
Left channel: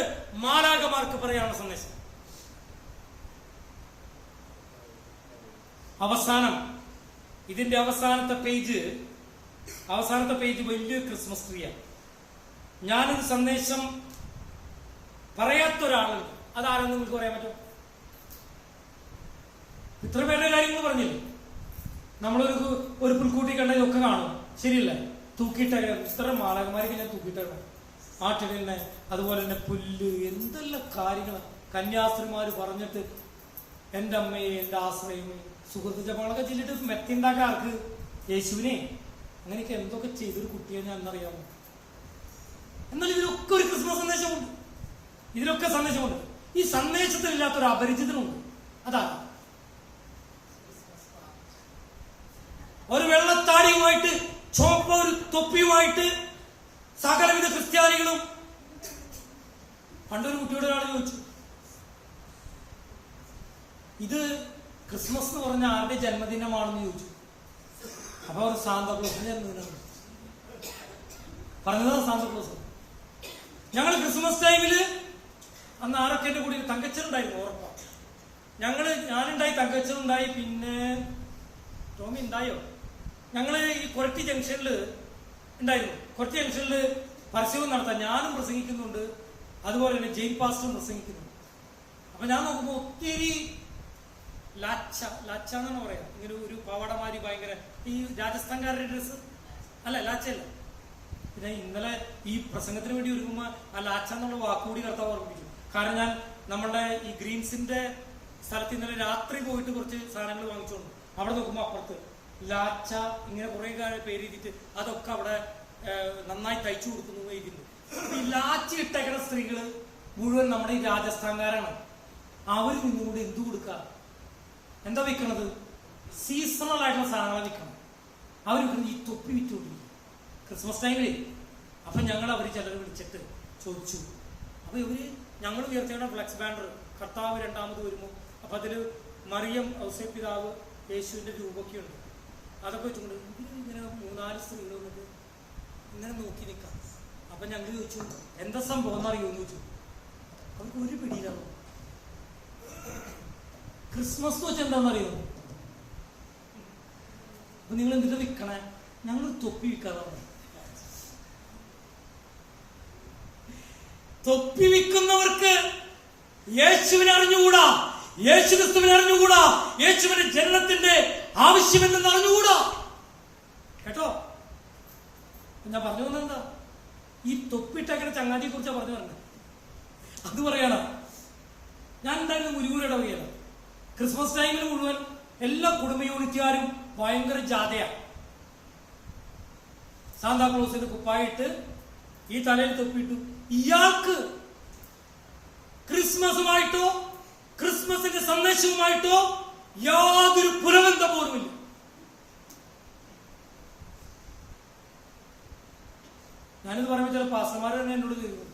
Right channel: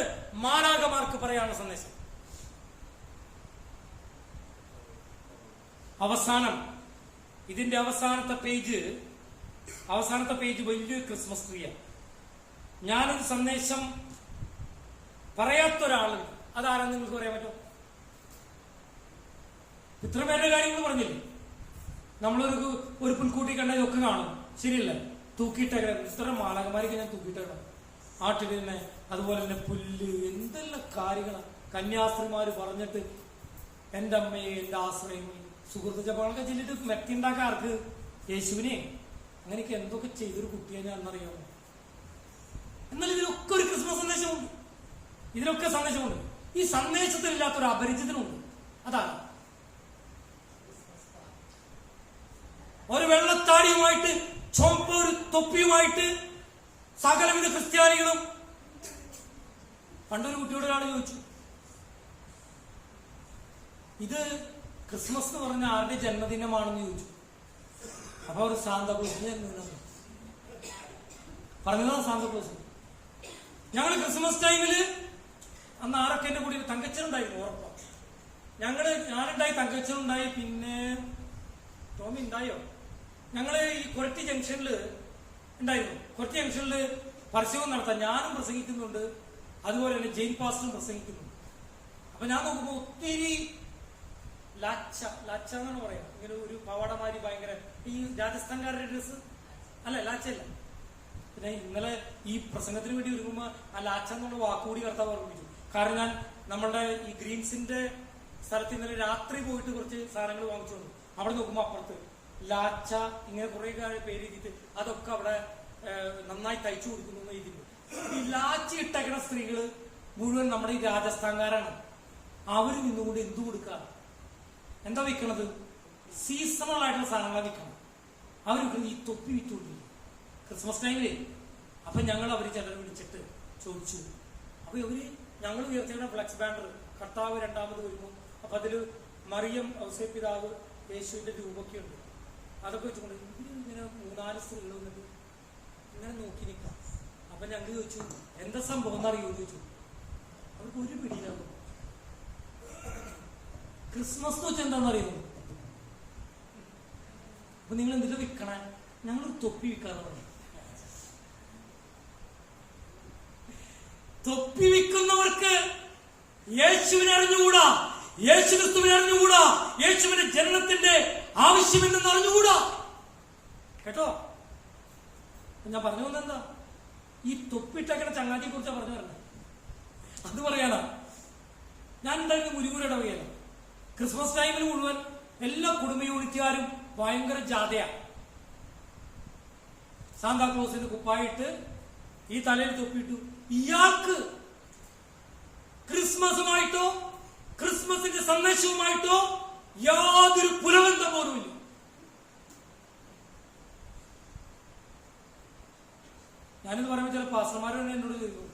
മാലാഖമാർക്ക് പറയാനുള്ള സന്ദേശം. അവസാനം ഇതിന്റെ അവസാനത്തെ പേജ് വലിയൊരു ക്രിസ്മസ് ട്രീയാണ്. ഞാനൊരു സന്ദേശം പറയാത്തൊരാളുണ്ട്. അതാരെന്ന് നിങ്ങൾക്ക് പറയാൻ പറ്റും? ഇത്ര പേരുടെ കാര്യങ്ങൾ പറഞ്ഞില്ലേ? നമ്മളൊരു പുൽക്കൂട്ടി കണ്ടതൊക്കെ കാണും, ശരിയല്ലേ? തൂക്കിയിട്ടേക്കാം. ഇത്ര മാലാഖമാരൊക്കെ ഞാൻ തൂക്കിയിട്ടേക്കാം. ആട്ടിനെ, അതുപോലെ തന്നെ പുല്ല്, എന്തെല്ലാം കാര്യങ്ങൾ കന്യാസ്ത്രീമാര് പറഞ്ഞിട്ട് എന്റെ അമ്മയെ, എന്റെ ആശ്രയമേ, സുഹൃത്ത് ജപങ്ങളൊക്കെ ചെല്ലിട്ട് മെത്തിണ്ടാക്കാൻ ആർക്ക്? യേശുവിനെ. അങ്ങനെയൊക്കെ എന്തൊക്കെ ചെയ്തൊരു കുട്ടിയെ ഞാൻ എന്നറിയാമോ? എന്നാൽ ഇതിലൊക്കെ ഒരു ക്രിസ്മസ് സന്ദേശമുണ്ട്. ഇതിലൊക്കെ സന്ദേശമുണ്ട്. ഈ സന്ദേശത്തിനില്ലാത്തൊരു അപരിചിതനുണ്ട്. അതാണ് ഒരു വെള്ളത്താടിയുമായിട്ട് ചുവപ്പ ഒരു തൊപ്പിയുമായിട്ട് സകലവിധ ക്രിസ്ത്യാനികളും. പണ്ടൊരു കുട്ടിയോട് ഒരാൾ ചോദിച്ചു, ഇത് ക്രിസ്മസ് എന്ന് പറഞ്ഞ ആരുടെ ജന്മദിനമാണെന്ന് ചോദിച്ചു. അപ്പൊ ഒരു സാന്താക്ലോസിന്റെ ജന്മദിനം പറഞ്ഞതാ. സാന്താക്ലോസ്. ഞങ്ങൾ ക്രിസ്മസ് ടൈമില് അന്ന് ആരൊക്കെ എന്റെ കൂടി, തങ്കച്ചനുണ്ടായിരുന്നു ഉറപ്പാ. ഞാനുണ്ടായി, തങ്കച്ചനുണ്ടായി, പിന്നെ ടോമി ഉണ്ടായോ? ഞങ്ങള് ഈ കൊരട്ടി ജംഗ്ഷനിൽ ഉണ്ടായിരുന്നു. കൊരട്ടി ജംഗ്ഷനിൽ പരസ്യവും നടത്താൻ ഞാനും പ്രസംഗിക്കുന്നുണ്ട്, അതുപോലെ തന്നെ ജെയിൻ പാസ്റ്ററും പ്രസംഗിക്കുന്നുണ്ട്. അപ്പൊ ഞാൻ നോക്കുമ്പോ ഒത്തിരി ലാച്ച എന്നാണ് പറയാ, ഇങ്ങനെ ഒരു പാവാടമാരി, ഭയങ്കര ഈ രാജസ്ഥാൻകാരുടെ ഡ്രസ്സ് അല്ല, ലാച്ചല്ല. പിന്നെ ഇന്നലെ ഈ പ്രസംഗത്തിന് വേണ്ടി ഒരുങ്ങുമ്പോ ആ ലാച്ച എന്നുള്ള വാക്കുകൂടി കർത്താവ് ഓർമ്മിപ്പിച്ചു. കാരണം ഞാൻ നമ്മളുടെ ഈ ഗ്രീൻസിന്റെ സ്ഥലത്ത് ഇന്നലെ രാത്രി പോയിട്ട് കുറച്ച് സാധനങ്ങൾ വാങ്ങിച്ചോണ്ട് അവിടെ നോക്കുമ്പോ അപ്പുറത്ത് ലാച്ച ഇങ്ങനെ കുറെ പേര് എഴുതിയിട്ട് അതൊക്കെ അവിടെ നന്നായി തയ്ച്ചു കൊടുക്കുന്നു എഴുതിയിട്ടുണ്ട്. ഈ ലാച്ച ഇട്ടേക്കുന്ന സ്ത്രീകള് മുഴുവൻ നമ്മുടെ ഈ രാജസ്ഥാൻകാരാണ്. അവര് നിന്നുകൊണ്ട് എന്തു കൊടുക്കുക? എന്താ വിൽക്കണത്? സീസണൽ ആയിട്ടുള്ള സാധനങ്ങളാണ് വിൽക്കണം. അവർ ഈ തൊപ്പി വിറ്റുകൊണ്ടിരിക്കും ക്രിസ്മസ് ടൈമില്. അപ്പൊ അവര് ചിലർ വിളിച്ചിട്ട് ചോദിച്ചു. അപ്പൊ ഞങ്ങൾ ഉയർത്തിയുടെ ഫ്ലെക്സ് ബാനർ കർത്താവ് രണ്ടാമത് വരുമ്പോ അപ്പൊ അതില് മറിയം, ഔസേപ്പ് പിതാവ്, യേശുവിന്റെ രൂപമൊക്കെ ഉണ്ട്. അതൊക്കെ വെച്ചുകൊണ്ട് ഇങ്ങനെ 3-4 സ്ത്രീകൾ വന്നിട്ട് ഇങ്ങനെ നോക്കി നിൽക്കാം. അപ്പൊ ഞങ്ങൾ ചോദിച്ചു, എന്താ സംഭവം എന്നറിയോന്ന് ചോദിച്ചു. അവർക്ക് ഒരു പിടിയിലാവും. ക്രിസ്മസ് എന്ന് വെച്ചാൽ എന്താണെന്നറിയുമോ? അപ്പൊ നിങ്ങൾ എന്തിനാ വിൽക്കണേ? ഞങ്ങൾ തൊപ്പി വിൽക്കാറുണ്ട്. തൊപ്പി വിൽക്കുന്നവർക്ക് യേശുവിനെ അറിഞ്ഞുകൂടാ, യേശു ക്രിസ്തുവിനെ അറിഞ്ഞുകൂടാ, യേശുവിന്റെ ജനനത്തിന്റെ ആവശ്യമെന്ന് അറിഞ്ഞുകൂടാ. കേട്ടോ? ഞാൻ പറഞ്ഞു വന്നെന്താ? ഈ തൊപ്പിട്ടങ്ങനെ ചങ്ങാതിയെ കുറിച്ചാണ് പറഞ്ഞു പറഞ്ഞത്. അത് പറയണ ഞാൻ എന്തായാലും മുരുകൂടെ പറയണം. ക്രിസ്മസ് ടൈമിൽ മുഴുവൻ എല്ലാ കുടുംബ യൂണിറ്റുകാരും ഭയങ്കര ജാഥയാ. സാന്താക്ലോസിന്റെ കുപ്പായിട്ട് ഈ തലയിൽ തൊപ്പിയിട്ടു. ഇയാൾക്ക് ക്രിസ്മസുമായിട്ടോ ക്രിസ്മസിന്റെ സന്ദേശവുമായിട്ടോ യാതൊരു പുലബന്ധം പോലുമില്ല. ഞാനിത് പറയുമ്പോൾ ചില പാസ്റ്റർമാർ തന്നെ എന്നോട് ചോദിക്കും,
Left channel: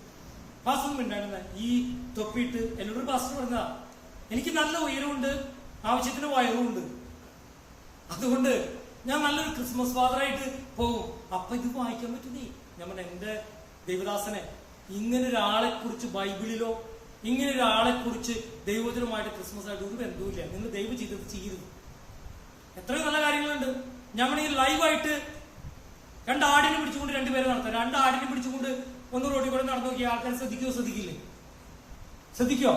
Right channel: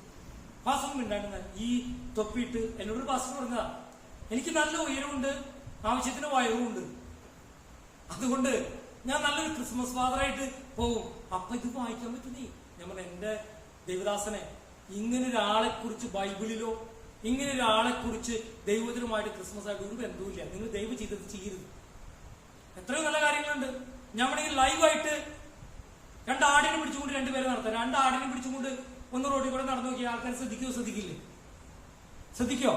പാസ്റ്റർ ഉണ്ടായിരുന്ന ഈ തൊപ്പിയിട്ട് എന്നോട് പാസ്റ്റർ പറഞ്ഞതാ, എനിക്ക് നല്ല ഉയരമുണ്ട്, ആവശ്യത്തിന് വയറുമുണ്ട്, അതുകൊണ്ട് ഞാൻ നല്ലൊരു ക്രിസ്മസ് ഫാദറായിട്ട് പോകും. അപ്പൊ ഇത് വായിക്കാൻ പറ്റുന്നേ. ഞാൻ പറഞ്ഞ എന്റെ ദേവദാസനെ, ഇങ്ങനെ ഒരാളെ കുറിച്ച് ബൈബിളിലോ ഇങ്ങനെ ഒരാളെ കുറിച്ച് ദൈവത്തിനുമായിട്ട് ക്രിസ്മസ് ആയിട്ട് ഒരു ബന്ധവുമില്ല. നിങ്ങൾ ദൈവം ചെയ്തത് ചെയ്യരുത്. എത്രയോ നല്ല കാര്യങ്ങളുണ്ട്. ഞാൻ വേണമെങ്കിൽ ലൈവായിട്ട് 2 ആടിനെ പിടിച്ചുകൊണ്ട് 2 പേരെ നടത്താം. 2 ആടിനെ പിടിച്ചുകൊണ്ട് ഒന്ന് റോഡിൽ കൂടെ നടന്നു നോക്കിയ ആൾക്കാർ ശ്രദ്ധിക്കില്ലേ? ശ്രദ്ധിക്കോ?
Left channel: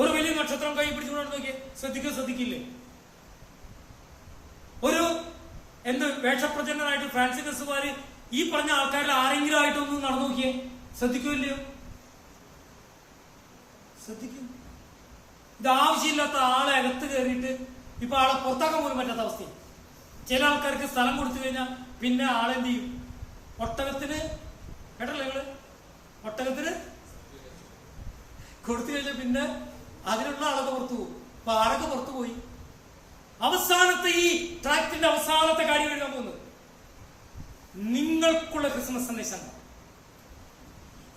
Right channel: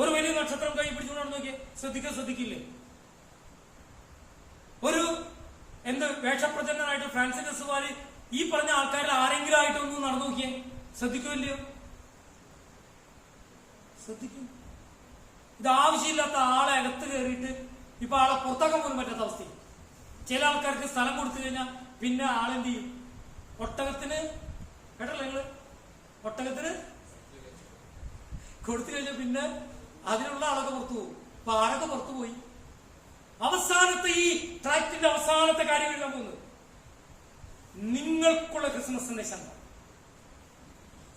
ഒരു വലിയ നക്ഷത്രം കൈ പിടിച്ചുകൊണ്ട് നടന്നു നോക്കിയേ, ശ്രദ്ധിക്കില്ലേ? ഒരു വേഷപ്രചരണനായിട്ട് ഫാൻസി ഡ്രസ്സുകാര് ഈ പറഞ്ഞ ആൾക്കാരുടെ ആരെങ്കിലും ആയിട്ട് ഒന്ന് നടന്നു നോക്കിയേ, ശ്രദ്ധിക്കുമല്ലയോ? ശ്രദ്ധിക്കും. ഇത് ആവശ്യമില്ലാത്ത ആളെ അകത്ത് കയറിയിട്ട് ഇപ്പൊ ആളെ പുറത്താക്കാൻ പോലും പറ്റാത്ത അവസ്ഥ. ചില ആൾക്കാർക്ക് സ്ഥലം കൊടുത്തു കഴിഞ്ഞാൽ പിന്നെ ആളെന്ത് ചെയ്യും? ഒട്ടകത്തിന് കേട്ടല്ലോ നിങ്ങള്, ഒട്ടകത്തിന് കൊടുത്തു കഴിഞ്ഞാൽ പിന്നെ അതിനുള്ള ആളൊക്കെ പുറത്തു പോകും. അപ്പൊ ആരൊക്കെ പുറത്തു പോയി? അവസാനത്തെ ഈ ട്രാക്റ്റിന്റെ അവസാനത്തെ കാര്യം എഴുതാൻ പോകുന്നത് നിങ്ങൾക്കുള്ള ക്രിസ്മസ് സന്ദേശം.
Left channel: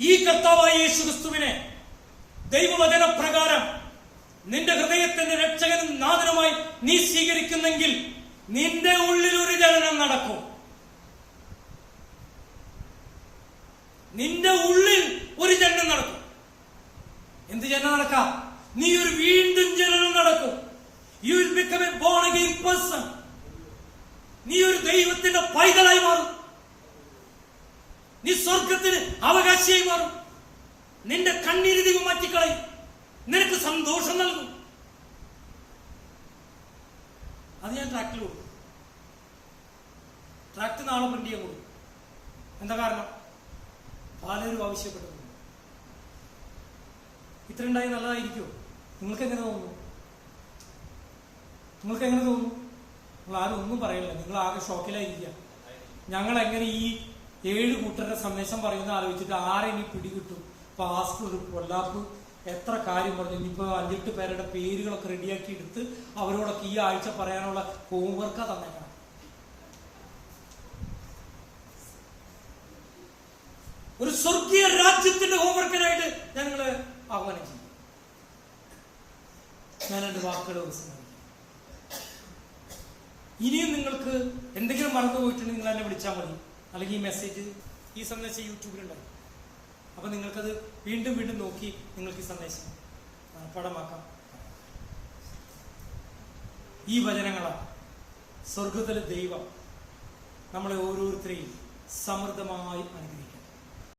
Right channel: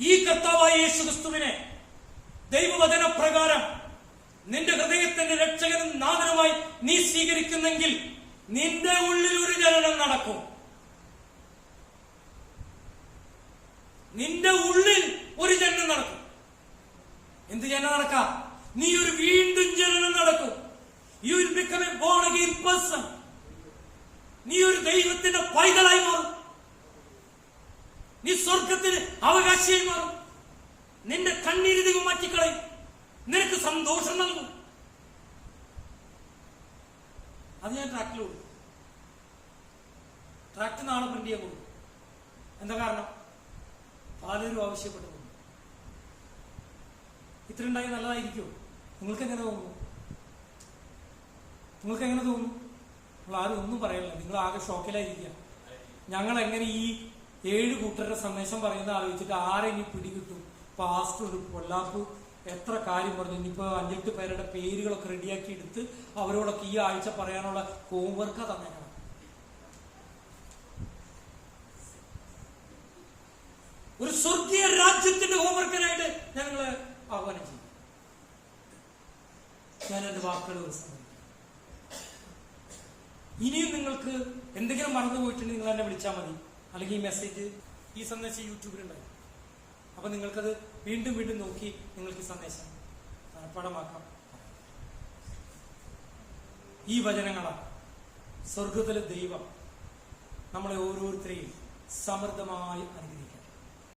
ഈ കർത്താവായ യേശു ക്രിസ്തുവിനെ ദൈവവചന പ്രകാരം നിന്റെ ഹൃദയത്തിന്റെ രക്ഷകനും നാഥനുമായി നീ സ്വീകരിക്കുന്നെങ്കിൽ നിന്റെ ഉള്ളിൽ ഒരു ജനനം നടക്കും. നിന്റെ ഉള്ളിൽ ഒരു ജനനം നടക്കും. എന്ത് ജനനം നടക്കാം? നീ ഒരു വീണ്ടും ജനനം നടക്കും. You will become a born again person. നീ ഒരു ദൈവത്തിന്റെ പൈതലായി മാറും. നീ സ്വർഗത്തിന് അവകാശിയായി മാറും. നിന്റെ കണ്ണീര് ദൈവം മാറ്റിക്കളയും. നിനക്ക് സന്തോഷം നൽകും. അത് ഞാൻ ട്രാക്റ്റിൽ കൊടുക്കും. ട്രാക്ട് നാളെ പ്രിന്റ് ചെയ്യാൻ കൊടുക്കും. എന്താ കാരണം? പലരും ആവശ്യപ്പെട്ടു. ഇത്ര ഉണ്ടായി നല്ലതായിരിക്കുമോ? നിങ്ങൾക്ക് എങ്ങനെ തോന്നുന്നു? നിങ്ങൾ ആരും ഒന്നും പറയണില്ല. നിങ്ങൾ ആകെ ഷോക്കിലായിരിക്കുക. ഞങ്ങൾ എങ്ങനെ ഈ 7 കൂട്ടരുടെ സന്ദേശം പറയുന്ന ആലോചിച്ചിട്ട് ആരെങ്കിലും പിടികിട്ടും? പാസ്റ്റർ കൊല്ലാപ്പ് എത്ര കാര്യം പറഞ്ഞു. ഇനിയിപ്പോ 5-8 പേരുടെ പേരുകളൊക്കെ റെഡിയാക്കി എടുത്ത് അവരോടൊക്കെ ഈ ആഴ്ച പറയാനുള്ള ഹോംവർക്കാ തന്നേക്കണം. ഒരു സ്വർഗീയ രാജ്യത്തിന്റെ ഹോംവർക്കിനായിട്ട് ഞങ്ങള് ആഹ്വാനം ചെയ്യും. ഞാൻ എന്റെ വാക്കുകൾ ഇനിയും നിങ്ങൾക്ക് എന്തെങ്കിലും മറന്നു പോയിട്ടുണ്ടെങ്കിൽ നിങ്ങൾ എന്നെ വിളിച്ചാൽ മതി. അല്ലെങ്കിൽ ഈ മെസ്സേജ്, ഈ സന്ദേശം യൂട്യൂബിലുണ്ടായി. അപ്പൊ നിങ്ങൾക്കത് വീണ്ടും വീണ്ടും നോക്കി നിങ്ങൾക്ക് ഈ സന്ദേശം പടമാക്കാം. ഈ വചനങ്ങളാണ് സ്വർഗത്തിലെ ദൈവം നമ്മളെ ഓരോരുത്തരെയും സമൃദ്ധമായി അനുഗ്രഹിക്കണം.